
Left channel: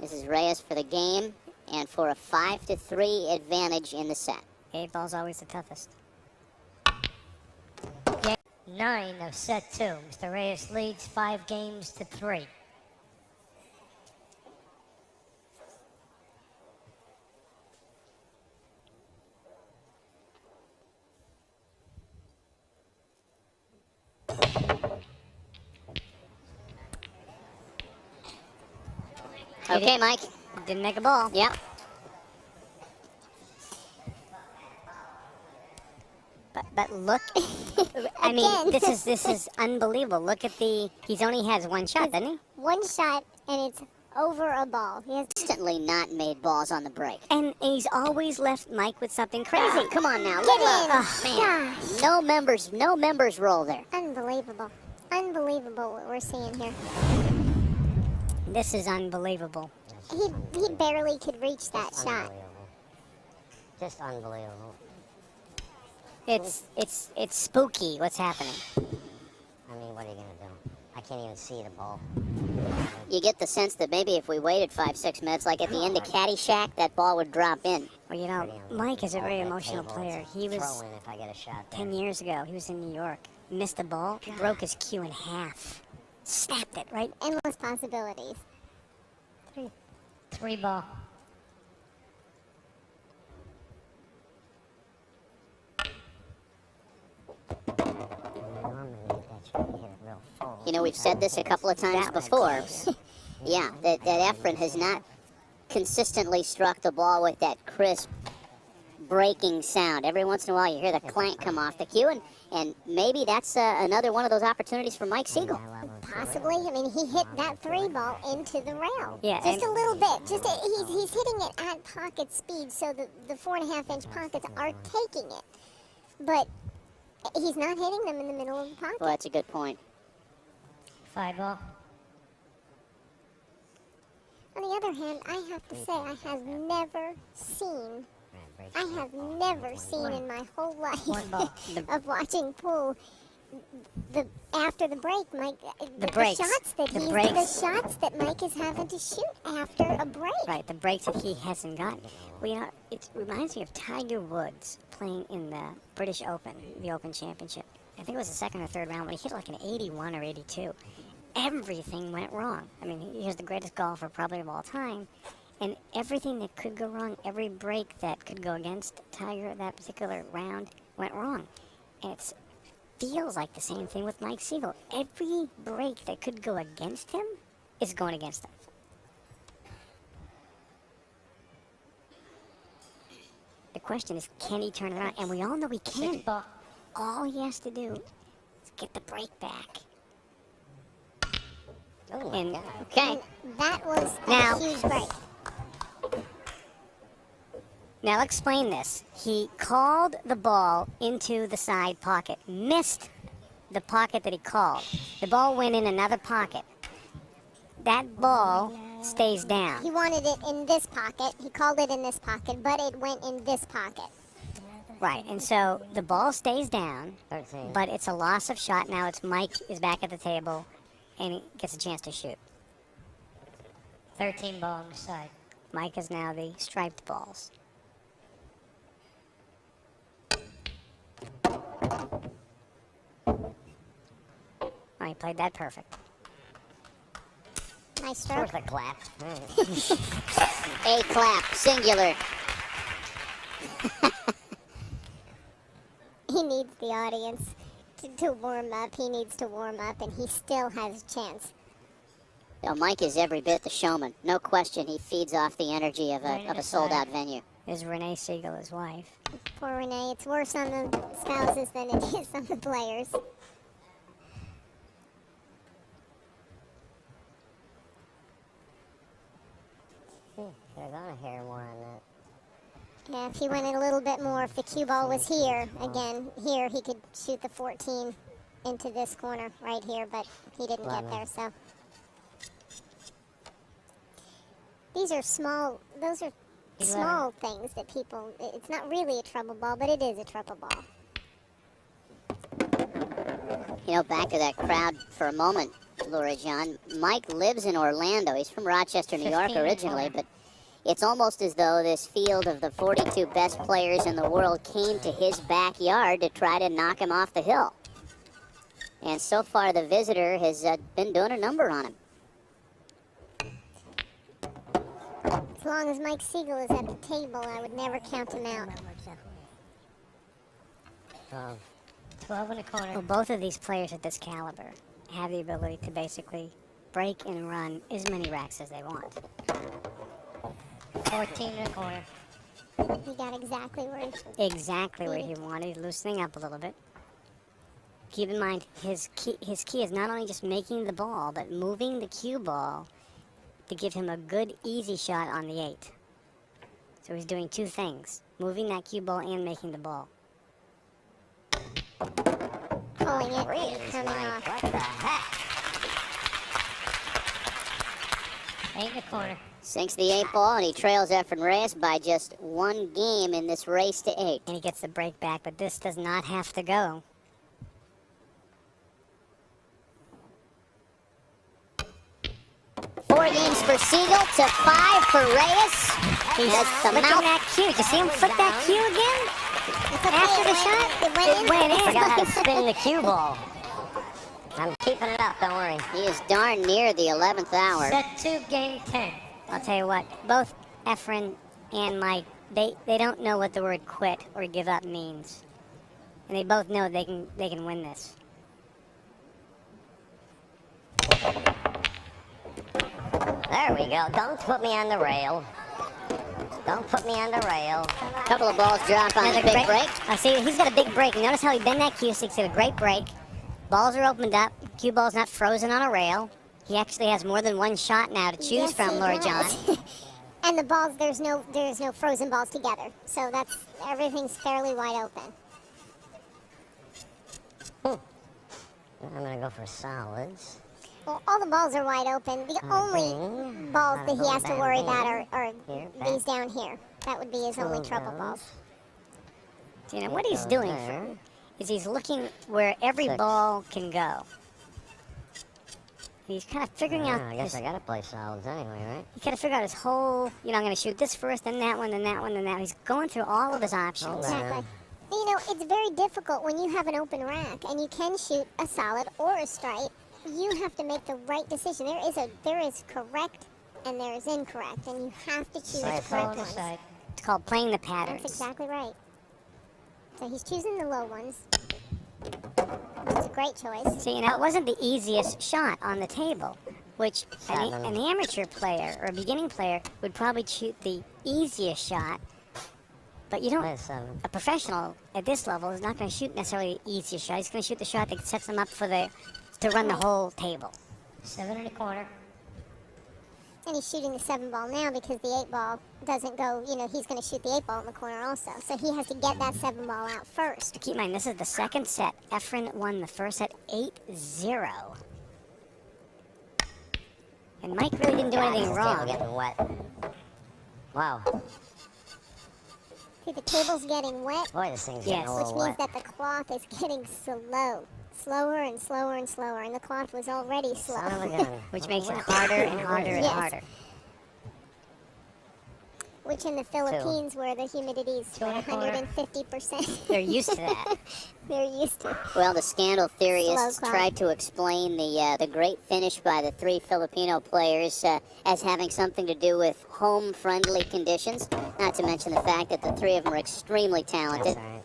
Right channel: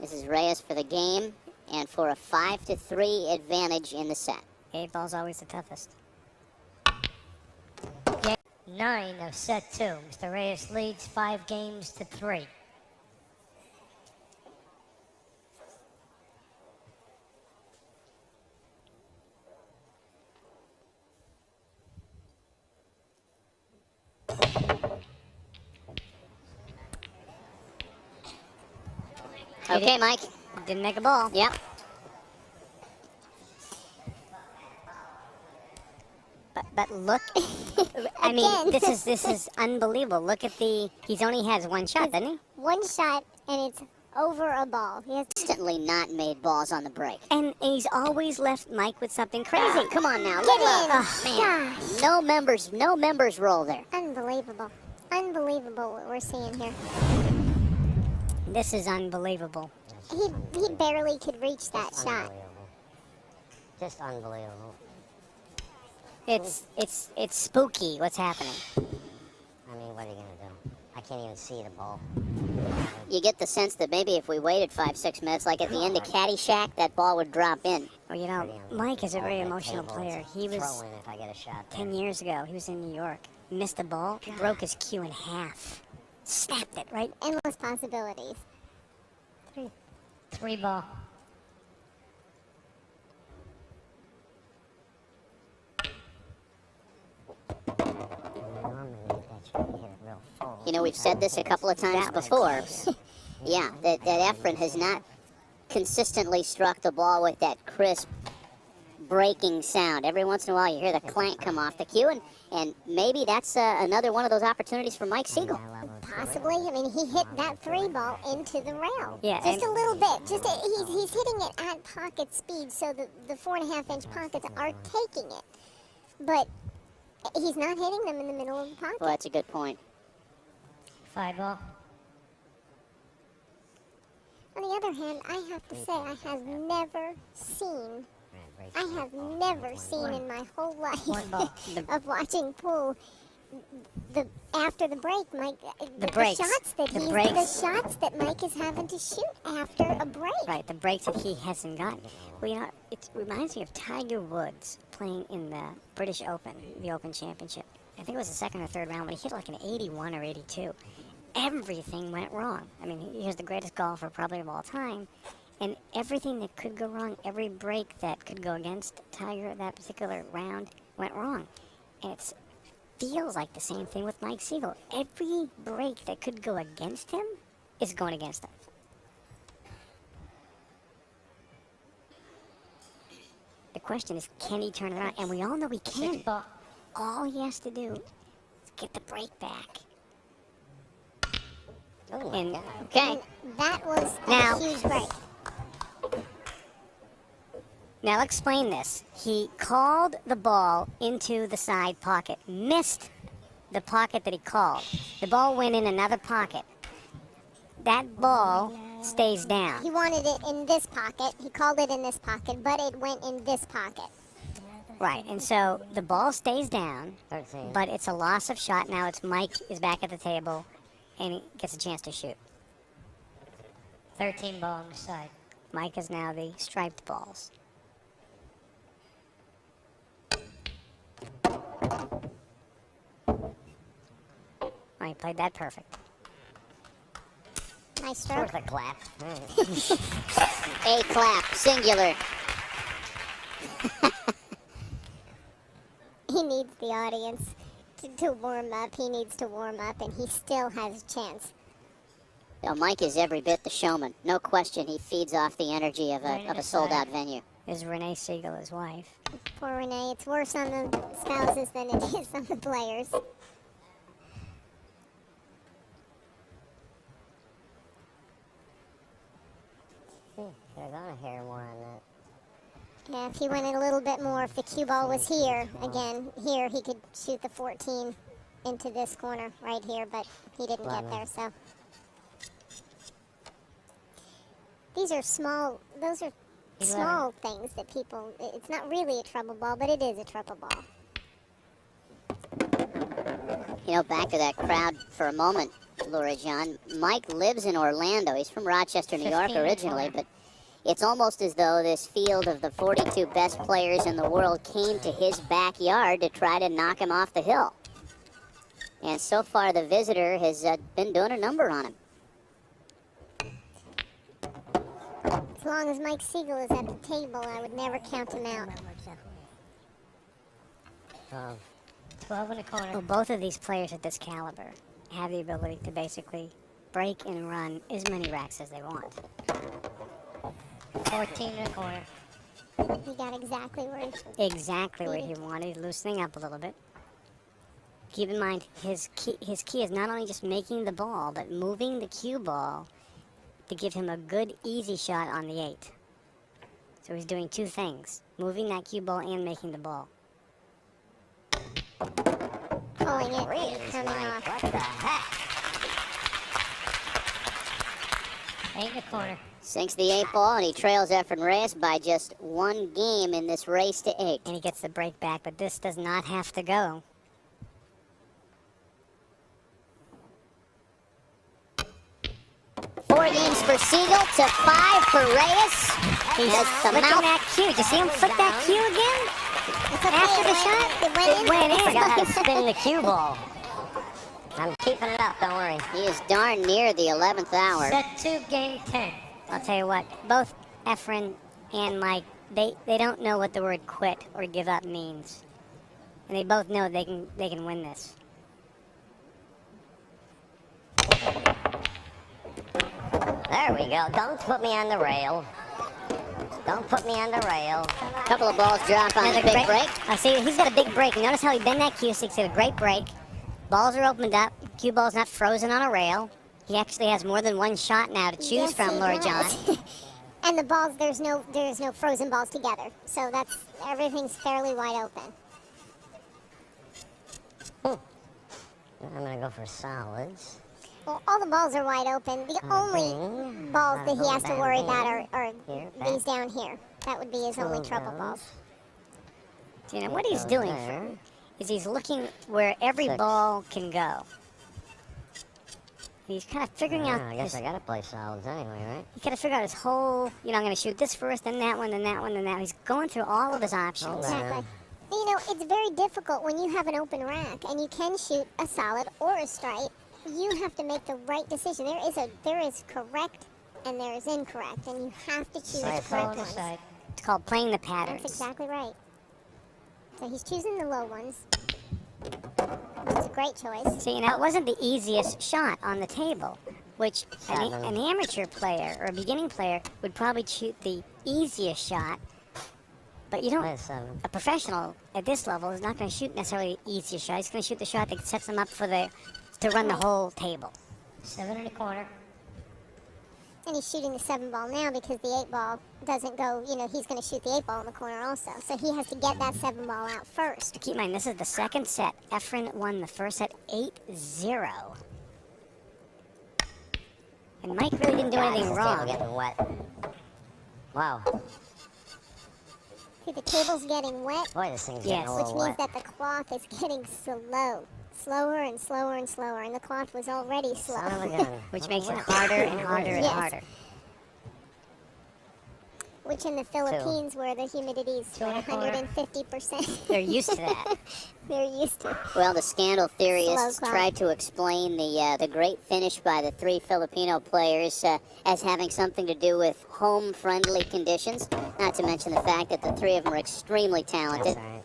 This is Reyes for the game and for a 5-3 advantage in the set. 8 ball's always the toughest. 9 of set 2. Mr. Reyes leads 5 games to 3. Okay, Mike. Didn't make a ball. Yep. But look, I mean, this is unbelievable. Look at he only has 1 shot, doesn't he? 1 shot, and it's over a ball. Instantly not made balls on the break. And he's always left Mike with something crazy. Come on now. Get in! Man. No members roll there. Unbelievable. Unbelievable what we're seeing here. This is unbelievable. He barely could reach that shot. Just unbelievable. It's spooky what's happening. I mean, what are you going to do? I can't even see the ball. You get the sense that maybe if we waited 5-6 minutes, like at the end of Caddyshack, that ball would drop in. Well, you know, Mike is a very emotional player. He was Throw in if I get a shot there. 10 years ago. He was in New York. Missed a ball, broke his cue in half. Snapped it, right? Endless possibilities. 3 ball. You know, we've said this a couple of times before. Yeah, that Efren has not consistently struck the ball with that crisp breaking sound. Every once in a while you hear the clank come off the cue, and maybe that's another one of those opportunities for Mike Sigel. Possibly. I mean, he hit that 3 ball into the rail. Yeah, just a little bit. He's hitting it at pocket speed, so the 4.5-inch pockets are taking it. But he's not hitting them in the middle of the pocket. Well, that's a good point. 5 ball. On the other hand, I have to say I have never seen in my whole life 1 ball. of watching pool after the break, Mike. The breaks. The shots that Mike is having to shoot after a break. Right, the breaks that he hasn't gotten. It reminds me of Tiger Woods playing in the British Open, the Open Championship. I think it was the 2nd or 3rd round when he hit like an 81 or 82. Everything went wrong. I mean, he was the greatest golfer probably of all time. And everything that could go wrong, every break that could go against Tiger that particular round went wrong. And it feels like the same thing with Mike Sigel. Every break that could go against him is going against him. The question is, can he turn it around? And we all know he can. All he has to do is get the break back. And Okay. That was Now- a huge break. now I'll explain this. He called the ball into the side pocket, missed the pocket that he called. The ball went in another pocket. That ball stays down. He wanted it in this pocket. He called it in this pocket, but it went in this pocket. Right, and so the ball stays down, 13. but it's a loss of shot. Now it's Mike is back at the table and gets a chance to shoot. 13 ball on the side. Mike is now the striped balls. I played that perfect. Nice stroke. Worth a clap. A clap, singular. He needs the audience to warm up. He needs to warm up, and he still has a chance. You know, Mike is every bit the showman. No question, he feeds off the energy of a sold-out venue. Is Renee Sigel his wife? Poor Renee. It's worse on the spouses than it is on the players. Should have gone a hair more on that. Yeah, if he went in a little bit more, if the cue ball was here, again, here, he could shoot the 14 into this corner right here, but he didn't get there, so. These are small, those are small things that people, it's not really a trouble ball, but it is a trouble ball. You know, back to that crowd for a moment, Laura John. Mike lives in Orlando. He's from Rochester, New York originally, but it's almost as though this field of the 42 best players in the world came to his backyard to try to knock him off the hill. And so far, the visitor has been doing a number on him. As long as Mike Sigel is at the table, I would never count him out. 12 in the corner. Well, both of these players at this caliber have the ability to basically break and run as many racks as they want. 14 in the corner. He got exactly where he Exactly where he wanted, loosening up a little bit. Keep in mind, his key is not only just making the ball, but moving the cue ball to give him a good, easy shot on the 8. So he's doing two things, moving that cue ball and making the ball. pulling it and coming off. In the corner. Sinks the 8 ball, and he trails Efren Reyes by just 1 game in this race to 8. And he gets the break back, but this does not have to go. Four games for Sigel to 5 for Reyes. He has the Look at mouth. that cue. Did you see him flip that cue again? After the shot, it went in. He's spinning the cue ball. I'm keeping it up, don't worry. He is darn near the 11th hour. Set 2, game 10. I'll tell you what, both Efren and Mike, they don't know what the word quit or give up means. And they both know they can win this. There we go. Don't put me on the rail. Don't put me on the rail. Couple of balls drop on the Another big break. See, he's got a big break. Notice how he bent that cue, so he's got a great break. Balls are opened up. Cue ball's not frozen on a rail. He actually has more than one shot now to choose from, Lord John. And the balls, there's no frozen balls together. So that's, everything's fairly wide open. I'm gonna go for solids. Well, all the balls are wide open. The only balls that he has to worry about are these down here. That would be his only trouble balls. See, now what he's doing is he's looking where every ball can go. He's kind of figuring out. I guess I gotta play solids anyway, right? He's got to figure out his whole. I'm going to shoot this first, then that one, then that one, then that one. He's going through all of his options. Exactly. You know, it's very difficult when you have an open rack and you can shoot a solid or a stripe. You have to make the right decision. There is correct and there is incorrect, and you have to choose the correct ones. It's called playing the patterns. That's exactly right. So he's choosing the low ones. It's a great choice. See, now it wasn't the easiest shot on the table, which an amateur player or a beginning player would probably shoot the easiest shot. But you don't. A professional at this level is not going to shoot necessarily the easiest shot. He's going to shoot the shot that sets him up to run the whole table. 7 1/4. And he's shooting the 7 ball now because the 8 ball doesn't go, he's going to shoot the 8 ball in the corner also. So he has to get that 7 ball out first. Keep in mind, this is the second set. Efren won the first set 8-0. And Mike really didn't do anything wrong. Getting wet. Wow. See, the table's getting wet, Boy, this thing's getting a which little means wet. that the cloth is getting slow. Slower and slower and slower. And the cloth was already slow. Son of a gun. Which makes it harder and harder and Yes. harder. Which in the Philippines, where the humidity is 150%. They're used to that. They're used to it. Well, the scandal theorists Slow tried to explain the great finish by the 3 Filipino players as having something to do with home-friendly conditions, not to mention the fact that the 3 of them are extremely talented. That's all right.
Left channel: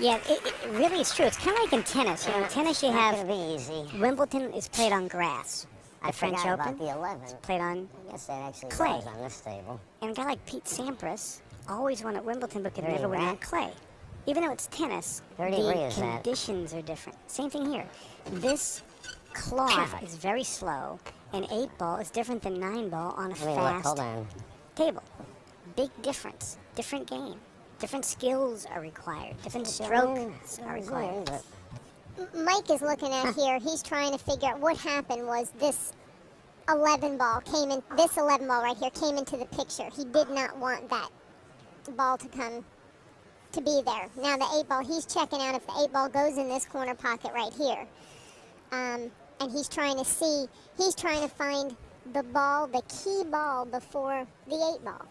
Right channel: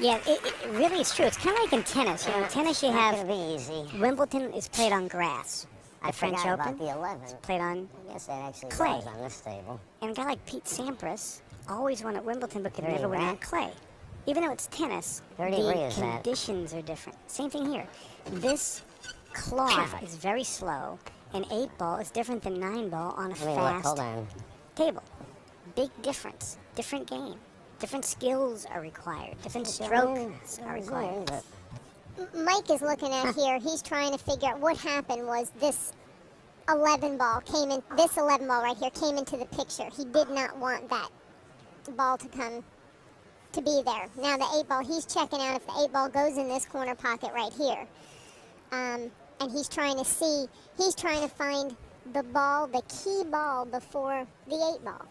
Yeah, it really is true. It's kind of like in tennis. In tennis, you Not have gonna be easy. Wimbledon is played on grass. I The French forgot Open about the 11. played on, I guess that actually Clay. goes on this table. and a guy like Pete Sampras always won at Wimbledon, but could Yeah, never win yeah. on clay. Even though it's tennis, 30 the degrees, that. conditions are different. Same thing here. This cloth is very slow, and 8 ball is different than 9 ball on a Let me look. fast Hold on. table. Big difference. Different game. Different skills are required. Different strokes are required. Mike is looking at here. He's trying to figure out what happened was this 11 ball came in. This 11 ball right here came into the picture. He did not want that ball to be there. Now the 8 ball, he's checking out if the 8 ball goes in this corner pocket right here. And he's trying to see. He's trying to find the ball, the key ball before the 8 ball.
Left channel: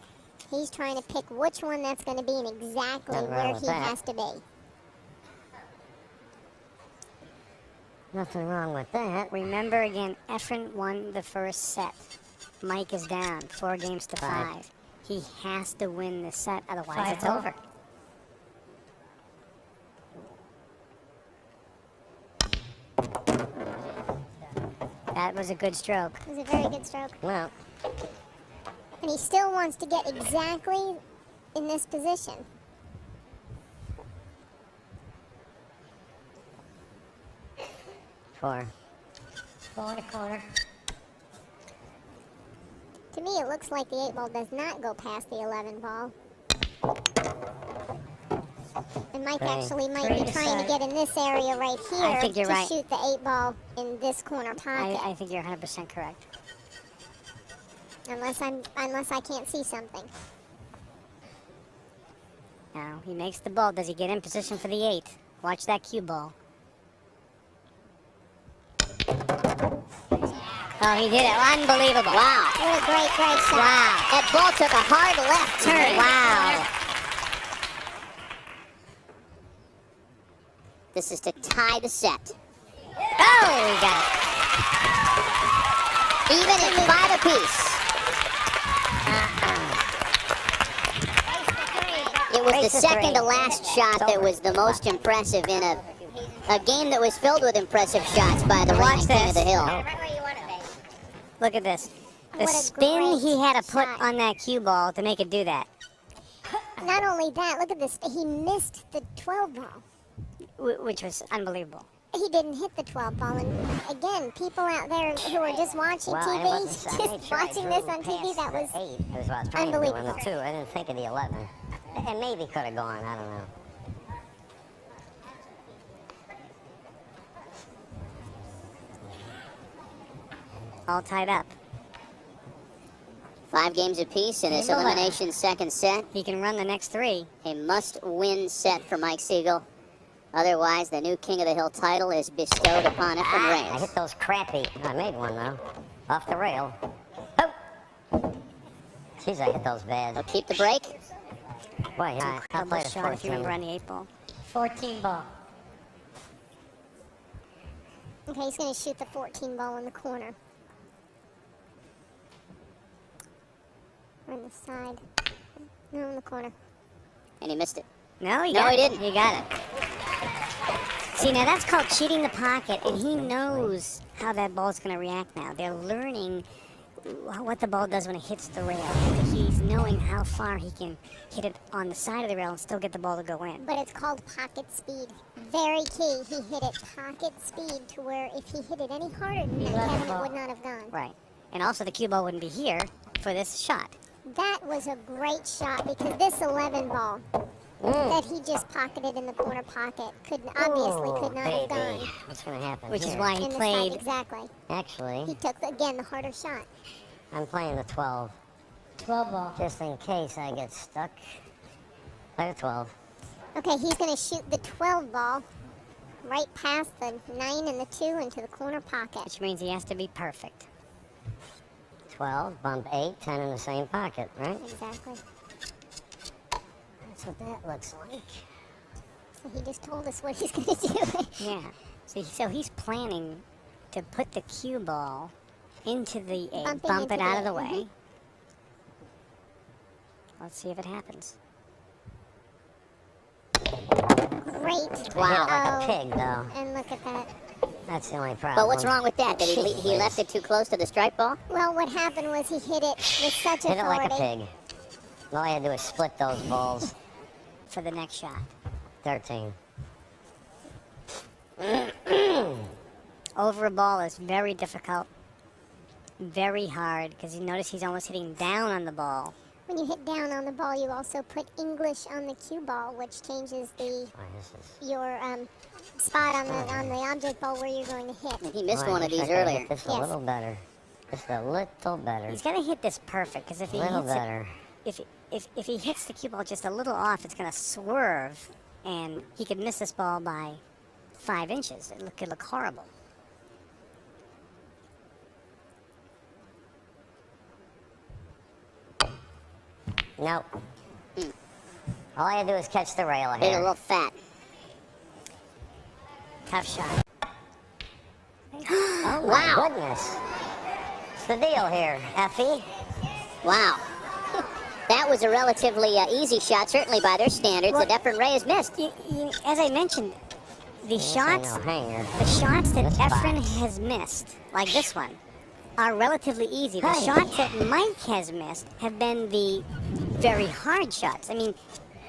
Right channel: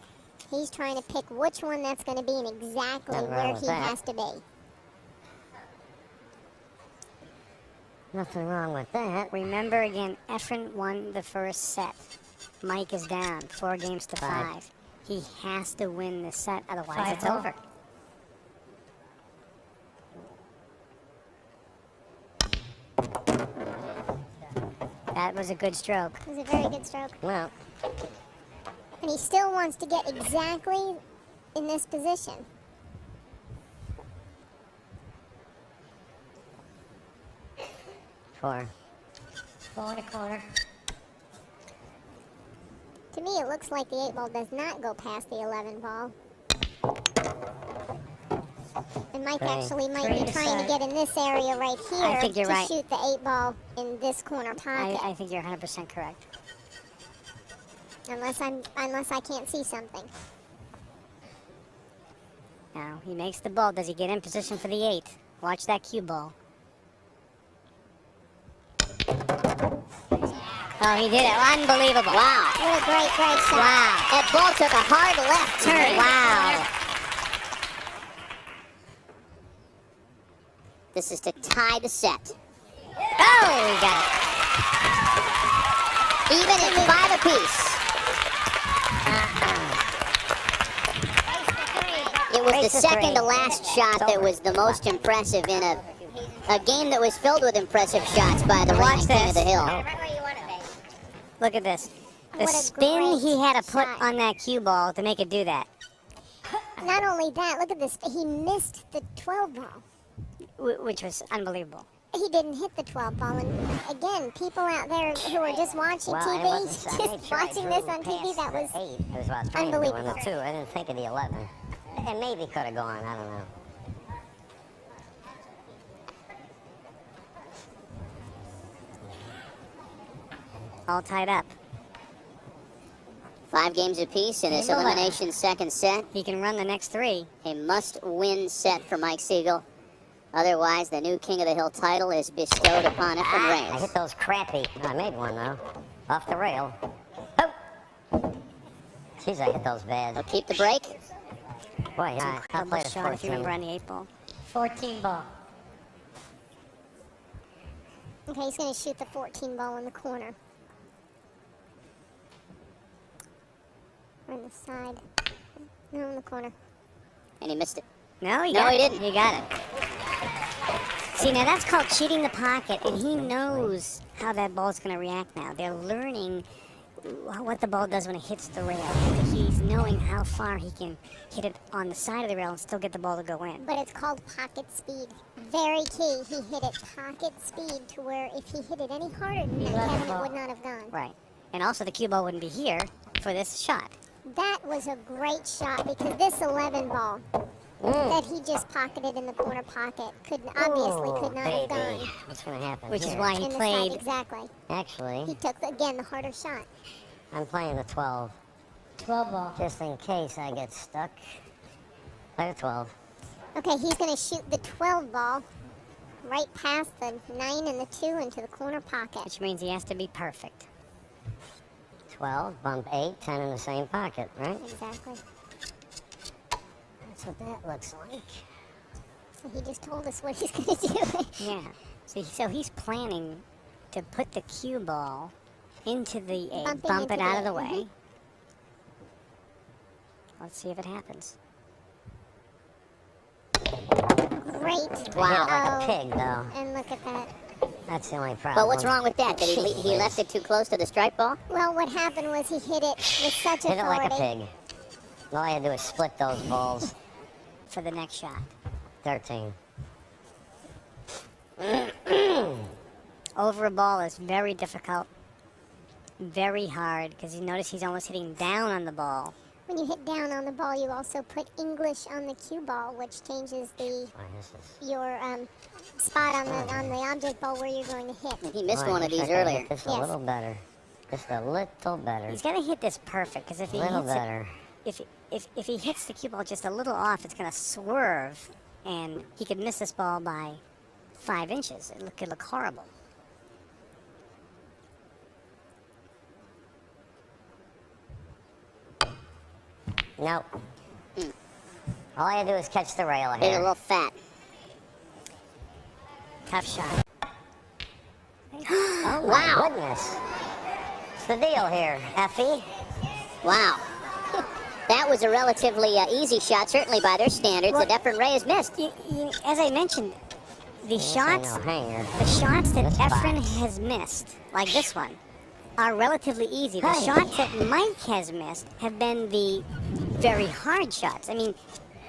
He's trying to pick which one that's going to be and exactly Nothing wrong where with he that. has to be. Nothing wrong with that. Remember again, Efren won the first set. Mike is down 4 games to 5. He has to win the set, otherwise it's over. That was a good stroke. It was a very good stroke. Well, And he still wants to get exactly in this position. four. 4 1/4. To me, it looks like the 8 ball does not go past the 11 ball. And Mike actually might be trying to get in this area right here I think you're to right. shoot the 8 ball in this corner pocket. I think you're 100% correct. Unless I can't see something. Now, he makes the ball. Does he get in position for the 8? Watch that cue ball. Oh, he did it. Unbelievable. Wow. What a great shot. Wow. That ball took a hard left turn. Wow. This is to tie the set. Oh, he got it. Even at 5 apiece. It was the second to last shot that was the most impressive in a game that was filled with impressive shots by the Watch reigning king of the this. hill. Look at this. The What a spin great he had to put shot. on that cue ball to make it do that, Not only that, look at this. He missed the 12 ball. which was unbelievable. He didn't hit the 12 ball. And again, people out there who are just watching Well, it TV, wasn't just watching this on TV, that was 8. It was about 3 Unbelievable. going to 2. I didn't think of the 11. It maybe could have gone. I don't know. All tied up. 5 games apiece in its Look. elimination second set. He can run the next 3. A must-win set for Mike Sigel. Otherwise, the new King of the Hill title is bestowed upon Efren I Reyes. hit those crappy. I made one, though. Off the rail. Oh! Jeez, I hit those bad. So keep the break. Boy, I played a Sean, if you can 14. run the 8 ball. 14 ball. okay. He's going to shoot the 14 ball in the corner. Or in the side. No, in the corner. And he missed it. No, he No, got he it. didn't. He got it. See, now that's called cheating the pocket, and he knows how that ball's going to react now. They're learning what the ball does when it hits the rail. He's knowing how far he can hit it on the side of the rail and still get the ball to go in. But it's called pocket speed. Very key. He hit it pocket speed to where if he hit it any harder than that, Kevin, it would not have gone. Right. And also the cue ball wouldn't be here for this shot. That was a great shot because this 11 ball that he just pocketed in the corner pocket could not have gone. What's going to happen? Which is here? why he played. Exactly. Actually, He took, again, the harder shot. I'm playing the 12. 12 ball. Just in case I get stuck. Play the 12. Okay, he's going to shoot the 12 ball right past the 9 and the 2 into the corner pocket. Which means he has to be perfect. 12, bump 8, 10 in the same pocket, right? Exactly. That's what that looks like. So he just told us what he's going to do. Yeah. So he's planning to put the cue ball into the Bump it into out the- of the way. Let's see if it happens. Great. Wow. Hit like a pig, though. And look at that. That's the only problem. Well, what's wrong with that? Did he left it too close to the strike ball? Well, what happened was he hit it with such Hit it like a authority. pig. All I had to do was split those balls. For the next shot. 13. Over a ball is very difficult. Very hard, because you notice he's almost hitting down on the ball. When you hit down on the ball, you also put English on the cue ball, which changes your spot on the object ball where you're going to hit. He missed one of these earlier. Just a little better. Just a little better. He's going to hit this perfect, because if A he little hits better. if he hits the cue ball just a little off, it's going to swerve, and he could miss this ball by 5 inches. It could look horrible. Nope. All I had to do is catch the rail And a ahead. little fat. Tough shot. Oh my goodness. What's the deal here, Effie? Wow. That was a relatively easy shot, certainly by their standards, that Efren Reyes missed. As I mentioned, the This shots ain't no hanger. the shots that That's Efren fine. has missed, like this one, are relatively easy. The Hey. shots that Mike has missed have been the very hard shots. I mean,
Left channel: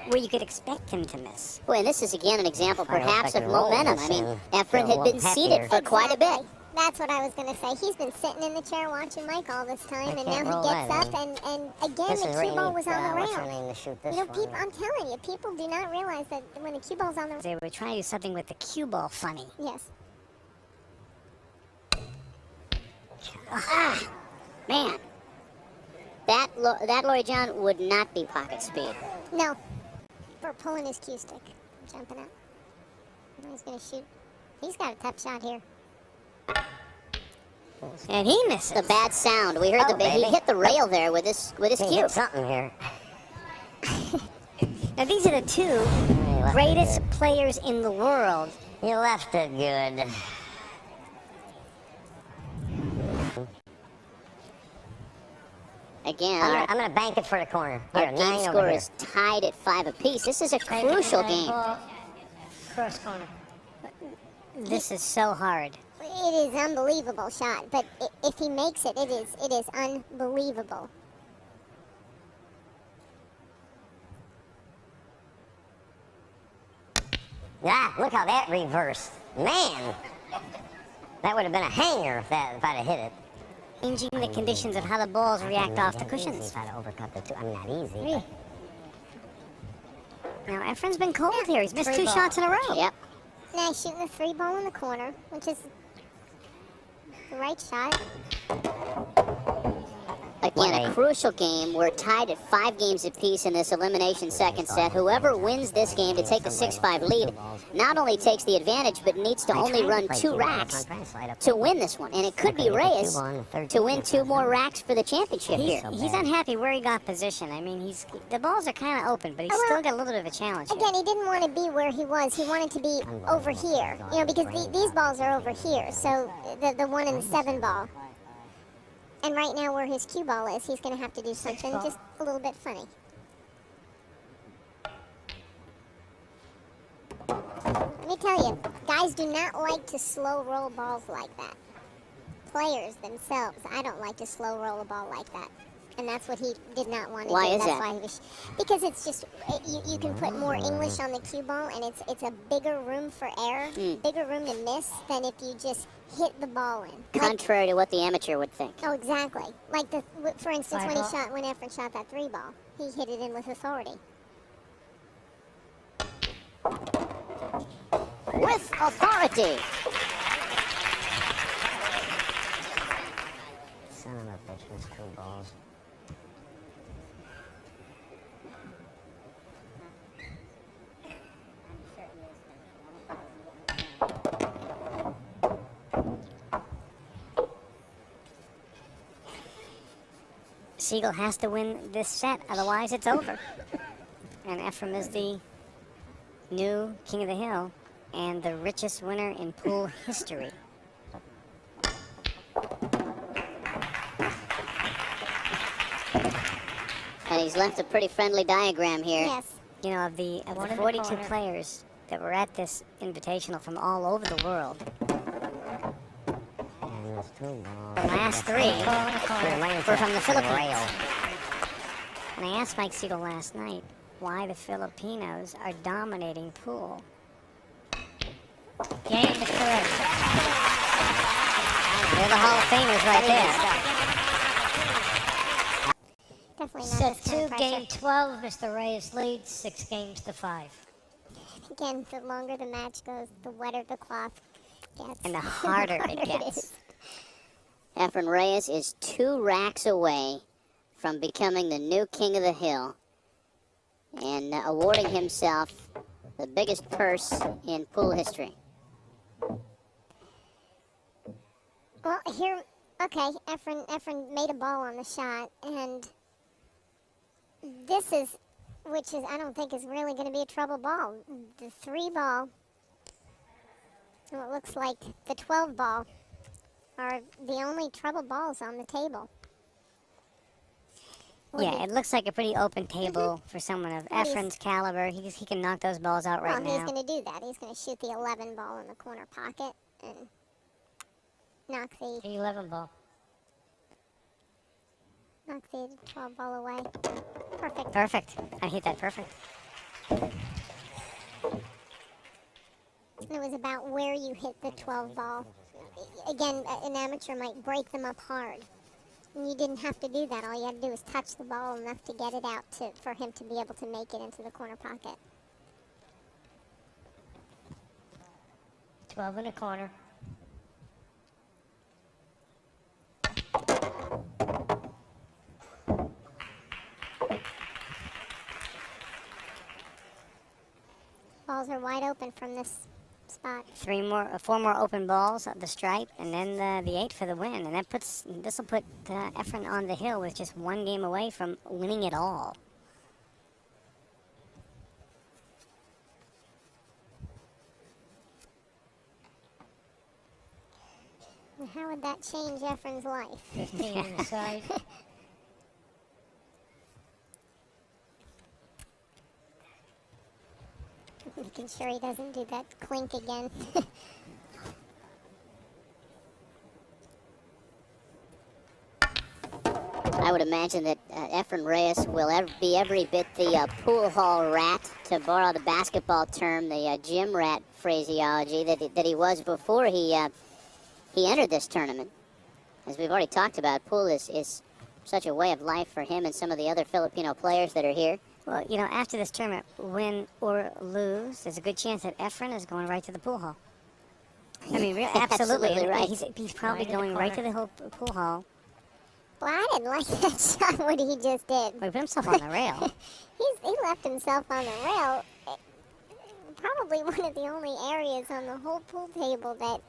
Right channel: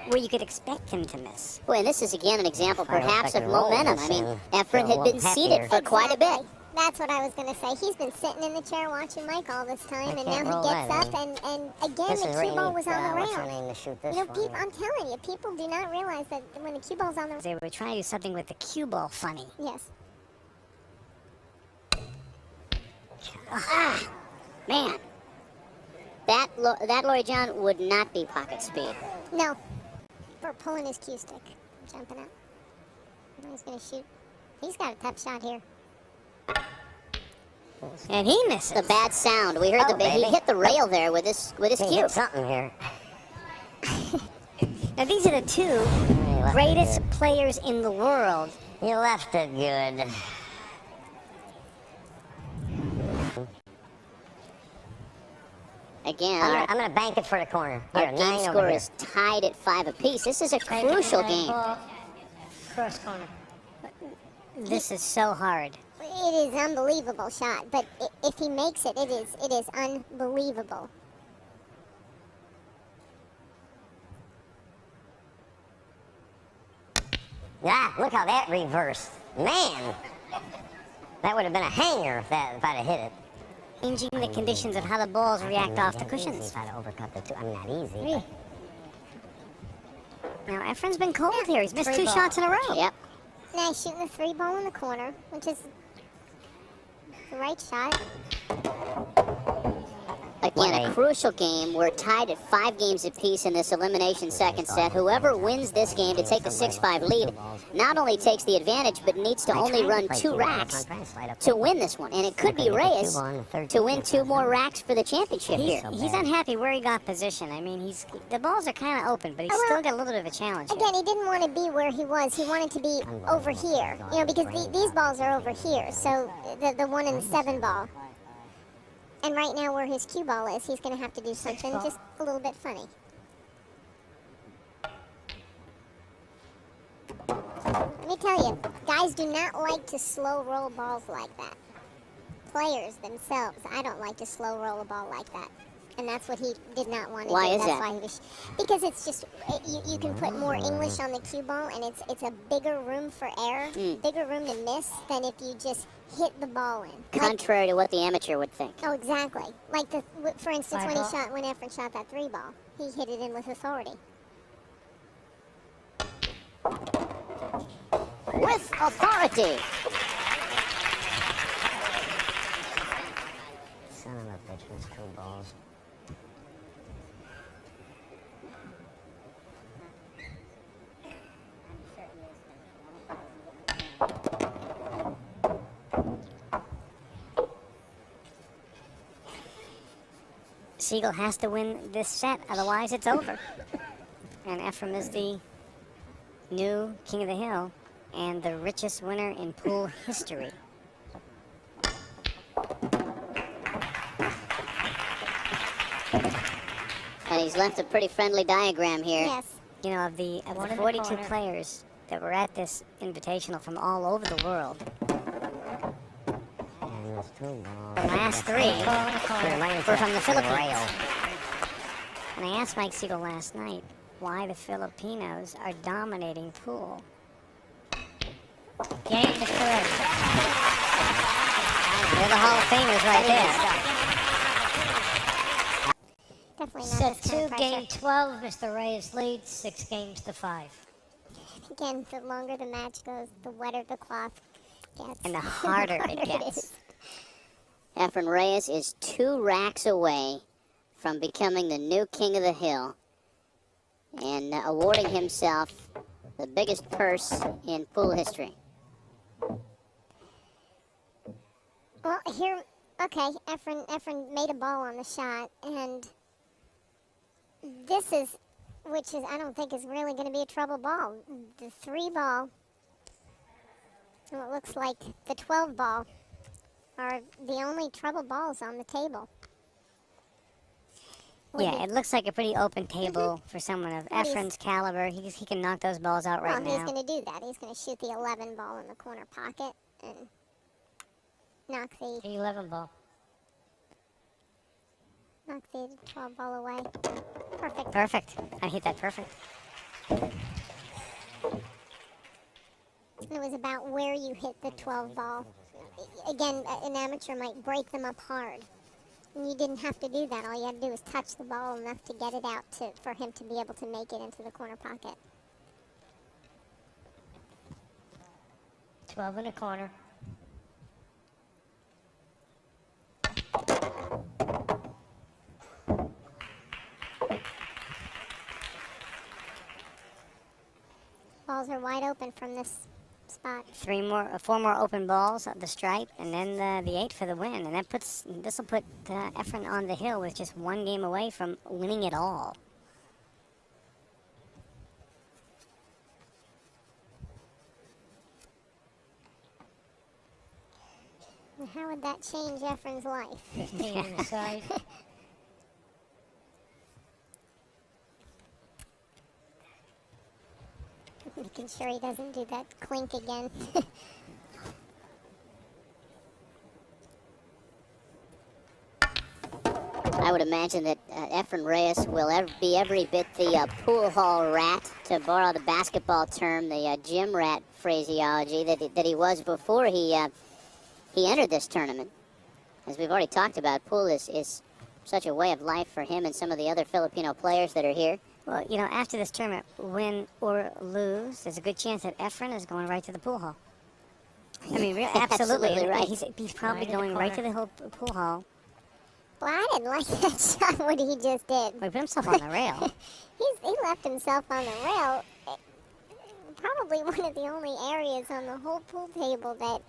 where you could expect him to miss. Boy, and this is again an example perhaps of Like momentum. I mean, Reyes Efren and had been happier. seated for quite a bit. That's what I was going to say. He's been sitting in the chair watching Mike all this time, and That's now not he right, gets up, man. and again, This the is cue where ball you was need, on the what's her rail. name to shoot this No, one. I'm telling you, people do not realize that when the cue ball's on the rail. They were trying to do something with the cue ball funny. Yes. Ah, Man, that Laurie John would not be pocket speed. No. Bert pulling his cue stick. Jumping up. He's going to shoot. He's got a tough shot here. and he missed The bad sound. We heard Oh, he baby. hit the rail there with his He cue. hit something here. Now these are the two He left greatest it players in the world. good. You left it good. Again, I'm gonna bank it for the corner. our Here, game 9 over score here. is tied at 5 apiece. This is a crucial game. This is so hard. It is an unbelievable shot, but if he makes it, it is unbelievable. Ah, look how that reversed. Man! That would have been a hanger if I'd have hit it. Changing the conditions of how the balls react off the Not easy cushions. if I'd have overcut the two. I mean, not easy. but- Now Efren's been cold here. He's missed 2 shots in a row. Yep. Now he's shooting a 3 ball in the corner, which is the right shot. Again, Right. a crucial game. We're tied at 5 games apiece in this elimination second set. Whoever wins this game to take a 6-5 lead not only takes the advantage, but needs to only run 2 racks to win this one. And it could be Reyes to win 2 more racks for the championship here. He's unhappy where he got position. I mean, the balls are kind of open, but he's still got a little bit of a challenge. Again, he didn't want to be where he was. He wanted to be over here, you know, because these balls are over here. So the 1 and the 7 ball. And right now, where his cue ball is, he's going to have to do something just a little bit funny. Let me tell you, guys do not like to slow roll balls like that. players themselves, I don't like to slow roll a ball like that. And that's what he did not want to Why do. is That's that? why because it's just, you can put more English on the cue ball, and it's a bigger room for error, bigger room to miss than if you just hit the ball in. Contrary to what the amateur would think. Oh, exactly. Like, for instance, when Efren shot that 3 ball, he hit it in with authority. With authority. Son of a bitch with screwballs. Sigel has to win this set, otherwise it's over. And Efren is the new King of the Hill and the richest winner in pool history. And he's left a pretty friendly diagram here. Yes. You know, of the 42 players that were at this invitational from all over the world, And this two ball. the last 3 were from the Philippines. And I asked Mike Sigel last night why the Filipinos are dominating pool. Yeah, it's clear. All the Hall of Famers right there. Definitely not So this kind of pressure. game 12, Mr. Reyes leads 6 games to 5. Again, the longer the match goes, the wetter the cloth gets. And the harder it gets. Efren Reyes is 2 racks away from becoming the new King of the Hill and awarding himself the biggest purse in pool history. Well, here, okay, Efren made a ball on the shot, and this is, which is, I don't think is really going to be a trouble ball. The 3 ball, well, it looks like the 12 ball are the only trouble balls on the table. Yeah, it looks like a pretty open table for someone of Efren's caliber. He can knock those balls out right Well, he's now. going to do that. He's going to shoot the 11 ball in the corner pocket and knock the 11 ball. 12 ball away. Perfect. Perfect. I hit that perfect. It was about where you hit the 12 ball. Again, an amateur might break them up hard. And you didn't have to do that. All you had to do was touch the ball enough to get it out for him to be able to make it into the corner pocket. 12 in the corner. Balls are wide open from this spot. 4 more open balls at the stripe, and then the 8 for the win. And this will put Efren on the hill with just 1 game away from winning it all. Well, how would that change Efren's life? Making sure he doesn't do that clink again. I would imagine that Efren Reyes will be every bit the pool hall rat, to borrow the basketball term, the gym rat phraseology that he was before he entered this tournament. As we've already talked about, pool is such a way of life for him and some of the other Filipino players that are here. Well, you know, after this tournament, win or lose, there's a good chance that Efren is going right to the pool hall. I mean, absolutely. Absolutely right. He's probably going right to the pool hall. Well, I didn't like that shot, what he just did. He put himself on the rail. He left himself on the rail. Probably one of the only areas on the whole pool table that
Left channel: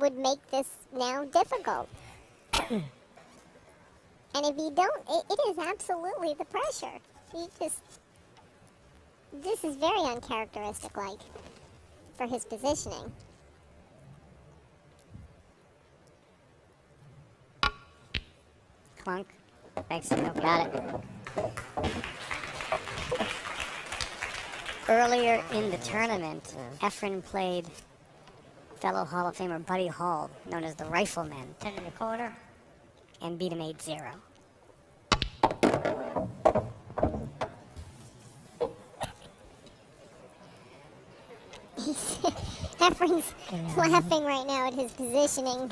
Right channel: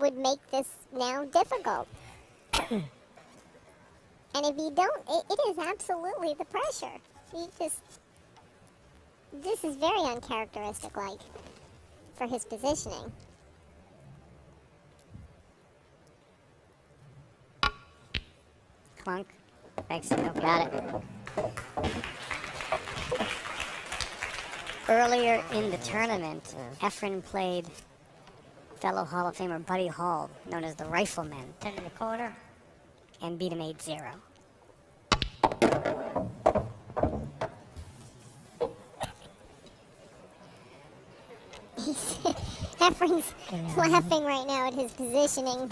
would make this now difficult. And if you don't, it is absolutely the pressure. This is very uncharacteristic, like, for his positioning. Clunk. Thanks. Got it. Earlier in the tournament, Efren played fellow Hall of Famer Buddy Hall, known as the Rifleman, 10 and beat him 8-0. Efren's laughing right now at his positioning.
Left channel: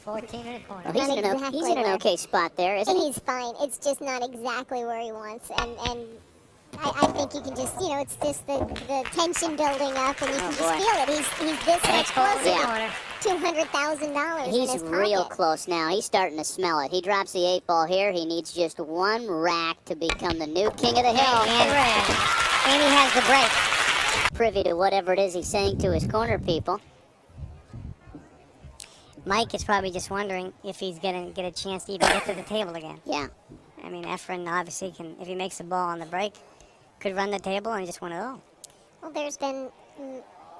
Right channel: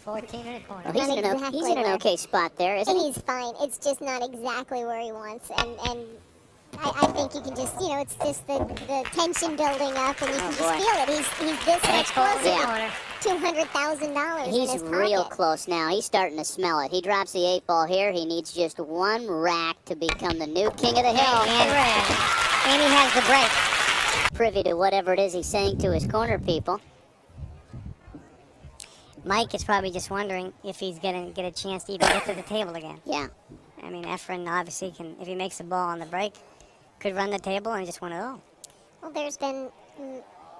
14 and a quarter. Well, he's in an okay spot there, isn't he? He's fine. It's just not exactly where he wants. And I think you can just, it's just the tension building up, and you can just feel it. He's this much closer to $200,000 in his He's pocket. real close now. He's starting to smell it. He drops the 8 ball here. He needs just one rack to become the new king of the hill. And he has the break. Privy to whatever it is he's saying to his corner people. Mike is probably just wondering if he's going to get a chance to even get to the table again. Yeah. I mean, Efren obviously can, if he makes a ball on the break, could run the table and just want to Well, there's been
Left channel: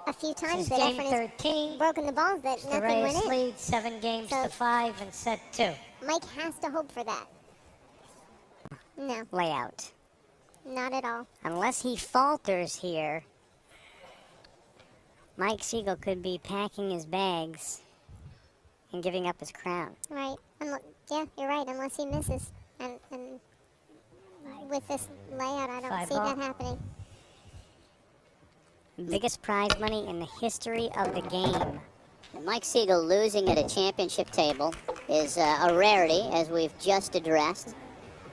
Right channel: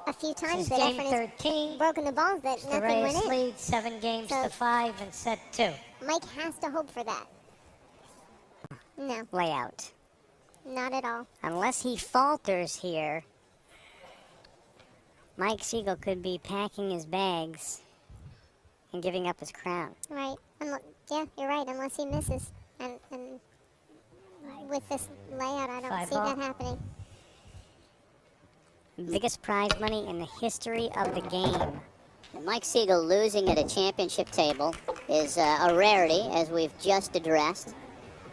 a few times Since that game Efren 13, has broken the balls that the nothing Reyes went in. lead 7 games to 5 and set 2. Mike has to hope for that. No, Layout. not at all. Unless he falters here, Mike Sigel could be packing his bags and giving up his crown. Right. Yeah, you're right, unless he misses. And with this layout, I don't 5 see ball. that happening. Biggest prize money in the history of the game. And Mike Sigel losing at a championship table is a rarity, as we've just addressed.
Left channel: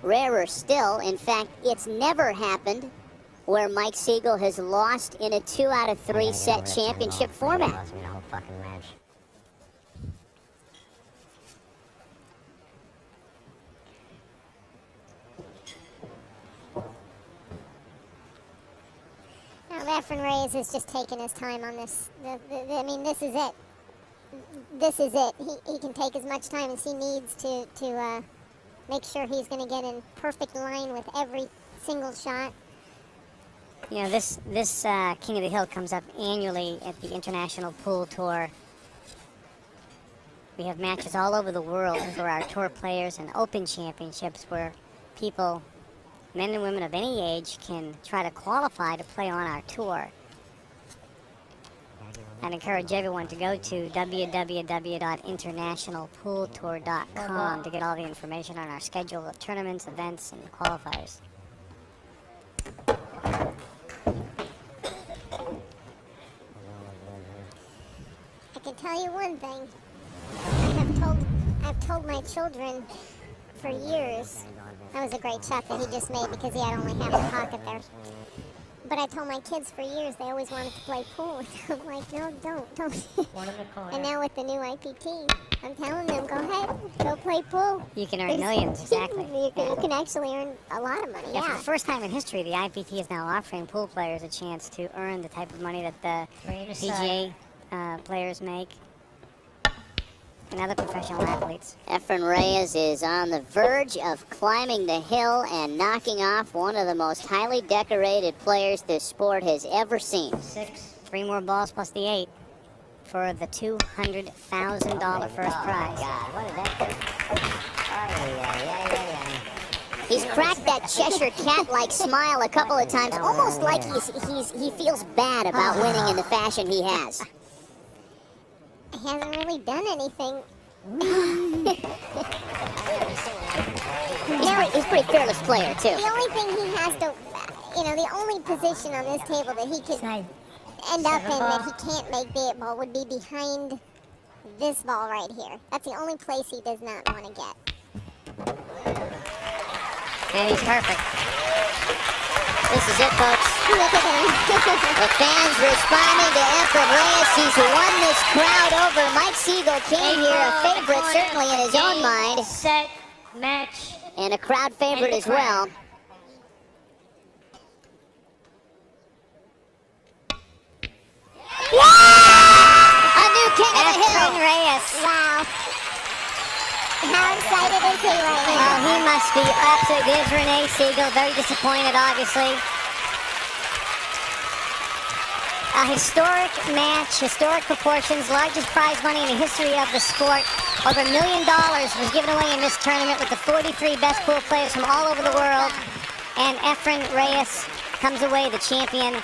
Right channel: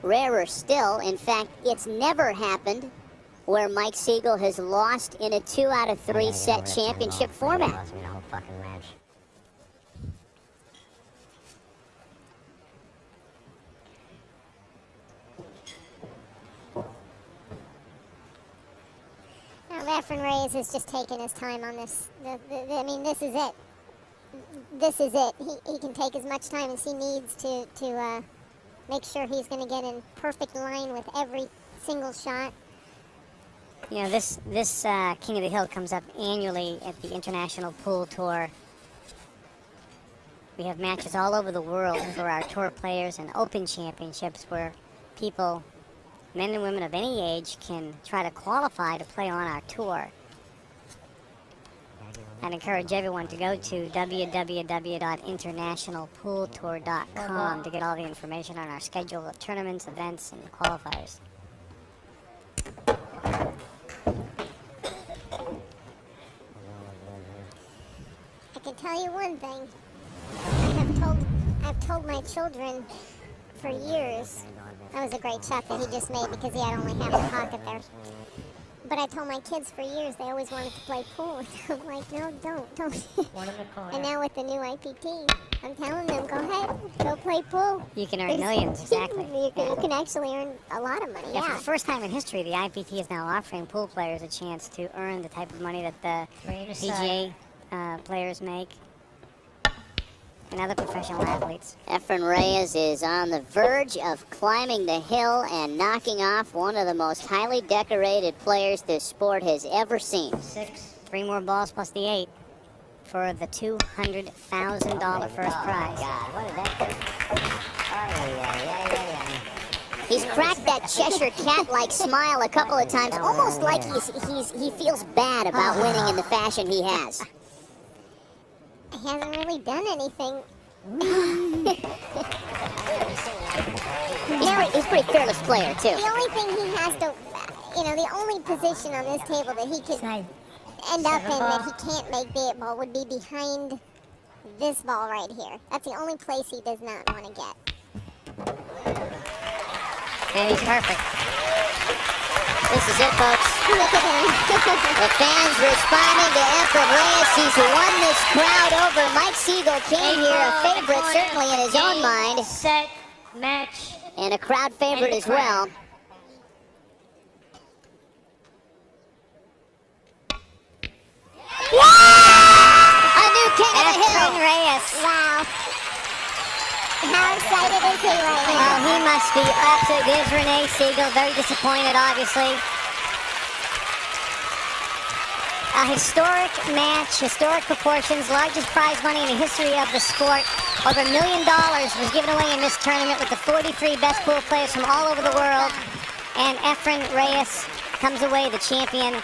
Rarer still, in fact, it's never happened where Mike Sigel has lost in a 2 out of 3 set championship format. Lost me the whole fucking match. Now, Efren Reyes is just taking his time on this. I mean, this is it. This is it. He can take as much time as he needs to make sure he's going to get in perfect line with every single shot. You know, this King of the Hill comes up annually at the International Pool Tour. We have matches all over the world for our tour players and open championships where people, men and women of any age, can try to qualify to play on our tour. I'd encourage everyone to go to www.internationalpooltour.com to get all the information on our schedule of tournaments, events, and qualifiers. I can tell you one thing. I've told my children for years. That was a great shot that he just made because he had only half the pocket there. But I told my kids for years they always wanted to play pool. I'm like, no, don't. And now with the new IPT, I'm telling them, go ahead, go play pool. You can earn millions, exactly. You can actually earn a lot of money. Yeah, for Yeah. the first time in history, the IPT is now offering pool players a chance to earn the type of money that the PGA players make and other professional athletes. Efren Reyes is on the verge of climbing the hill and knocking off one of the most highly decorated players this sport has ever seen. 3 more balls plus the 8 for the $200,000 first prize. God, what did that do? Yeah. He's cracked that Cheshire Cat-like smile a couple of times, almost like he feels bad about winning in the fashion he has. He hasn't really done anything. He's a pretty fearless player, too. The only thing he has to, the only position on this table that he could end up in that he can't make the 8 ball would be behind this ball right here. That's the only place he does not want to get. And he's perfect. This is it, folks. The fans responding to Efren Reyes. He's won this crowd over. Mike Sigel came here a favorite, certainly in his own mind. Set, match. And a crowd favorite as well. A new king of the hill. Efren Reyes. Wow. How excited is he right now? He must be upset. Here's Reyes Sigel, very disappointed, obviously. A historic match, historic proportions, largest prize money in the history of the sport. Over $1 million was given away in this tournament with the 43 best pool players from all over the world. And Efren Reyes comes away the champion.